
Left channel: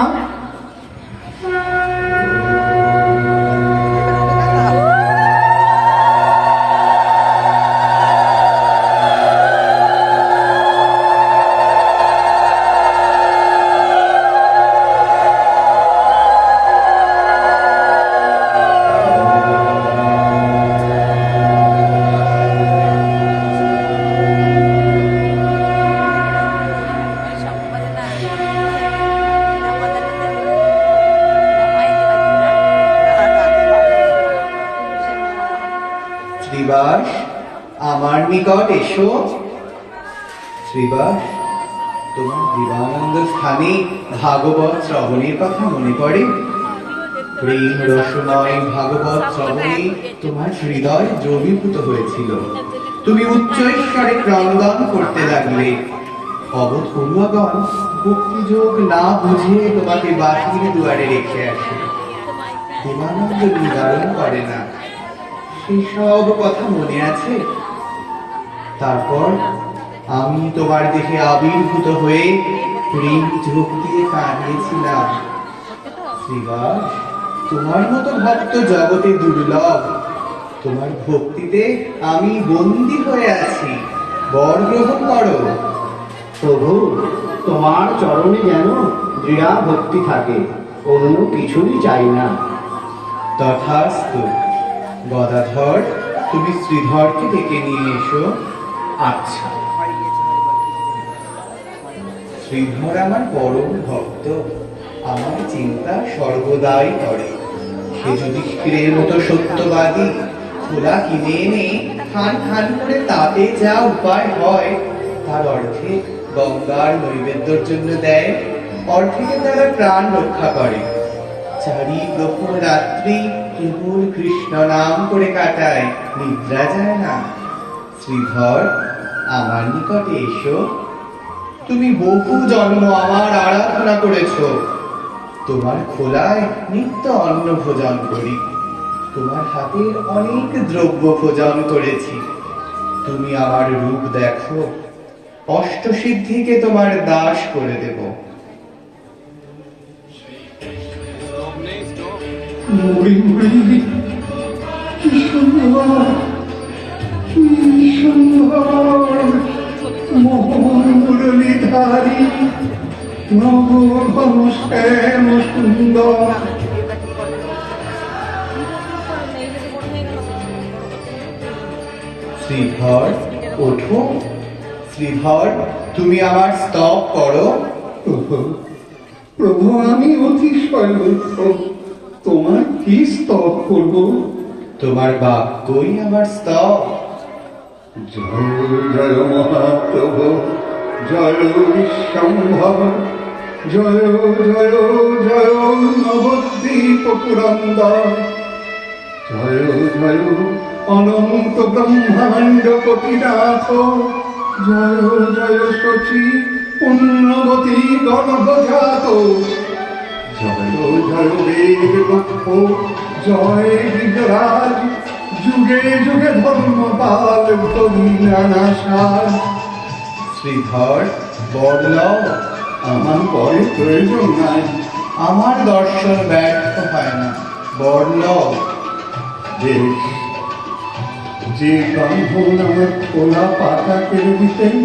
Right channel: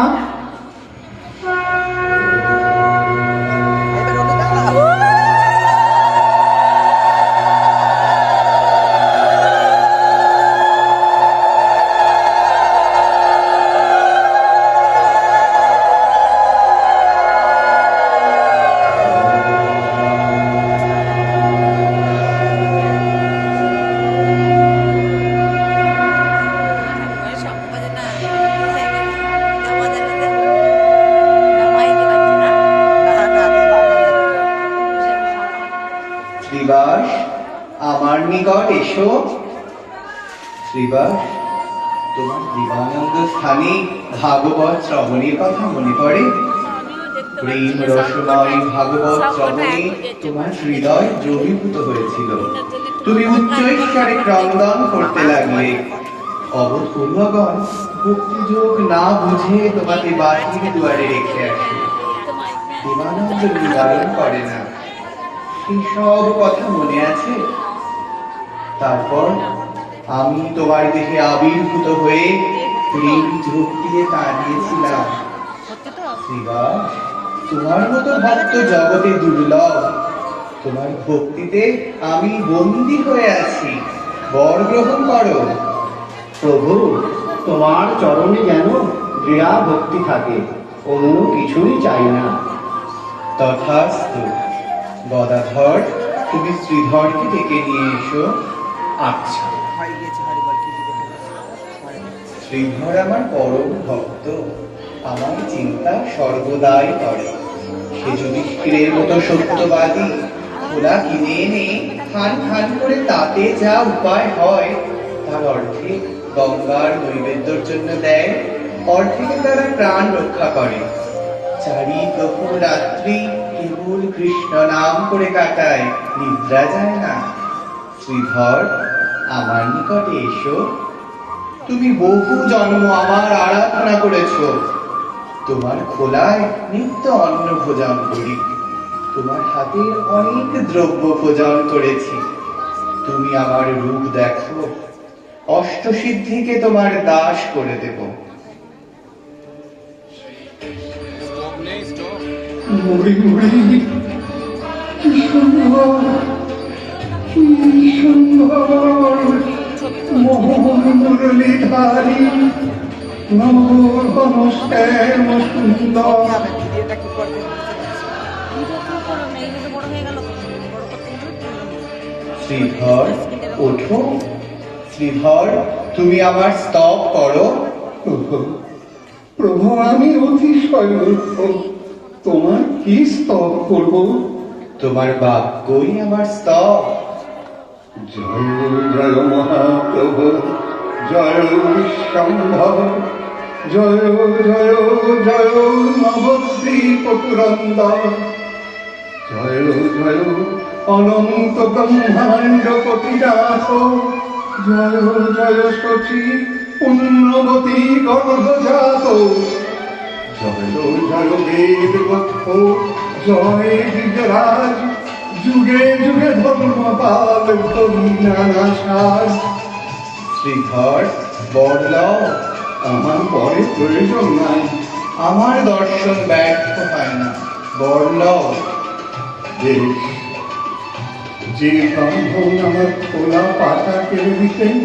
শ্রীবাস, আমার নিকট এসো। শ্রীবাস, তোমার দিবানন্দ স্থানে ভাগবত শ্রবণের কথা মনে পড়ে? প্রেম রসময় ভাগবত শ্রবণে তোমার হৃদয় দ্রবীভূত হয়েছিল। তুমি উচ্চ ঈশ্বরে ক্রন্দন করতে লাগলে। অবোধ পড়ুয়াগণ ভক্তিযোগ না বুঝে তোমাকে বাহির দুয়ারে রেখে আসে, দেবানন্দ নিবারণ করে না। সেসব কথা মনে আছে? তারপর আমি তোমার দেহে আবির্ভূত হয়ে প্রেম যোগ দিয়ে কাঁদিয়েছিলাম। শ্রীবাস, তোমার মতো ভক্ত জগতে দুর্লভ। তোমার ভক্তিতে আমি বন্দী হয়ে আছি, বর গ্রহণ করো। প্রভু, তোমার চরণে যেন দৃঢ়া ভক্তি থাকে, অন্য কিছুই চাই না। তথাস্তু। গদাধর, তুমি শ্রীধরকে ডেকে নিয়ে এসো। আচ্ছা। শ্রীধর আমার পরম ভক্ত, আমার চিন্তা সর্বদাই করে। সে যুধিষ্ঠিরের মতো সত্যবাদী, খোলা কিনে এনে খান খান করে তাতে যা উপায় হয় তার অর্ধেক গঙ্গার নৈবেদ্যর জন্য দেয়, অর্ধেকে তারা প্রাণ রক্ষা করে। চারি প্রহর রাত্রি কেবল কৃষ্ণ নাম করে কাটায়, নিদ্রা যায় না। শ্রীধর, আমার নিকটে এসো। তুমি বহু জন্ম আমার আরাধনা করেছ। তোমার খোলায় নিত্য অন্ন ভোজন করি, তোমার হাতের অনেক দ্রব্য ভোজন করেছি। তুমি আমার রূপ দেখো, অষ্টসিদ্ধিকে তোমার দাস করে দেব। মুড়ি মুড়ি, কি সুন্দর, কি সুন্দর, মুরলীধারী নবশ্যাম সুন্দর। শ্রীধর, ওঠো। শ্রীধর, তুমি আমার স্তব করো। প্রভু, আমি অতিশয় মূর্খ, তোমার কি স্তব করব? তোমার বাক্যই আমার স্তব। জয় জয় মহাপ্রভু, জয় বিশ্বম্ভব, জয় জয় জয় নবদ্বীপ পুরন্দর, জয় জয় অনন্ত ব্রহ্মাণ্ড কোটিনাথ, জয় জয় শচী পুণ্যবতী গর্ভজাত, জয় জয় দেব দক্ষ, জয় বিজরাজ, যুগে যুগে ধর্মপাল নানাসাজ। শ্রীধর, বড়লাও, আমার পরে প্রয়োজন নাই। আমার দর্শন ব্যর্থ হয় না, বড়লাও। বেশ, যে ব্রাহ্মণ আমার খোলা পাতা কেড়ে দিতেন,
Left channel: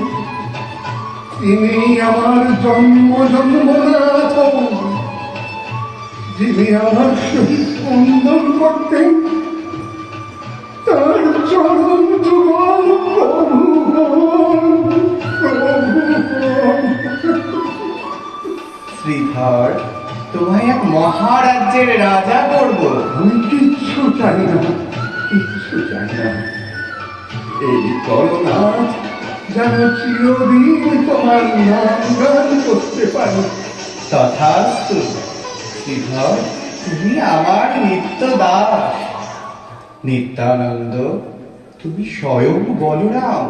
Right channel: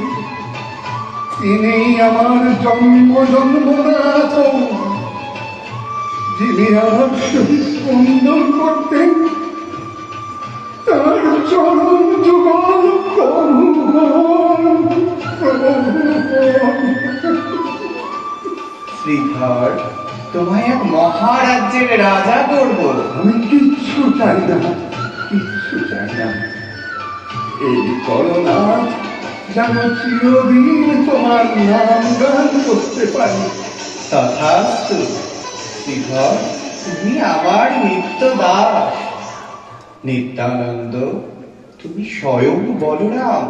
তিনি আমার জন্ম জন্মনাথ। যিনি আমার শরীর সুন্দর করতেন, তার চরণ যুগল প্রভু। শ্রীধর, তোমায় এক মহারাজ্যের রাজা করব। আমি কিচ্ছু চাই না, কিচ্ছু চাই না। এই করোনাথ যেন চিরদিন তোমার নাম গান করতে পারি। তথাস্তু। শ্রীধর, তুমি আমার নিত্য দাস। নিত্যানন্দ, তুমি স্বয়ং বলরাম,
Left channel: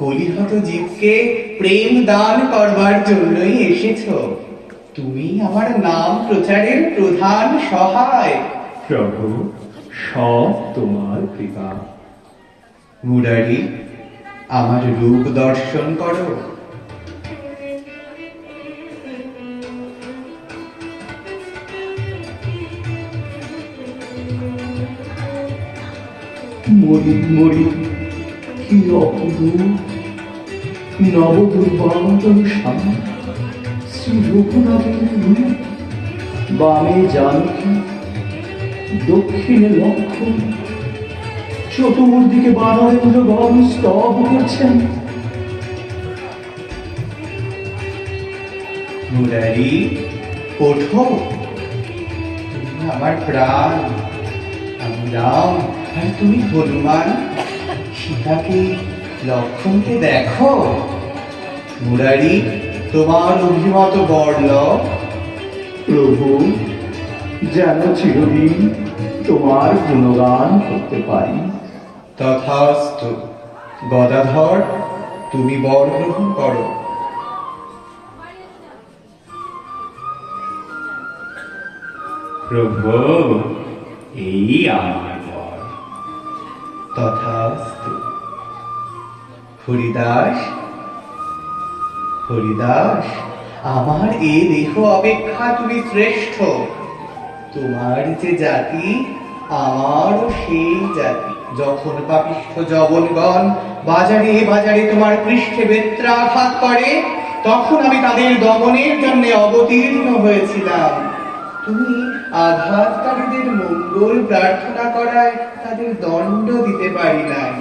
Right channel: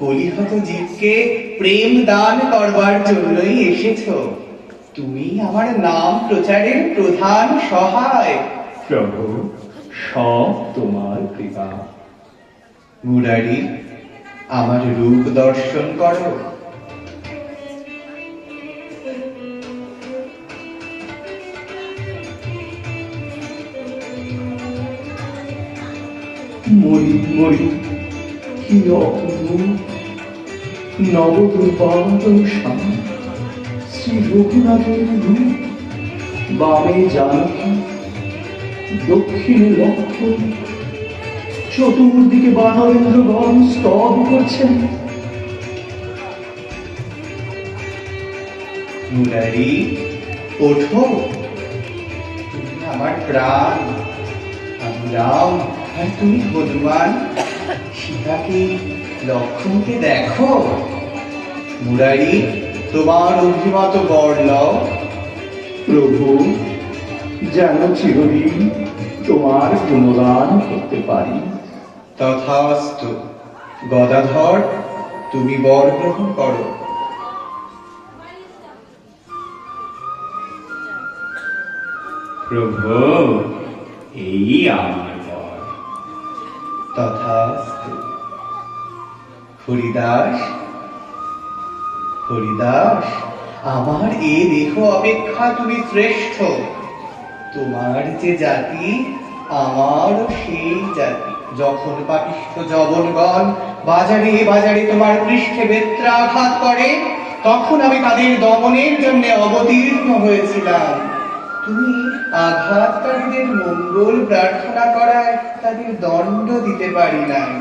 কলিহত জীবকে প্রেম দান করবার জন্যই এসেছ। তুমি আমার নাম প্রচারের প্রধান সহায়। প্রভু, সব তোমার কৃপা। মুরারি, আমার রূপ দর্শন করো। মরি মরি, কি অপরূপ নবদুর্বাদন স্বামী, শ্রী রঘুনাথের রূপ। বামে জানকী, দক্ষিণে লক্ষ্মণ, চতুর্দিকে বানরেন্দ্রগণ স্তব করছেন। মুরারি, ওঠো। তুমি আমার প্রাণ। আমি রাম, আর তুমি হনুমান। সীতাকে, লক্ষ্মণকে দেখো। মুরারি, তোমার অভিমত বড়লাও। প্রভু, যেন চিরদিন তোমার গুণগান করতে পারি। তথাস্তু। গদাধর, তুমি বর গ্রহণ করো। প্রভু, এই আমার বর। তথাস্তু। হরিদাস, হরিদাস, আমার এ দেহ অপেক্ষা তুমি শ্রেষ্ঠ। তোমার যে জাতি, আমারও সেই জাতি। যখন পাপিষ্ঠ যবনগণ বাজারে বাজারে তোমার পৃষ্ঠে বেত্রাঘাত করে, তখন আমি তাদের দমনের জন্য অবতীর্ণ হয়েছিলাম। তুমি আঘাতকারীদের মঙ্গল প্রার্থনা করায় তাদের দণ্ড দিতে পারি নাই।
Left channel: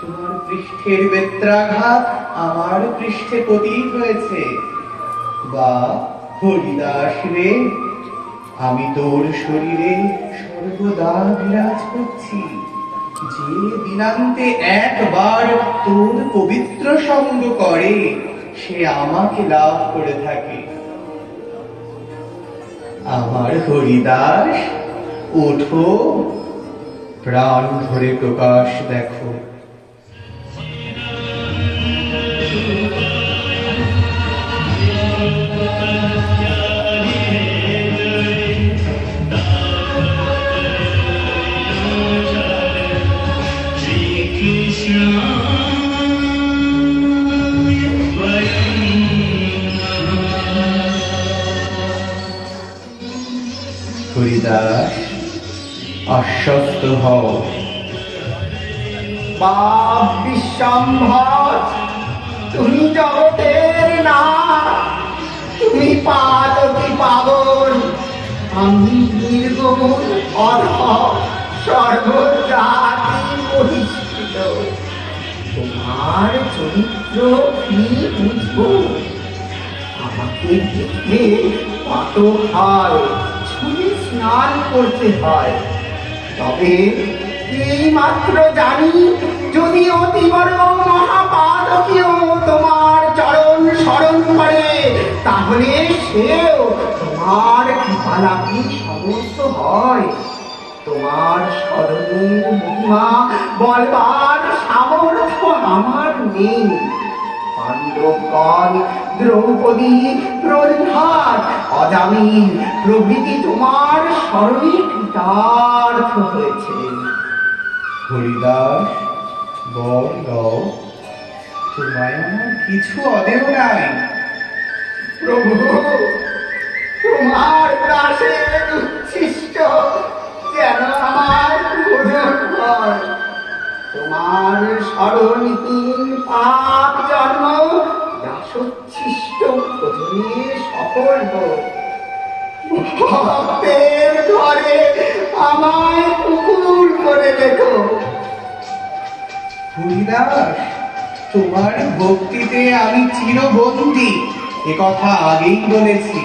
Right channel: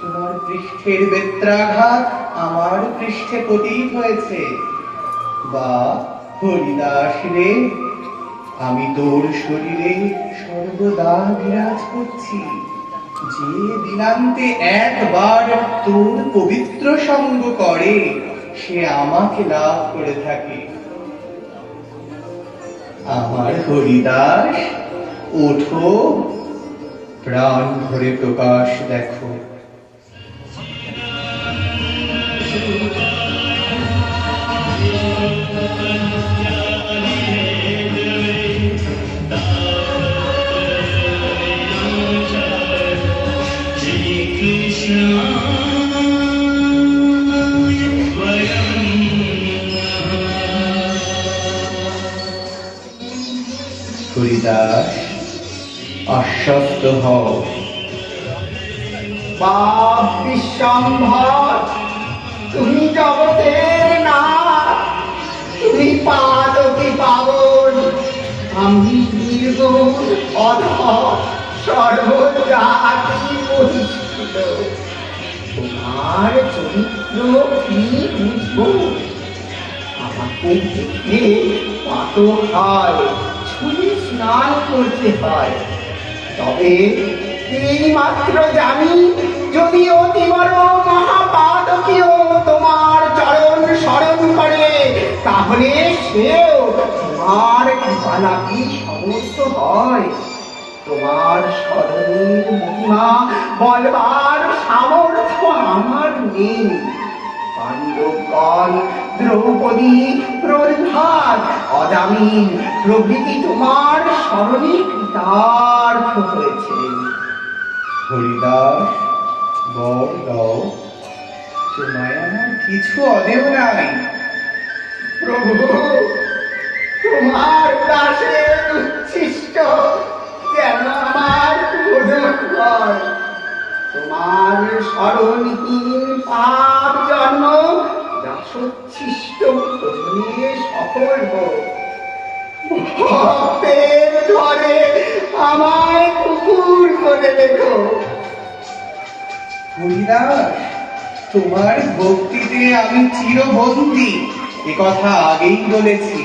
তোমার পৃষ্ঠের বেত্রাঘাত আমার পৃষ্ঠে প্রতীক হয়েছে। বা হরিদাস রে, আমি তোর শরীরে সর্বদা বিরাজ করছি। যে দিনান্তে একবার তোর পবিত্র সঙ্গ করে, সে আমাকে লাভ করে থাকে। আমার হরিদাস, ওঠো, প্রাণ ভরে প্রকাশ দেখো। হরিদাস, আশ্বস্ত হও। বাপ বিশ্বম্ভর, তুমি জগতের না, তুমি পাদকি পাবন। আমি নির্গুণ অধম, সর্বজাতি বহিষ্কৃত। তোমার চরিত্র কি বুঝবো? আমাকে দেখে কত হয়, ছুঁয়ে স্নান করতে হয়। তবে এই মাত্র জানি, যদি অতি বড় মহাপাতকীয় তোমার চরণ স্মরণ করে, তাহলে সেও তোমার কৃপালাভী সমস্ত হয়। তোমার স্মরণের মহিমা বলবার সামর্থ্য আমার নেই। পাণ্ডবগণ, দ্রৌপদী, প্রহ্লাদ, অজামিন প্রভৃতি তোমার স্মরণে কৃতার্থ হয়েছে। হরিদাস, বর দাও, তোমায় আমার কিছু অদেহ নাই। প্রভু, তোমার দাসের উচ্ছিষ্ট যেন আমার ভোজন হয়। তোমার স্মরণহীন পাপ জন্ম দাসোচ্ছিষ্ট ভোজনে সফল হোক। ভক্তের ঘরে আমায় কুকুর করে রেখো। হরিদাস, তোমার ভক্তিতে আমি চিরবন্দী, একথা আগেই বলেছি।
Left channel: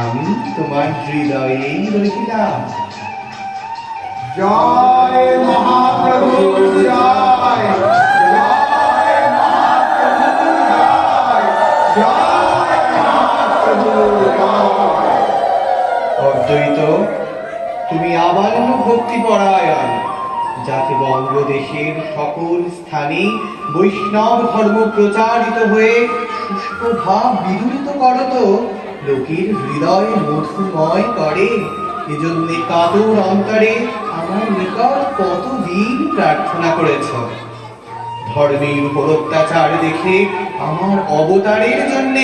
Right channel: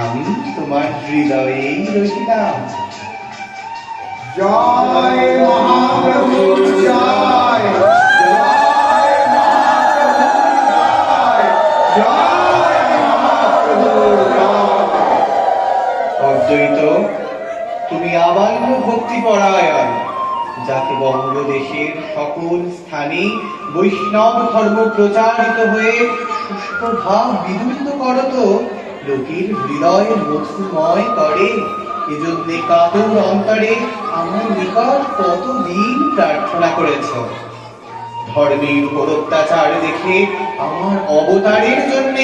আমি তোমার হৃদয়েই রহিলাম। জয় মহাপ্রভু, জয় জয় মহাপ্রভু, জয় মহাপ্রভু, জয়। অদ্বৈত, তুমি আবার ভক্তি পরায়ণ, যাতে বঙ্গদেশের সকল স্থানে বৈষ্ণব ধর্ম প্রচারিত হয়ে শুষ্ক ভাব বিদূরিত করত, লোকের হৃদয় মধুময় করে। এজন্য কাতর অন্তরে আমার নিকট কতদিন প্রার্থনা করেছ। ধর্মের উপর অত্যাচার দেখে আমার অবতারের জন্য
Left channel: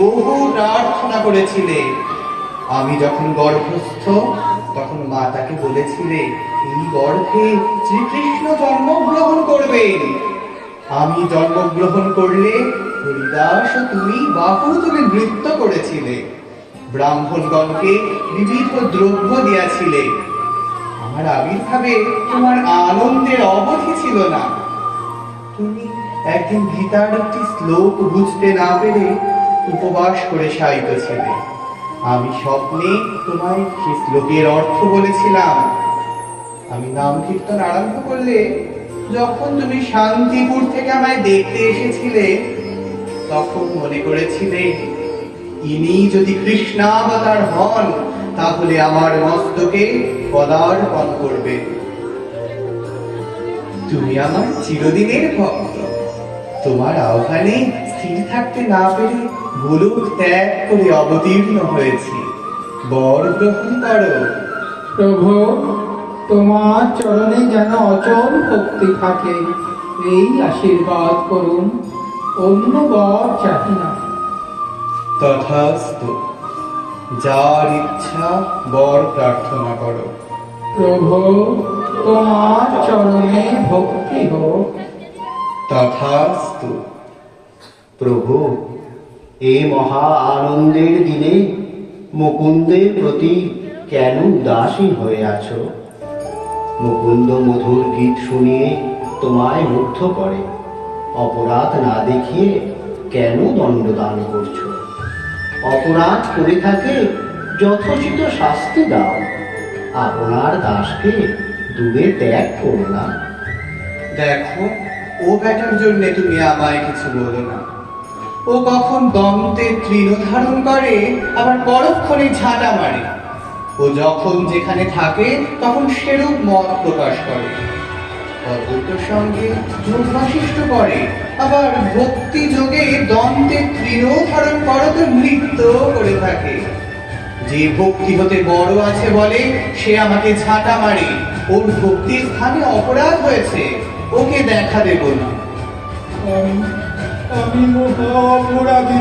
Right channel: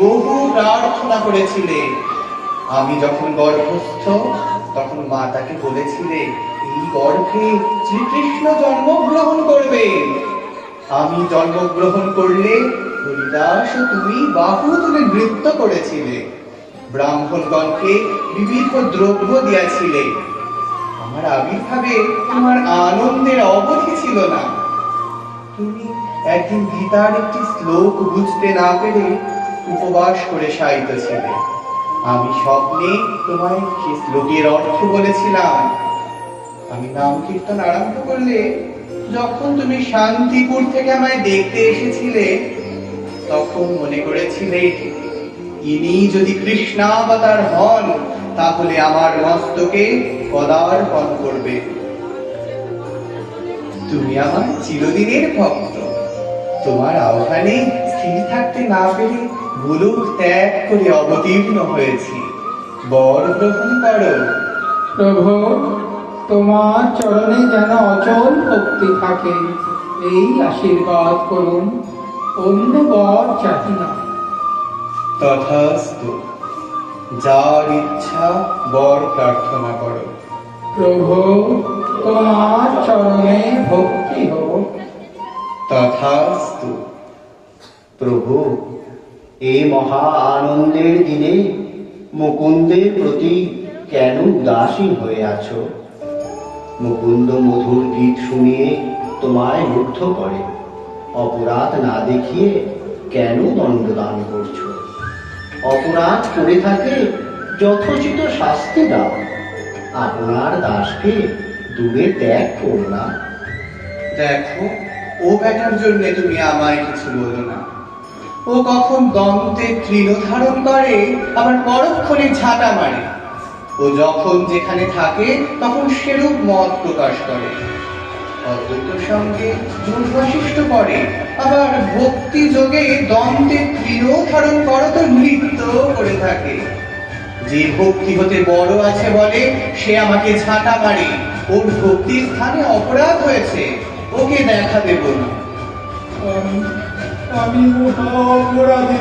বহু প্রার্থনা করেছিলে। আমি যখন গর্ভস্থ, তখন মা তাকে বলেছিলে এই গর্ভে শ্রীকৃষ্ণ জন্মগ্রহণ করবে। আমি জন্মগ্রহণ করলে হরিদাস ও তুমি বাহু তুলে নৃত্য করেছিলে, ব্রাহ্মণগণকে বিবিধ দ্রব্য দিয়াছিলে। আমার আবির্ভাবে তোমার আনন্দের অবধি ছিল না। তুমি একদিন গীতার একটি শ্লোক বুঝতে না পেরে উপবাস করে শায়িত ছিলে। আমি স্বপ্নে তোমায় সে শ্লোকের অর্থ বলেছিলাম। আমি নাম কীর্তন আরম্ভ করলে, যখন তুমি শান্তিপুর থেকে আমায় দেখতে এসেছিলে, তখন মনে করেছিলে ইনি যদি কৃষ্ণাবতার হন, তাহলে আমার মস্তকে পদার্পণ করবে। তুমি আমার চিরদিনের ভক্ত। তোমার আহ্বানে স্থির থাকতে না পেরে গোলক ত্যাগ করে অবতীর্ণ হয়েছি। বর গ্রহণ করো। প্রভু, তোমার চরণে যেন অচল ভক্তি থাকে, এই আশীর্বাদ করুন। অন্য বর চাহি না। তথাস্তু, যার ইচ্ছা বর প্রার্থনা করো। প্রভু, তোমার চরণে ভক্তি হোক। তথাস্তু। প্রভু, এই মহা আনন্দের দিনে মুকুন্দের প্রতি কেন উদাসীন হয়ে আছো? মুকুন্দ মধুর গীত শুনিয়ে তোমায় মুগ্ধ করে, অপরাধ না দেখিয়ে কেন দণ্ডদান করছো? অপরাধ করে থাকে যথোচিত শাস্তি দাও, আপনার দাসকে দূরে ত্যাগ করো না। দেখো, ও বেটার জন্য তুমি আমায় কিছু বলো না। ও কখন দন্তে তৃণ ধারণ করে, আবার পরক্ষণে ঝাঁটা মারে। ও যখন যেখানে থাকে তখন সেরূপ মত প্রকাশ করে, অদ্বৈত সঙ্গে যোগবশিষ্ট করে, আবার ভক্তি যোগে দন্তে তৃণ ধারণ করো তো নৃত্য করে থাকে। যে ভক্তি হতে বড় আছে বলে সে আমাকে ঝাঁটা মারে। ওর ভক্তির স্থানে অপরাধ হয়েছে, ওকে দেখা দেব না। আমি মহা অপরাধী,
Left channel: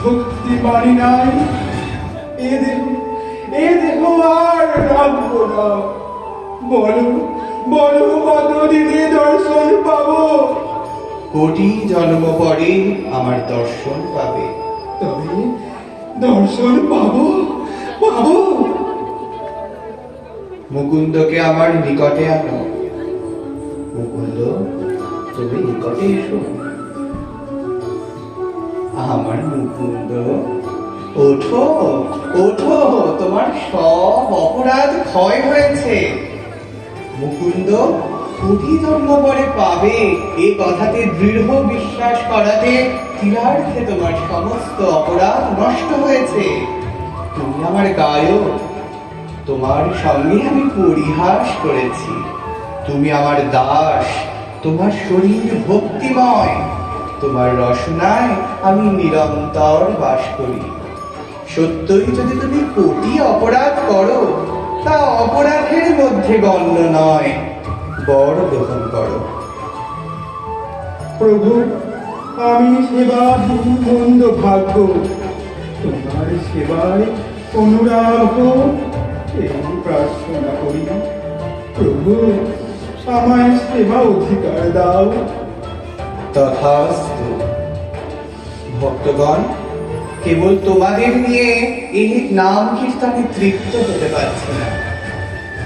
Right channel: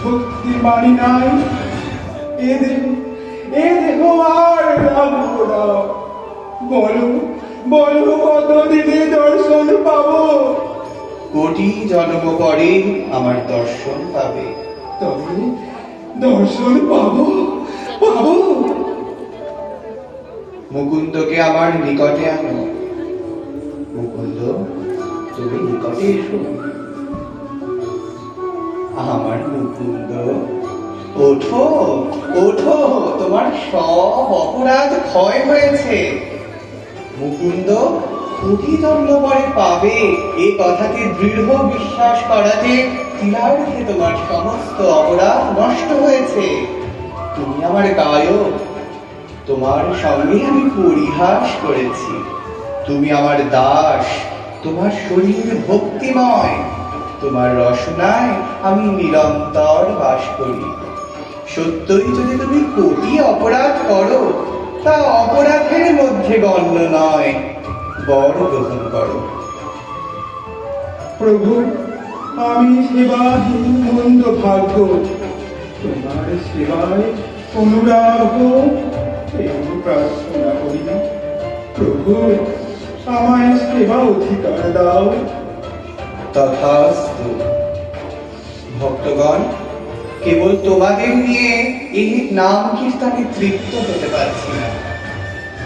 ভক্তি মানি নাই। এ দেহ আর রাখব না। বলো বলো, কতদিনে দর্শন পাবো? কোটি জন্ম পরে আমার দর্শন পাবে। তবে দর্শন পাবো পাবো? মুকুন্দকে আমার নিকটে আনো। মুকুন্দ, তুমি নিকটে এসো। আমার মুকুন্দ, ওঠো ওঠো, তোমার সব অপরাধ ক্ষয় হয়েছে। মুকুন্দ কোটি জন্ম পরে পাবে এ কথাতে দৃঢ় বিশ্বাস করাতে তিলার্থে তোমার সমস্ত অপরাধ নষ্ট হয়েছে। তুমি আমার গায়ক, তোমার সঙ্গে আমি পরিহাস করেছি। তুমি আমার দাস, তোমার শরীর ভক্তিময়, তোমার রসনায় আমি নিরন্তর বাস করি। সত্যই যদি তুমি কোটি অপরাধ করো, তা অপরাধের মধ্যে গণ্য নয়। বর গ্রহণ করো। প্রভু, আমি সেবাহীন মন্দ ভাগ্য, তোমার সেবায় অনুরাগ এই প্রার্থনা করি না। প্রভু, আমায় সেবা অধিকার দাও। তথাস্তু। ভক্তগণ, কেবল তোমাদের নিয়ে এই নাম কীর্তনে তৃপ্ত হতে পারছি না।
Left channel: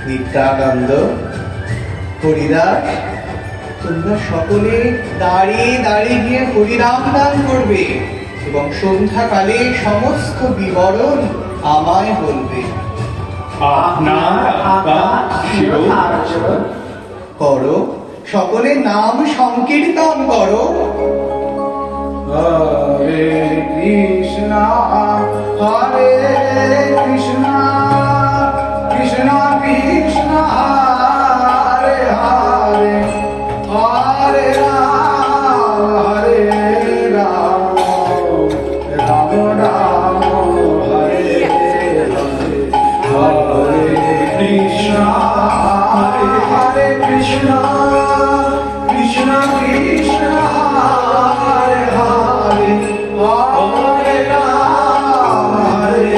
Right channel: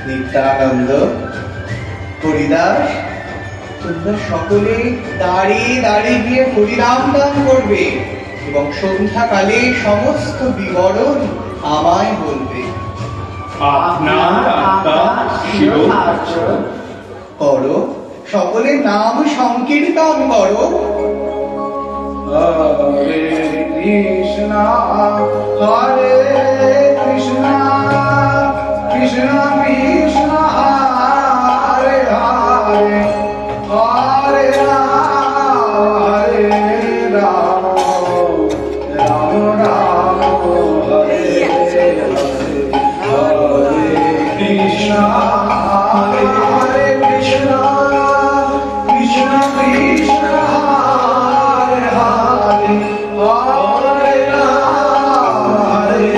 নিত্যানন্দ, হরিদাস, তোমরা সকলে দাঁড়িয়ে দাঁড়িয়ে গিয়ে হরিনাম দান করবে এবং সন্ধ্যাকালে সমস্ত বিবরণ আমায় বলবে। আপনার আজ্ঞা শিরোধার্য। করো, সকলে নাম সংকীর্তন করো। হরে কৃষ্ণ হরে কৃষ্ণ কৃষ্ণ কৃষ্ণ হরে হরে, হরে রাম হরে রাম, রাম রাম হরে হরে, হরে কৃষ্ণ হরে হরে কৃষ্ণ কৃষ্ণ কৃষ্ণ হরে হরে, হরে রাম হরে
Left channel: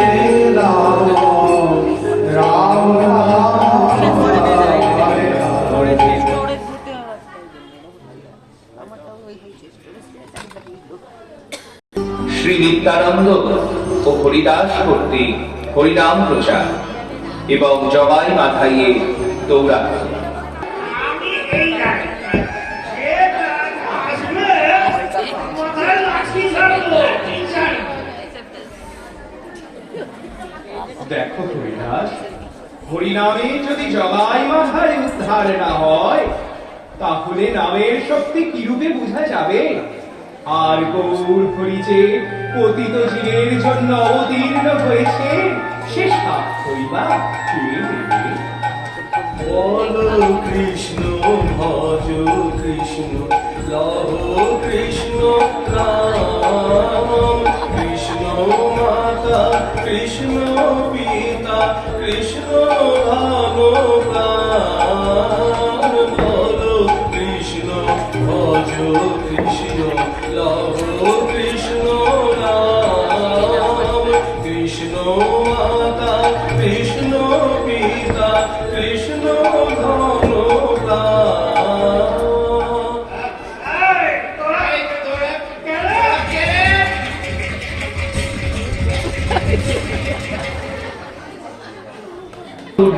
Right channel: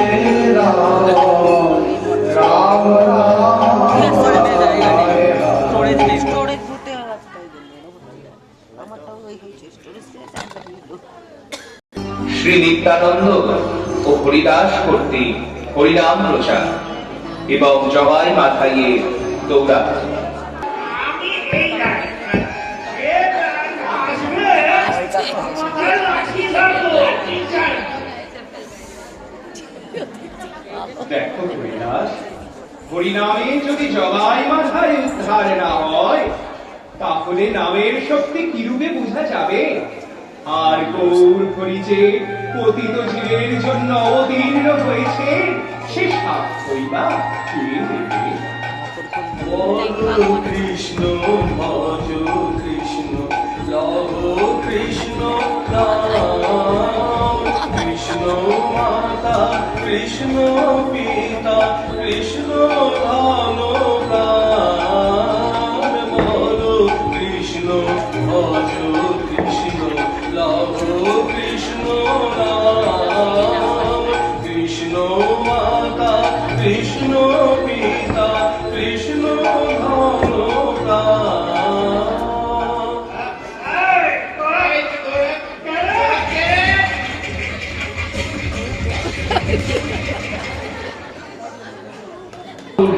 রাম, রাম রাম হরে হরে। শ্রী নিত্যানন্দ ও হরিদাস কর্তৃক হরিনাম প্রচার এবং জবাই মাথাইয়ে দৌড়াত্ম। দেখো হরিদাস, হরিনামে যদি জবাই মাথায় উদ্ধার না হয়, তাহলে নামের শক্তি কিরূপে বোঝা যাবে? আর গৌর হরি যে পতিত জীবের জন্য অবতীর্ণ হয়েছে, সে সাক্ষ্যই বা কে দেবে? বলো কৃষ্ণ, ভজ কৃষ্ণ, লভ কৃষ্ণ, রাম কৃষ্ণ মাতা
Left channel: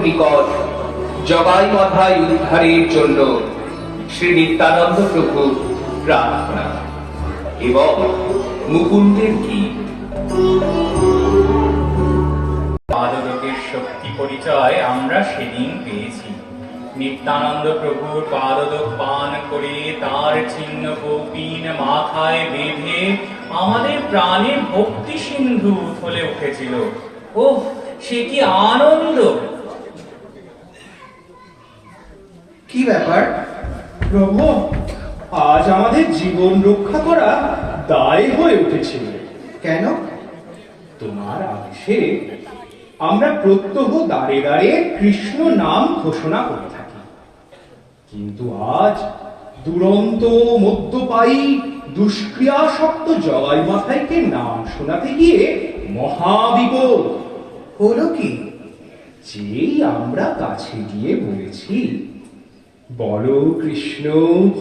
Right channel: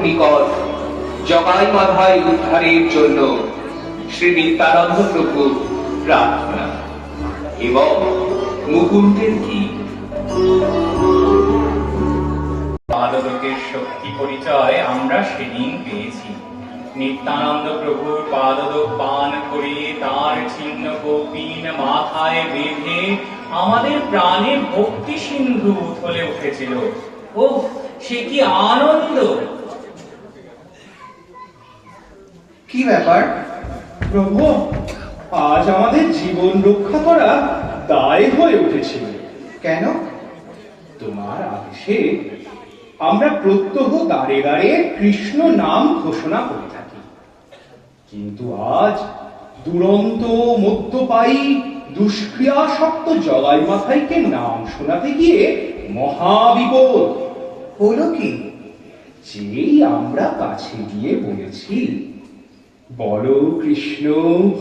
নিকট জগাই মাথায় উদ্ধারের জন্য শ্রী নিত্যানন্দ প্রভু প্রার্থনা এবং মুকুন্দের গীত। পাদলোকের শক্তি পরিচয় আমরা সেদিন পেয়েছি। নিত্যানন্দ প্রভুর পাদলোক পান করে তার ছিন্ন কৌপিন মাথায় বেঁধে আমাদের প্রাণে ভক্তি সিন্ধু উথলে উঠেছিল। ওহ, সে কি আনন্দ! কি ব্যাপার? প্রভু, আজ আমাদের জীবন রক্ষা করা দায় হয়ে উঠেছিল। কেন? তোমার আদেশে আমরা প্রত্যহ দাঁড়ে দাঁড়ে কৃষ্ণ নাম ঘোষণা করে থাকি, কিন্তু আজ দুরন্ত মদ্যপায়ী দুষ্ক্রিয়াসক্ত জগাই মাথাইকে নাম শোনাতে গিয়ে মহাবিপদ হলো কি? যেই আমরা কাছে গিয়ে বলেছি, বল কৃষ্ণ,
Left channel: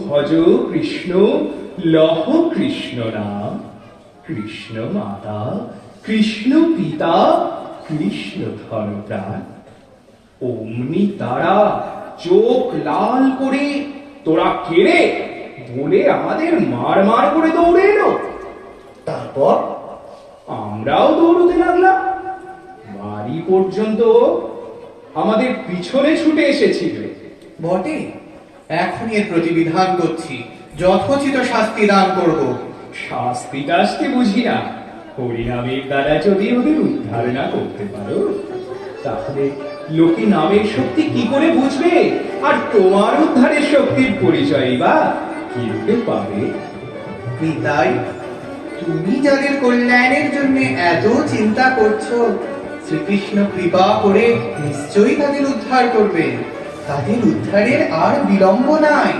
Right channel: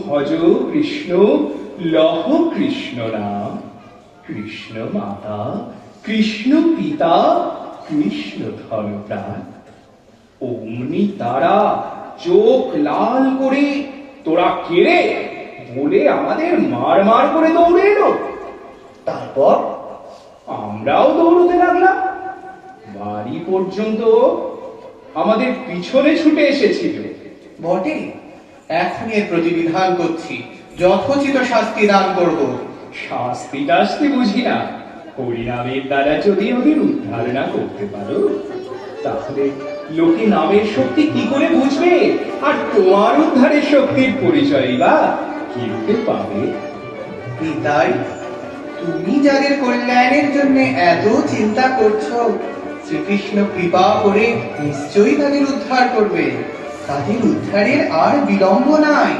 ভজ কৃষ্ণ, লহ কৃষ্ণ নাম, কৃষ্ণ মাতা, কৃষ্ণ পিতা, কৃষ্ণ ধর্মপ্রাণ, অমনি তারা চোখ লাল করে তোরা কেড়ে বলে আমাদের মার মার করে দৌড়ে এলো। তারপর আমরাও দৌড়তে লাগলাম। বাড়ি পর্যন্ত আমাদের পিছনে ছুটে এসেছিল। বটে, এখনই এর প্রতিবিধান করছি, যথোচিত শাস্তি দান করব। শাস্তি টাস্তি বুঝি না, হরিনামের দ্বারা যদি ওদের উদ্ধার না করতে পারো, তাহলে লোকে নামের শক্তি কি করে বুঝবে? আর তোমার উদ্ধারের শক্তির পরিচয় বা কি রূপে পাবে? পিতাই, তুমি যাদের কল্যাণের জন্য এত চিন্তা করছো, শ্রীকৃষ্ণ কৃপা করে নিশ্চয়ই তাদের উদ্ধার করবে। তাদের উদ্ধারের আর বিলম্ব নাই।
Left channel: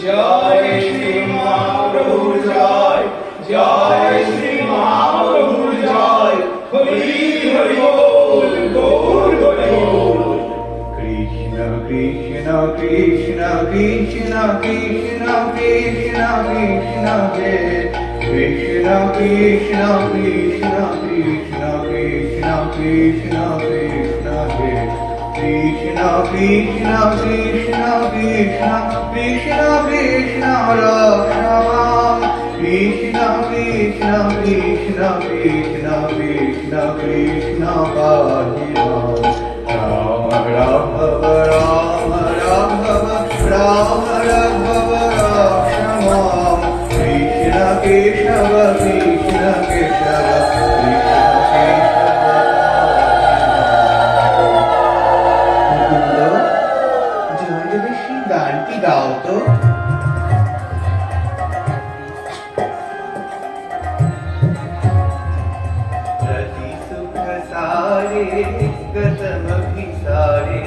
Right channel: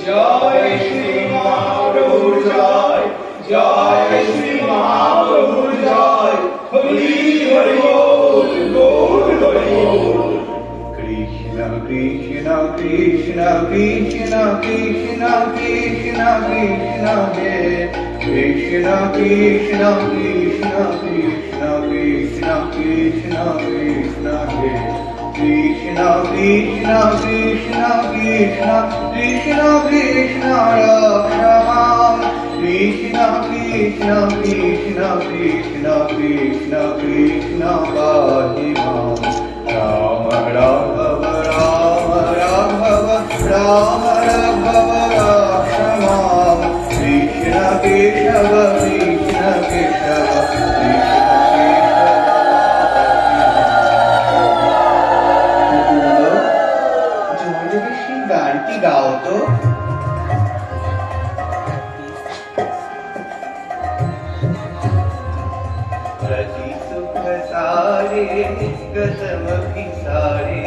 জয় শ্রী মহাপ্রভু জয়, জয় শ্রী মহাপ্রভু জয়, হরি হরি বল, গৌর হরি বল। কৃষ্ণ কৃষ্ণ কৃষ্ণ কৃষ্ণ কৃষ্ণ কৃষ্ণ কৃষ্ণ হে কৃষ্ণ কৃষ্ণ কৃষ্ণ কৃষ্ণ কৃষ্ণ কৃষ্ণ কৃষ্ণ হে কৃষ্ণ কৃষ্ণ কৃষ্ণ কৃষ্ণ কৃষ্ণ কৃষ্ণ রাম কৃষ্ণ কৃষ্ণ কৃষ্ণ কৃষ্ণ কৃষ্ণ কৃষ্ণ পাহি মাম রাম রাঘব রাম রাঘব রাম রাঘব রাম কৃষ্ণ কেশব কৃষ্ণ কেশব জোরে বেশি গানটি গাও তো। रति सुख सारे गतम विसारे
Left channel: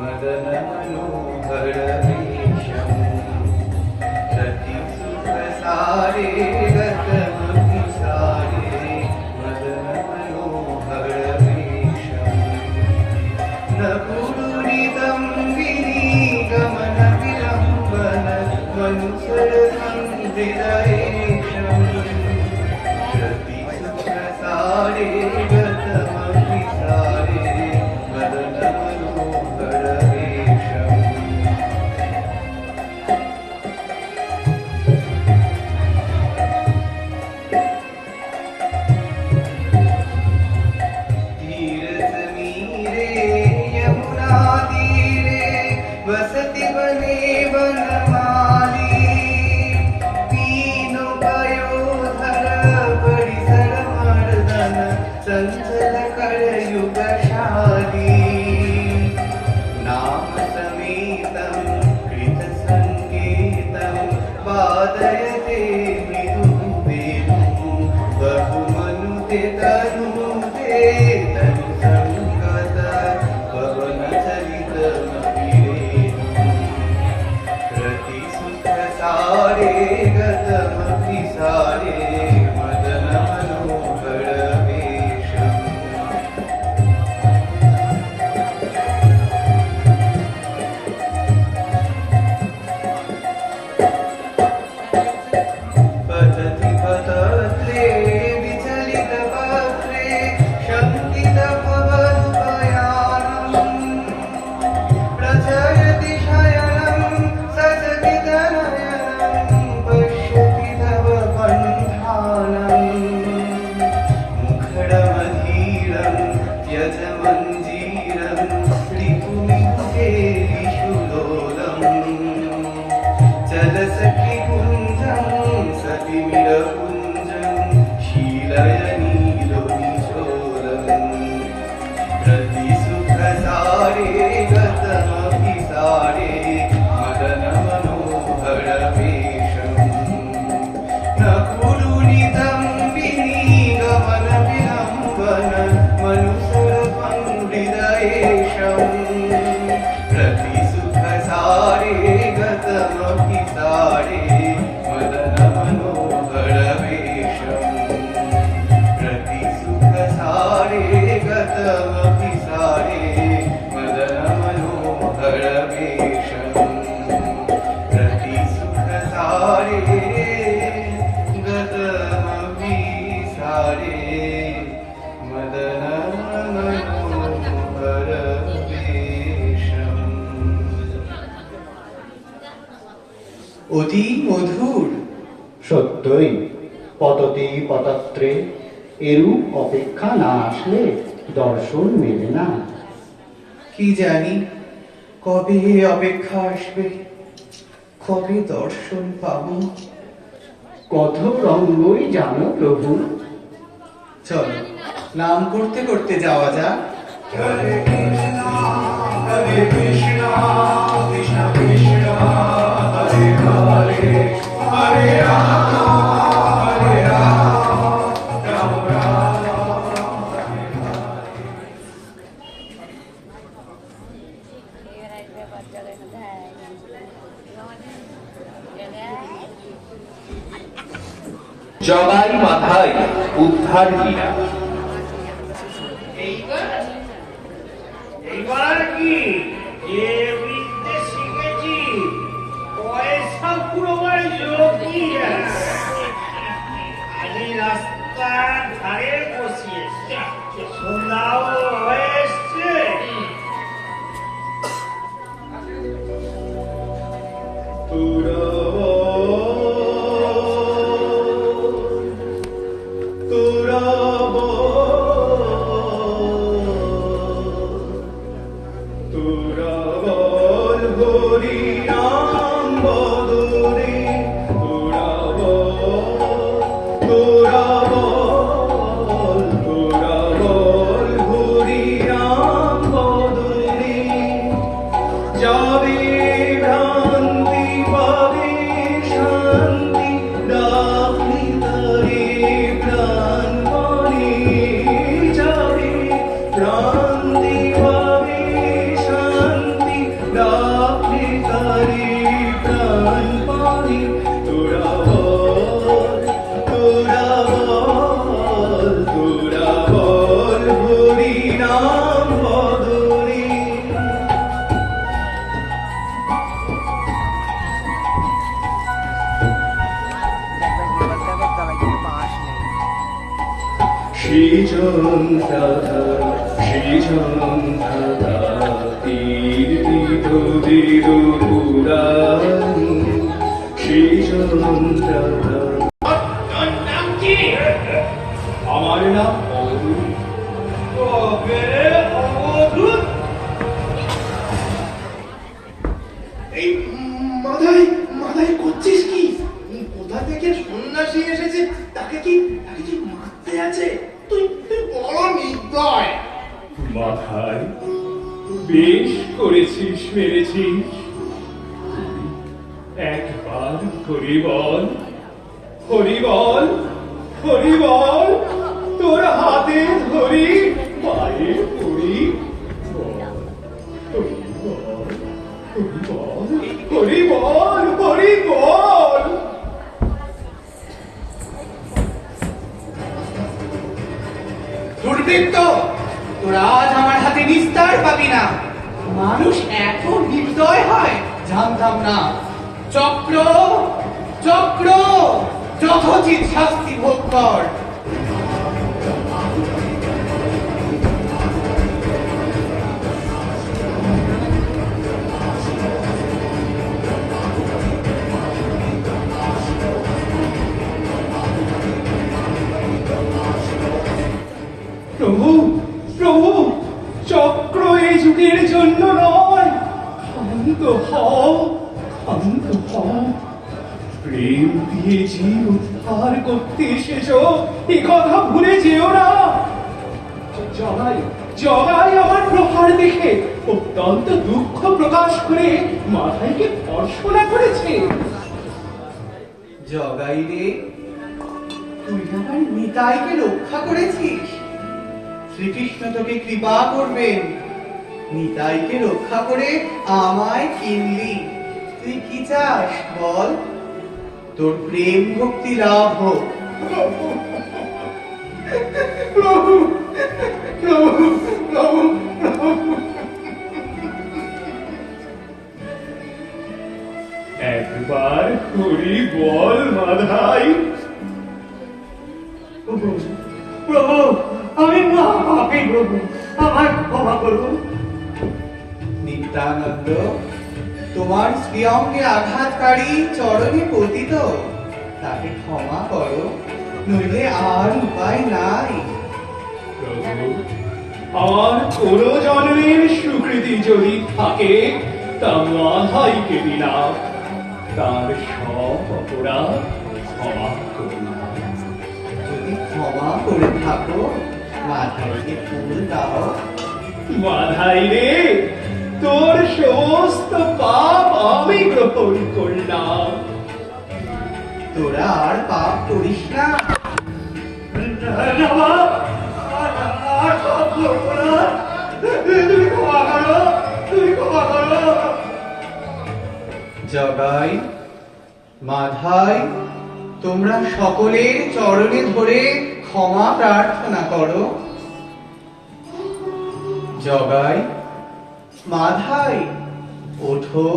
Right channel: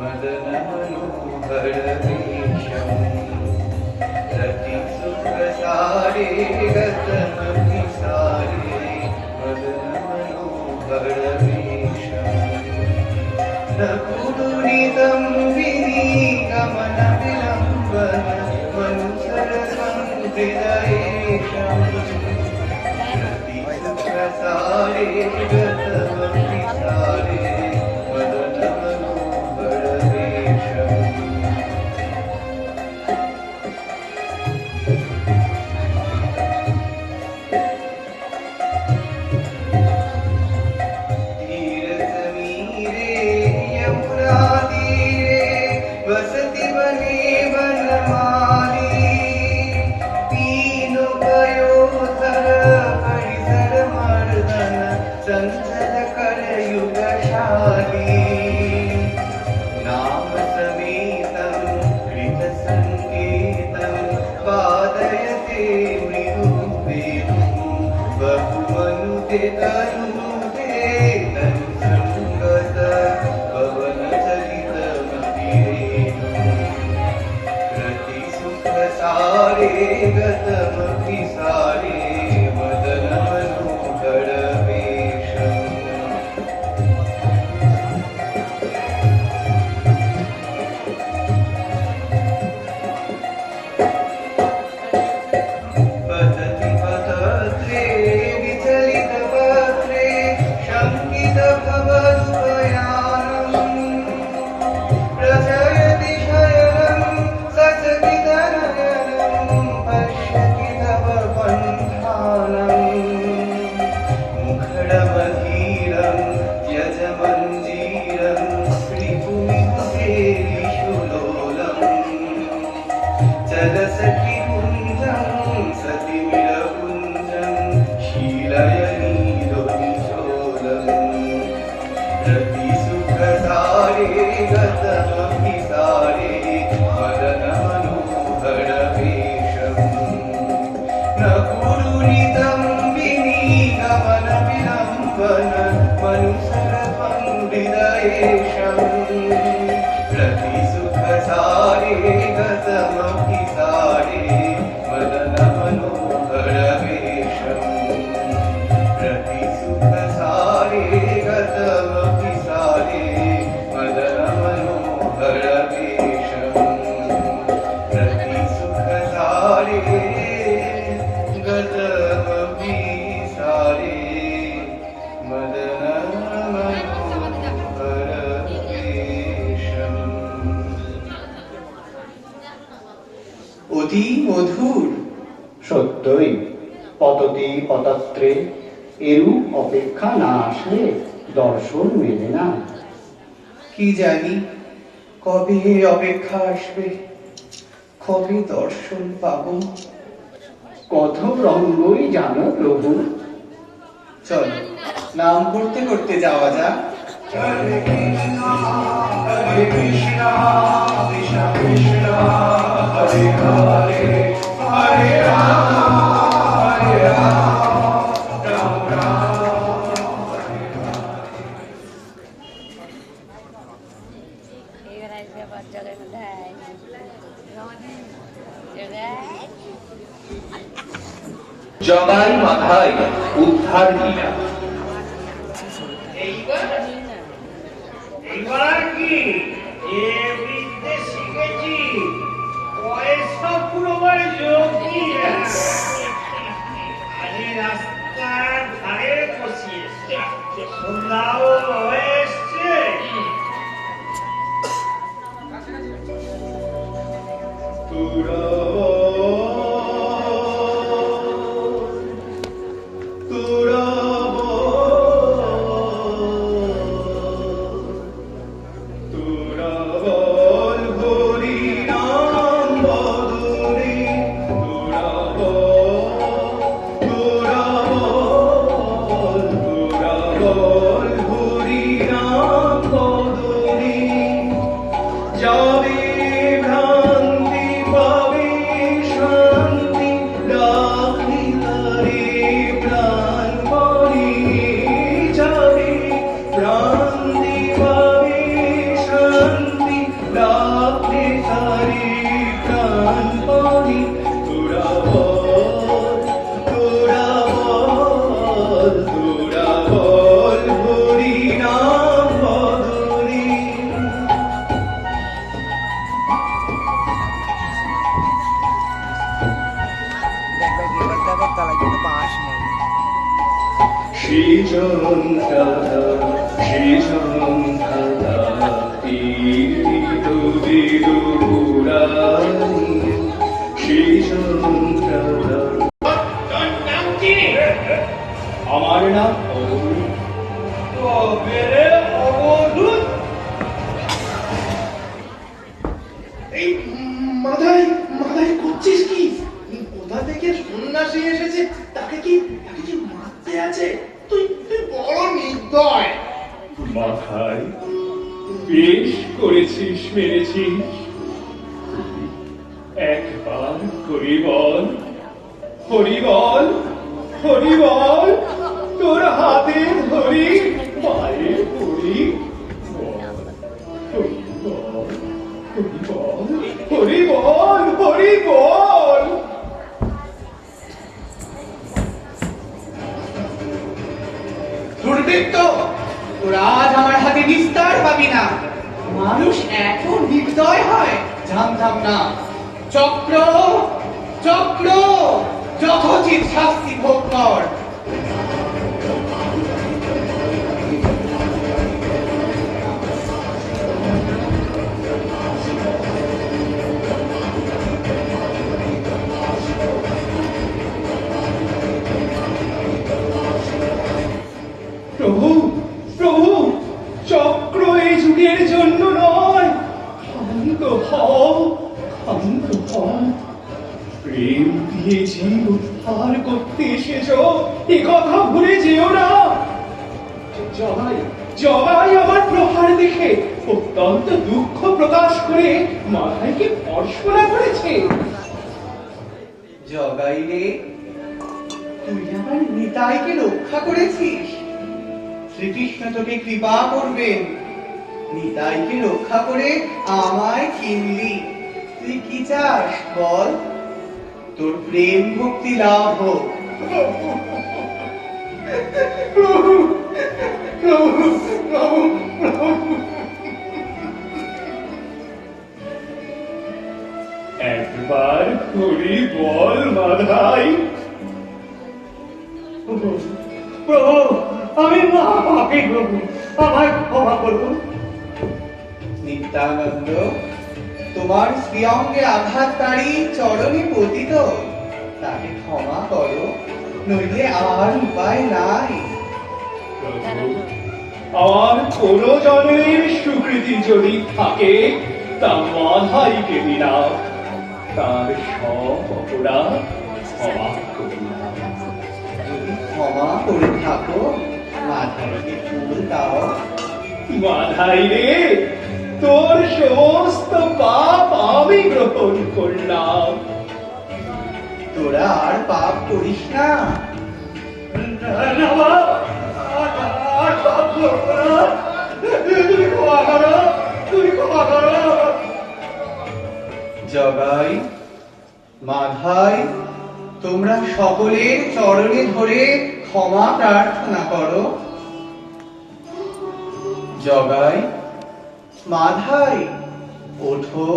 मदन मनोहर वेशम रति सुख सारे गतम विसारे मदन मनोहर वेशम नकुरुणितं विनिगमन विलम्बन मनुसर संविनयेशम् सारे गतम विसारे मदन मनोहर পুরিদম্বিনী গমন বিলম্বন মনুসুরভং হৃদয়েশম প্রতি সুখ সারে গতমপি সারে মদন মনোহর বেশম প্রতি সুখ সারে গতমপি সারে মদন মনোহর বেশম প্রতি সুখ সারে গতমপি সারে মদন মনোহর বেশম। অতি মধুর। সত্যই পততি পতত্রে এরূপ অপেক্ষা না আসলে দর্শন মেলে না। কি জানি কবে অপেক্ষা আসবে, কবে দর্শন পাবো। কত রঙ্গই জানো প্রভু। চলো নাম করতে করতে যাওয়া যাক। হরে কৃষ্ণ হরে কৃষ্ণ কৃষ্ণ কৃষ্ণ হরে হরে হরে রাম হরে রাম রাম রাম হরে হরে। জগাই মাথায় উদ্ধার লীলা। এইবার কি যে বিদ্যে শিখেছি পয়সা পুরোবার যোগী আমি রাস্তার ধারে বসিয়েছি, সন্ধ্যাও হয়ে এসছে। আমার নাম অবধূত। এই মাথায় মাথায় করছিস কি? কোথা থেকে সন্ন্যাসী এসেছে, তাকে কি মারতে আছে? তুই তুই বড় নির্দয়। মাথায় বেশ করেছিস, মেরেছিস। একবার হরি বল, হরি বল, হরি বল। তোর হাতে ধরি, পায়ে পড়ি। হরি বল, হরি বল, হরি বল, হরি বল। দুর্বৃত্ত, তোরা আজ আমার হাতে নিস্তার পাবি না। মানুষ এত নির্দয় হয় জানতাম না। চক্র চক্র যথোচিত শাস্তি ভোগ কর। প্রভু, প্রভু, চক্র এই যুগের জন্য নয়। ক্ষান্ত হও, ক্ষান্ত হও। প্রেম দিয়ে জীব উদ্ধার করতে এসেছ, এ কথা ভুলে যেও না। জগাই জগাই আমার প্রহার দেখে অত্যন্ত দুঃখ প্রকাশ করে মাথায়কে ভর্ষণা করেছে। জগাই রে, তুই আমার নিতাইকে রক্ষা করেছিস। শ্রীকৃষ্ণ তোকে কৃপা করবেন। নিতাইকে রক্ষা করে আমায় কিনলি। তুই কি চাস বল? তোর প্রেম ভক্তি লাভ হোক। প্রভু প্রভু প্রভু প্রভু একবার খুঁড়ি বল মাধাই। প্রভু আমি না পাপী প্রভু, আমায় ক্ষমা করুন। নিত্যানন্দ, তোমার শ্রীঅঙ্গে আঘাতকারী চরণে পতিত, তাকে ক্ষমা করো, নইলে আর উপায় নাই। প্রভু, আমার কোন জনের সুকৃতি যদি থাকে তা মাধাইকে দিলাম, তার সব অপরাধ ক্ষমা করলাম। যদি ক্ষমা করে থাকো, মাধাইকে ফুল দাও। মাধাই রে, তোর সমস্ত পাপ আমি গ্রহণ করলাম। তোরা আর পাপ করিস না। জগাই, মাধাই, তোমরা সকলে চরণে ধরে ক্ষমা প্রার্থনা করো। জগাই, মাধাই, ওঠো,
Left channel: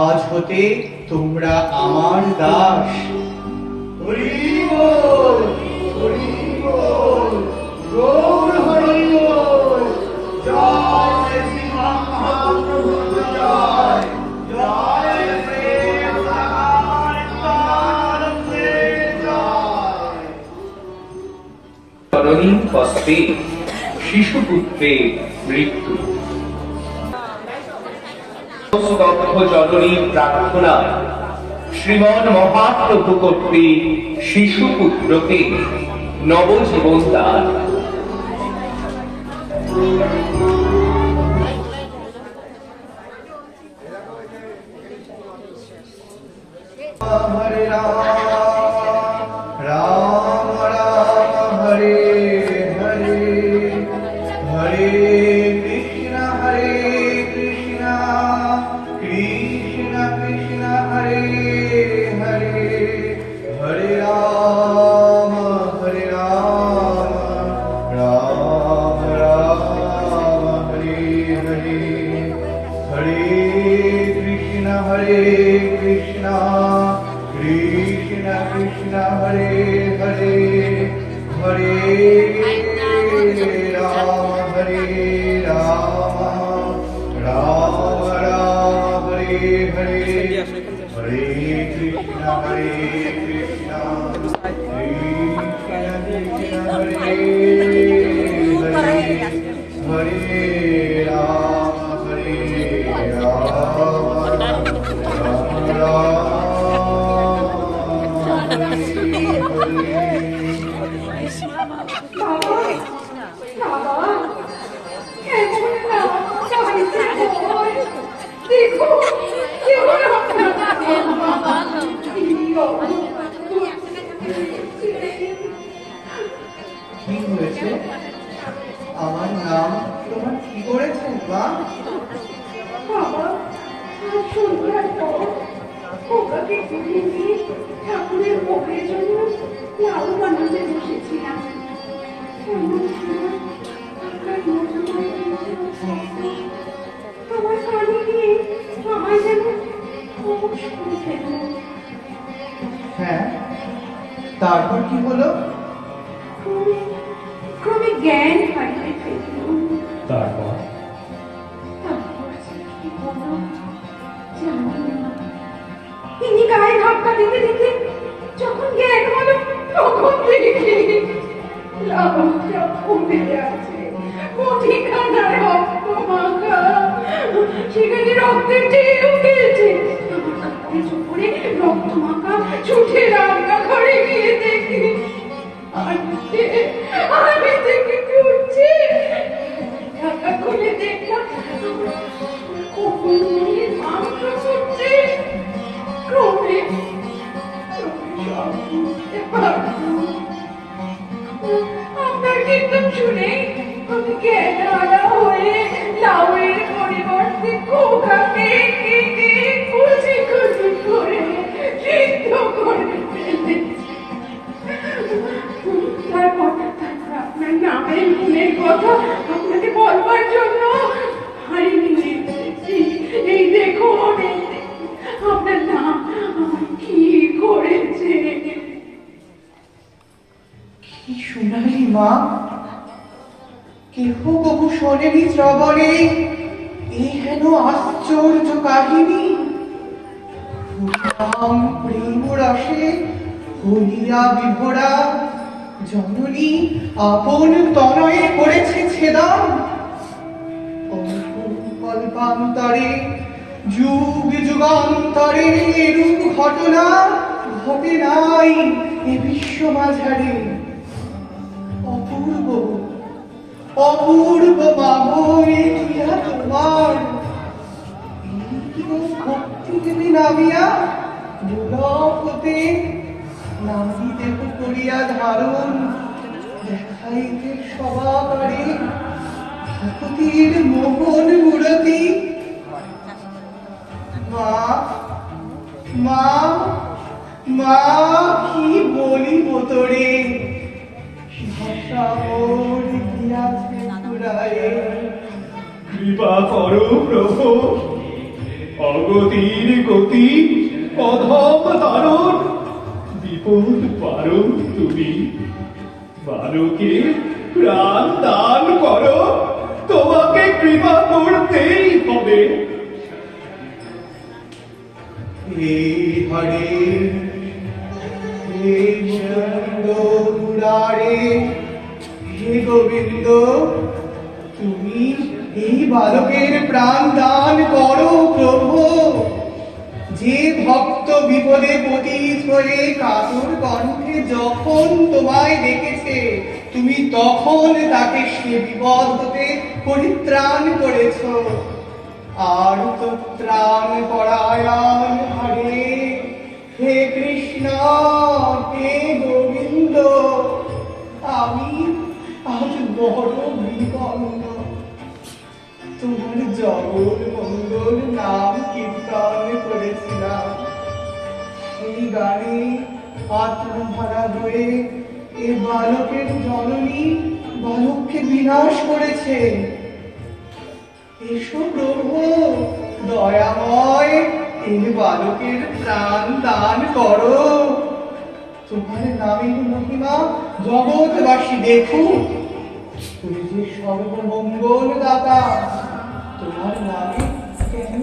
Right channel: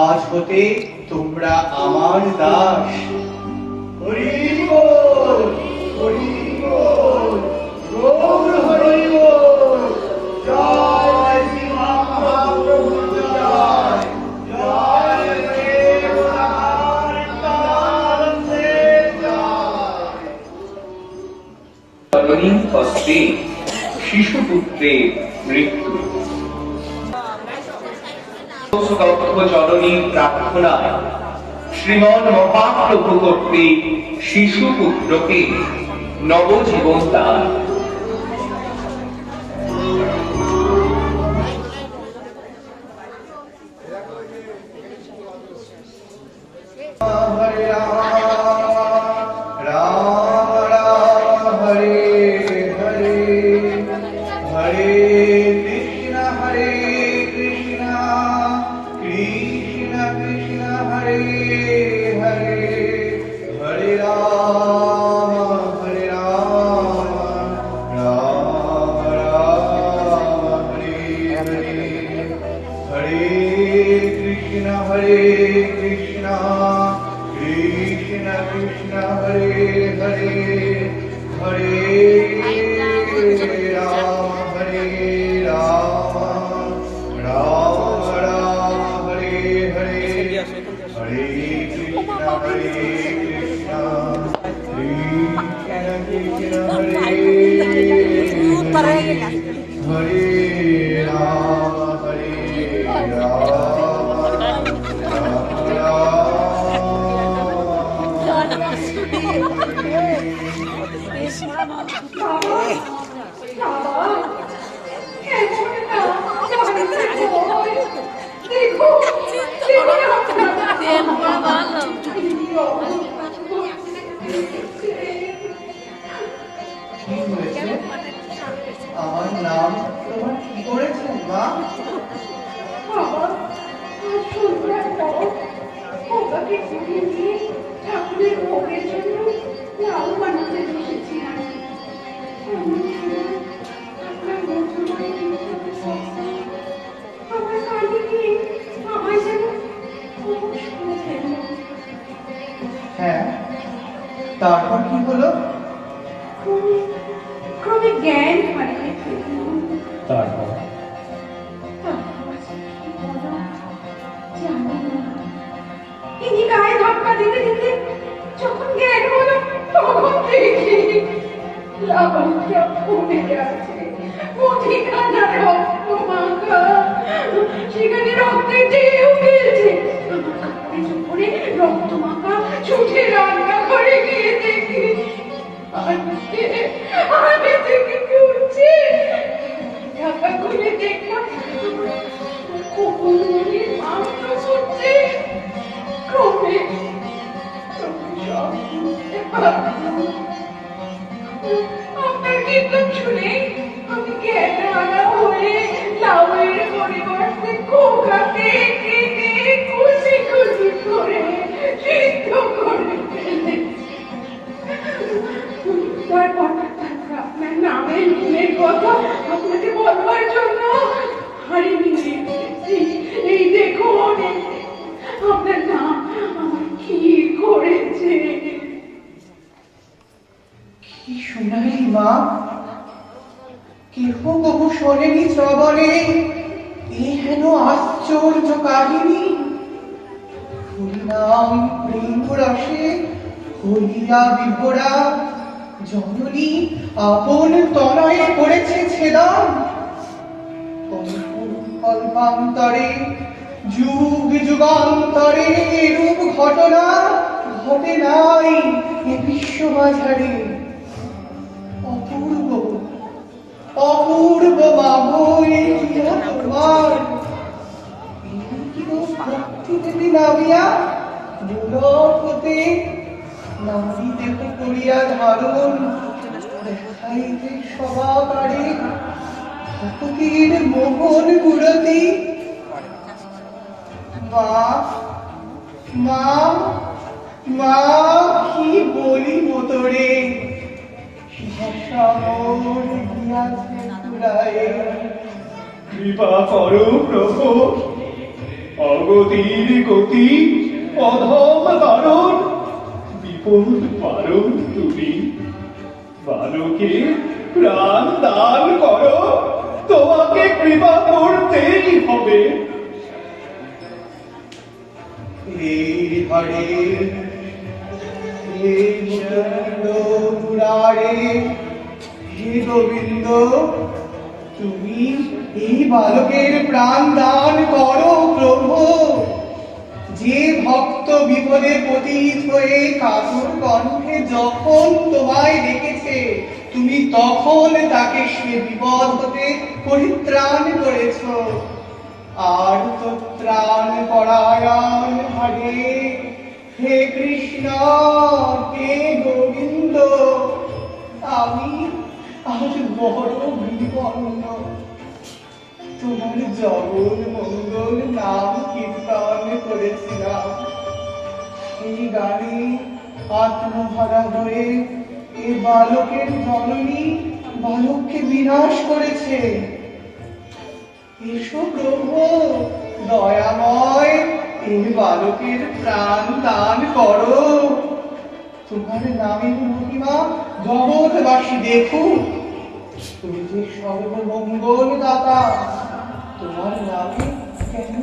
আজ হতে তোমরা আমার দাস। হরি বল হরি বল, গৌর হরি বল, জয় শ্রী মহাপ্রভু জয়, জয় প্রেম নিত্যানন্দে জয়। জননীর হস্তে শিশুপুত্রের মৃত্যু। জননীর প্রার্থনায় শ্রীমন মহাপ্রভু কর্তৃক শিশুপুত্রকে নবজীবন দান। হরে রাম রাম রাম হরে হরে, হরে কৃষ্ণ কৃষ্ণ কৃষ্ণ হরে হরে, হরে রাম রাম রাম হরে হরে, হরে কৃষ্ণ কৃষ্ণ কৃষ্ণ কৃষ্ণ হরে হরে, হরে রাম রাম রাম হরে হরে, হরে কৃষ্ণ কৃষ্ণ কৃষ্ণ হরে হরে, হরে রাম কি হয়েছে? আমার নাম তোমার কি করেছে মা? ঠাকুরের ভোগের জন্য লাউ বানাতে বসেছিলাম। আমার কানে গিয়ে আমার যেন খুব শুনতে হলো। হ্যাঁ, তারপর কি হলো? ক্রমে জ্ঞান হারিয়ে ফেলল। তারপর তিনি গায়ে ধাক্কা দিতে দিতে যখন জ্ঞান হলো তখন দেখি লাবণ্যা পড়ে আছে, মুঠিখানা রক্ত মাখা, সেখানে রক্তের ঢেউ খেলছে। আমার কাপড়ে চোপড়ে রক্ত মাখা ছুটে রান্না ঘরে গিয়ে দেখি আমি থেকে করছে। ঢাকা খুলে দেখলাম কুকুরের মাংস করছে। ক্রমে সব বুঝতে পারছি। কীর্তন শুনে আমি জ্ঞানহারা হয়ে লাউয়ের পরিবর্তে খোকাকে কেটে কুচি কুচি করে সিদ্ধ করে ফেলেছি। তারপর আপনার নামের গুণের কথা আপনাকে বলবার জন্য হারিয়ে এসেছি। এই দেখুন আপনার নাম আমার কি করেছে। কি শোনালি মা? কেহ তবু শোনেনি শ্রবণে এই হেন আশ্চর্য কাহিনী। হরিনাম প্রেম রসে হরিয়া বিভরা জননী আপন তনয়ে করেছে ছেদন। কল্পান্তরে যুগ যুগান্তরে এরূপ ঘটনা ঘটে নাই এ বিশ্ব মাঝারে। অপূর্ব অপূর্ব মাগো ইহা তোমার। ভক্তি দেবী নামিয়া দুলভ হতে নারী দেহ করিয়া ধারণ দেখাইতে সবাকারে ভক্তির মোহন মূরতি। মা মা মা কি বলিব তোরে, ভাষা মোর গিয়াছে ফুরায়ে। কৃপা করো প্রভু, অগতির গতি অধম তরণ, বিপদ পারো তুমি। বালকে প্রাণ দান করো, তোমাকে কৃপা করতেই হবে। হে হরে হে মুকুন্দ মুরারে হে গোবিন্দ, তুমি এই বালকের প্রাণ দান করো প্রভু। যে ভক্ত বিপদে পতিত হয়ে কাতর কণ্ঠে যখন তোমায় ডেকেছে, তুমি তখন তাকে সে বিপদ হতে পরিত্রাণ করেছ। আর তো ত্রাণ পরায়ণ হরে হে কৃষ্ণ হে গোবিন্দ, আমি আজ বড় বিপন্ন। তোমার জগৎ মঙ্গল নাম কীর্তন করেছিলাম, সেই গানে আত্মহারা হয়ে এ বালকের জননী বালককে বিনাশ করেছে। এসো প্রভু দয়াময়, এই বালকের প্রাণ দান করো। তোমার নামের মহিমা জগৎবাসী দেখুক। তুমি যে সর্বমঙ্গল দাতা, তোমার নামে কেন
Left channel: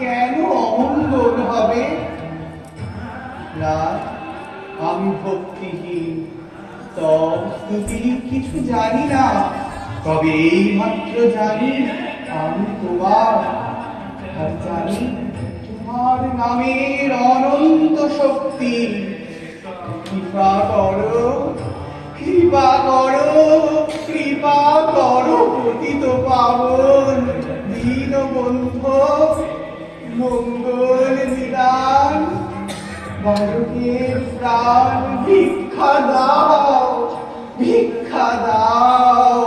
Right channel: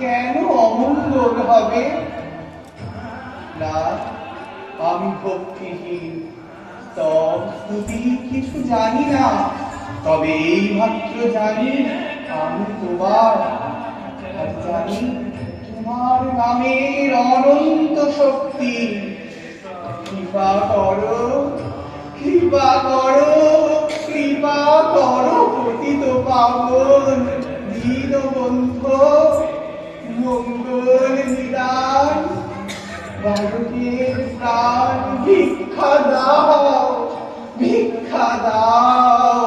কেন অমঙ্গল হবে? না, আমি ভক্তিহীন, স্তুতি কিছু জানি না। তবে এই মাত্র জানি আমি তোমার, আর জানি তোমার নামের অনন্ত শক্তি। কৃপা করো কৃপা করো কৃপা করো পতিত পাবন দীনবন্ধু মঙ্গল নিদান। বালকের প্রাণ ভিক্ষা দাও ভিক্ষা দাও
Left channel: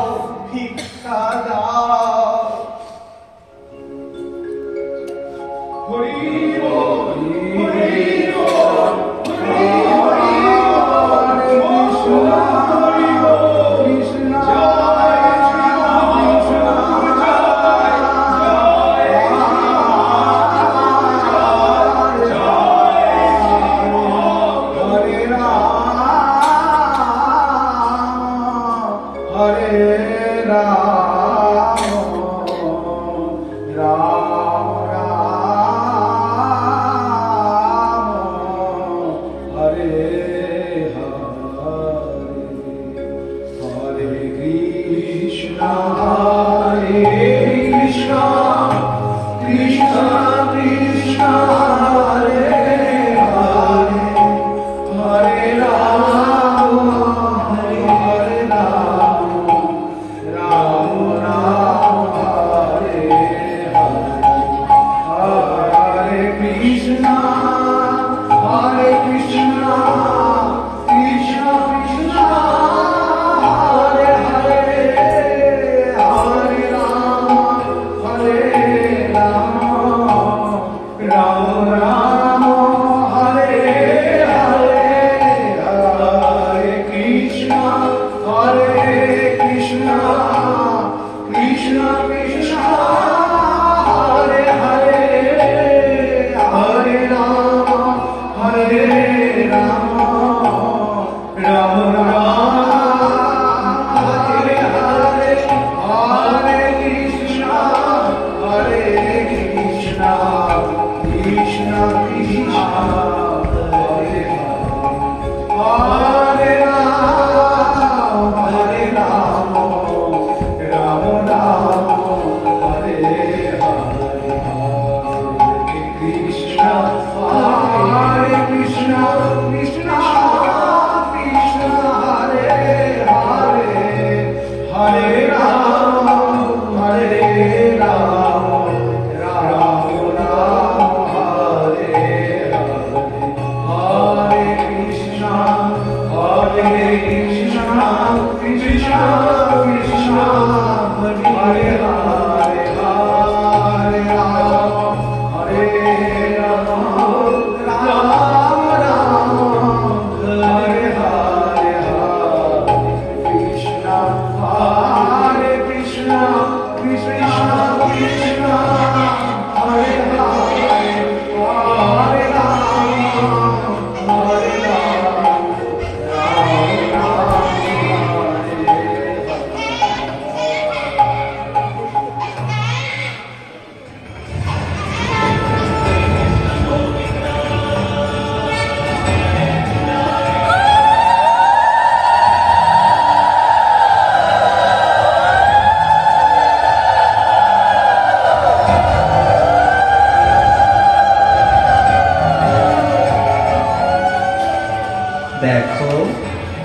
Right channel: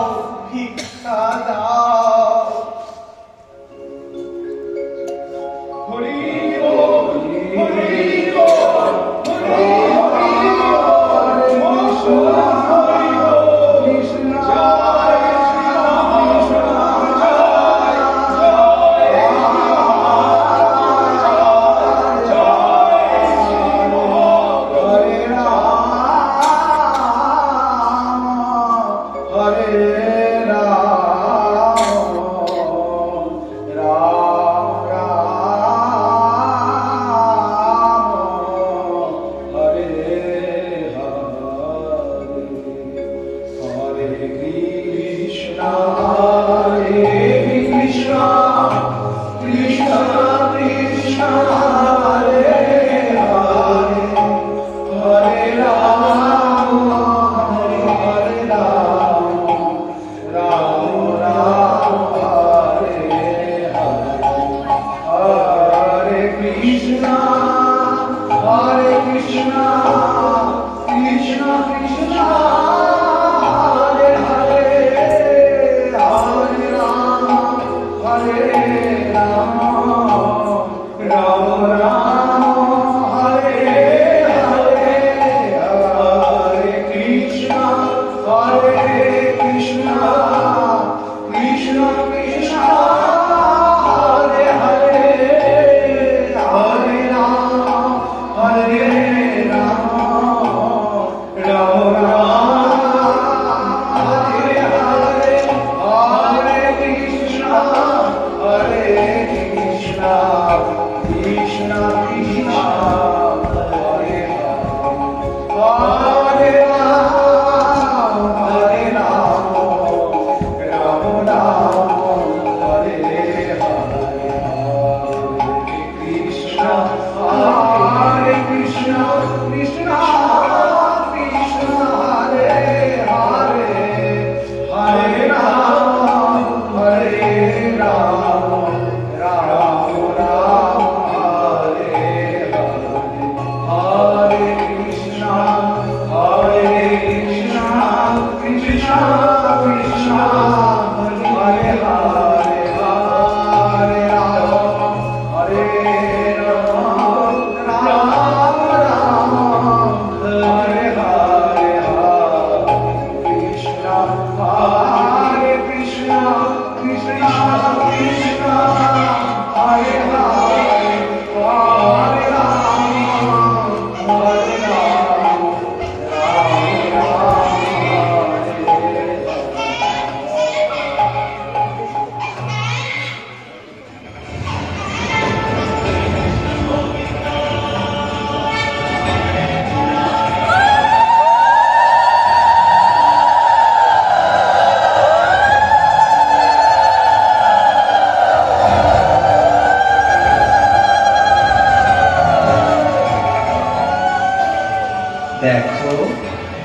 ভিক্ষা দাও। হরি বল হরি বল হরি হরি হরে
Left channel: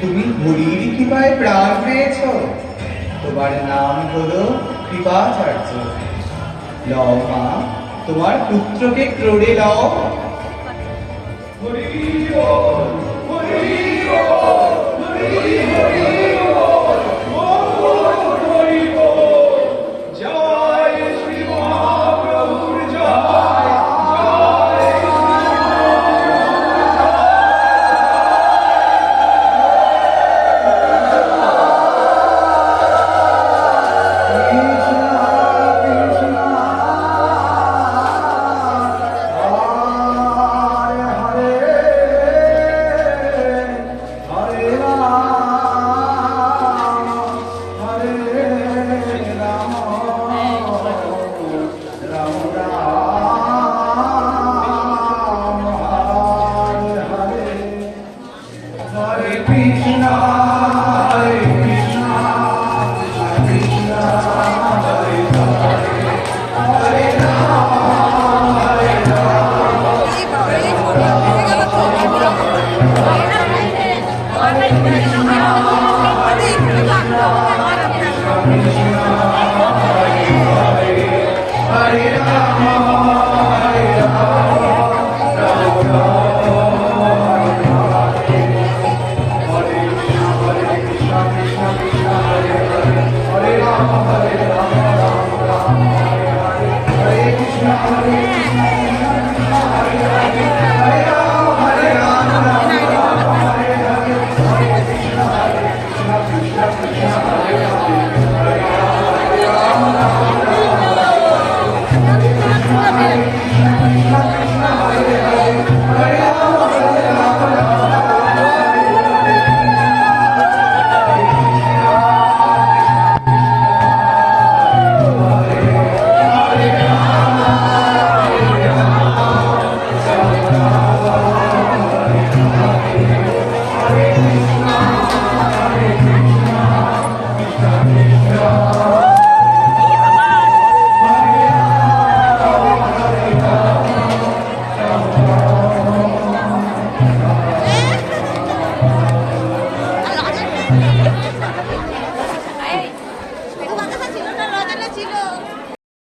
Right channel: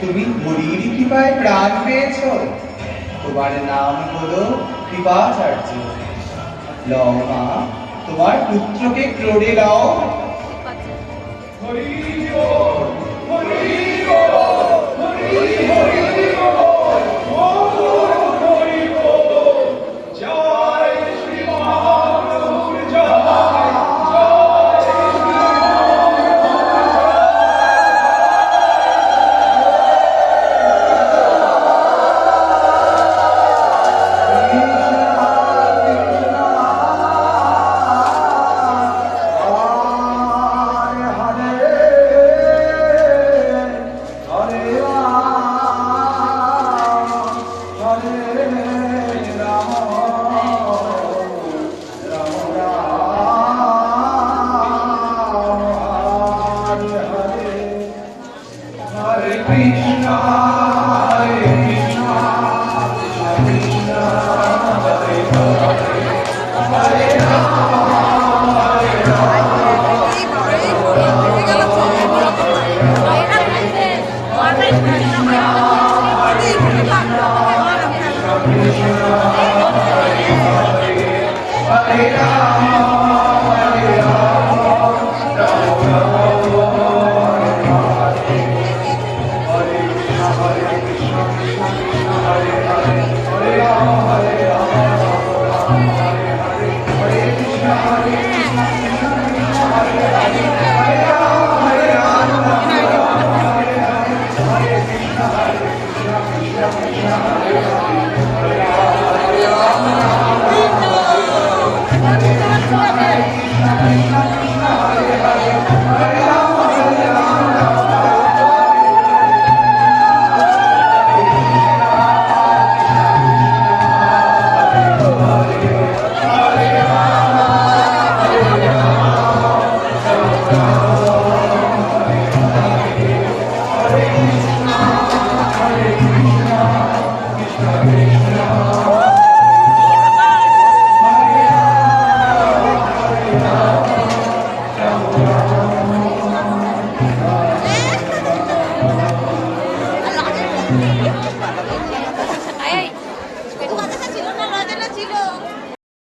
তুমি হরির কৃপায় প্রাণ পেয়েছ। তোমার নাম হলো কৃপাচার্য। লও মা, তোমার পুত্রকে ক্রোড়ে লও। Thank you.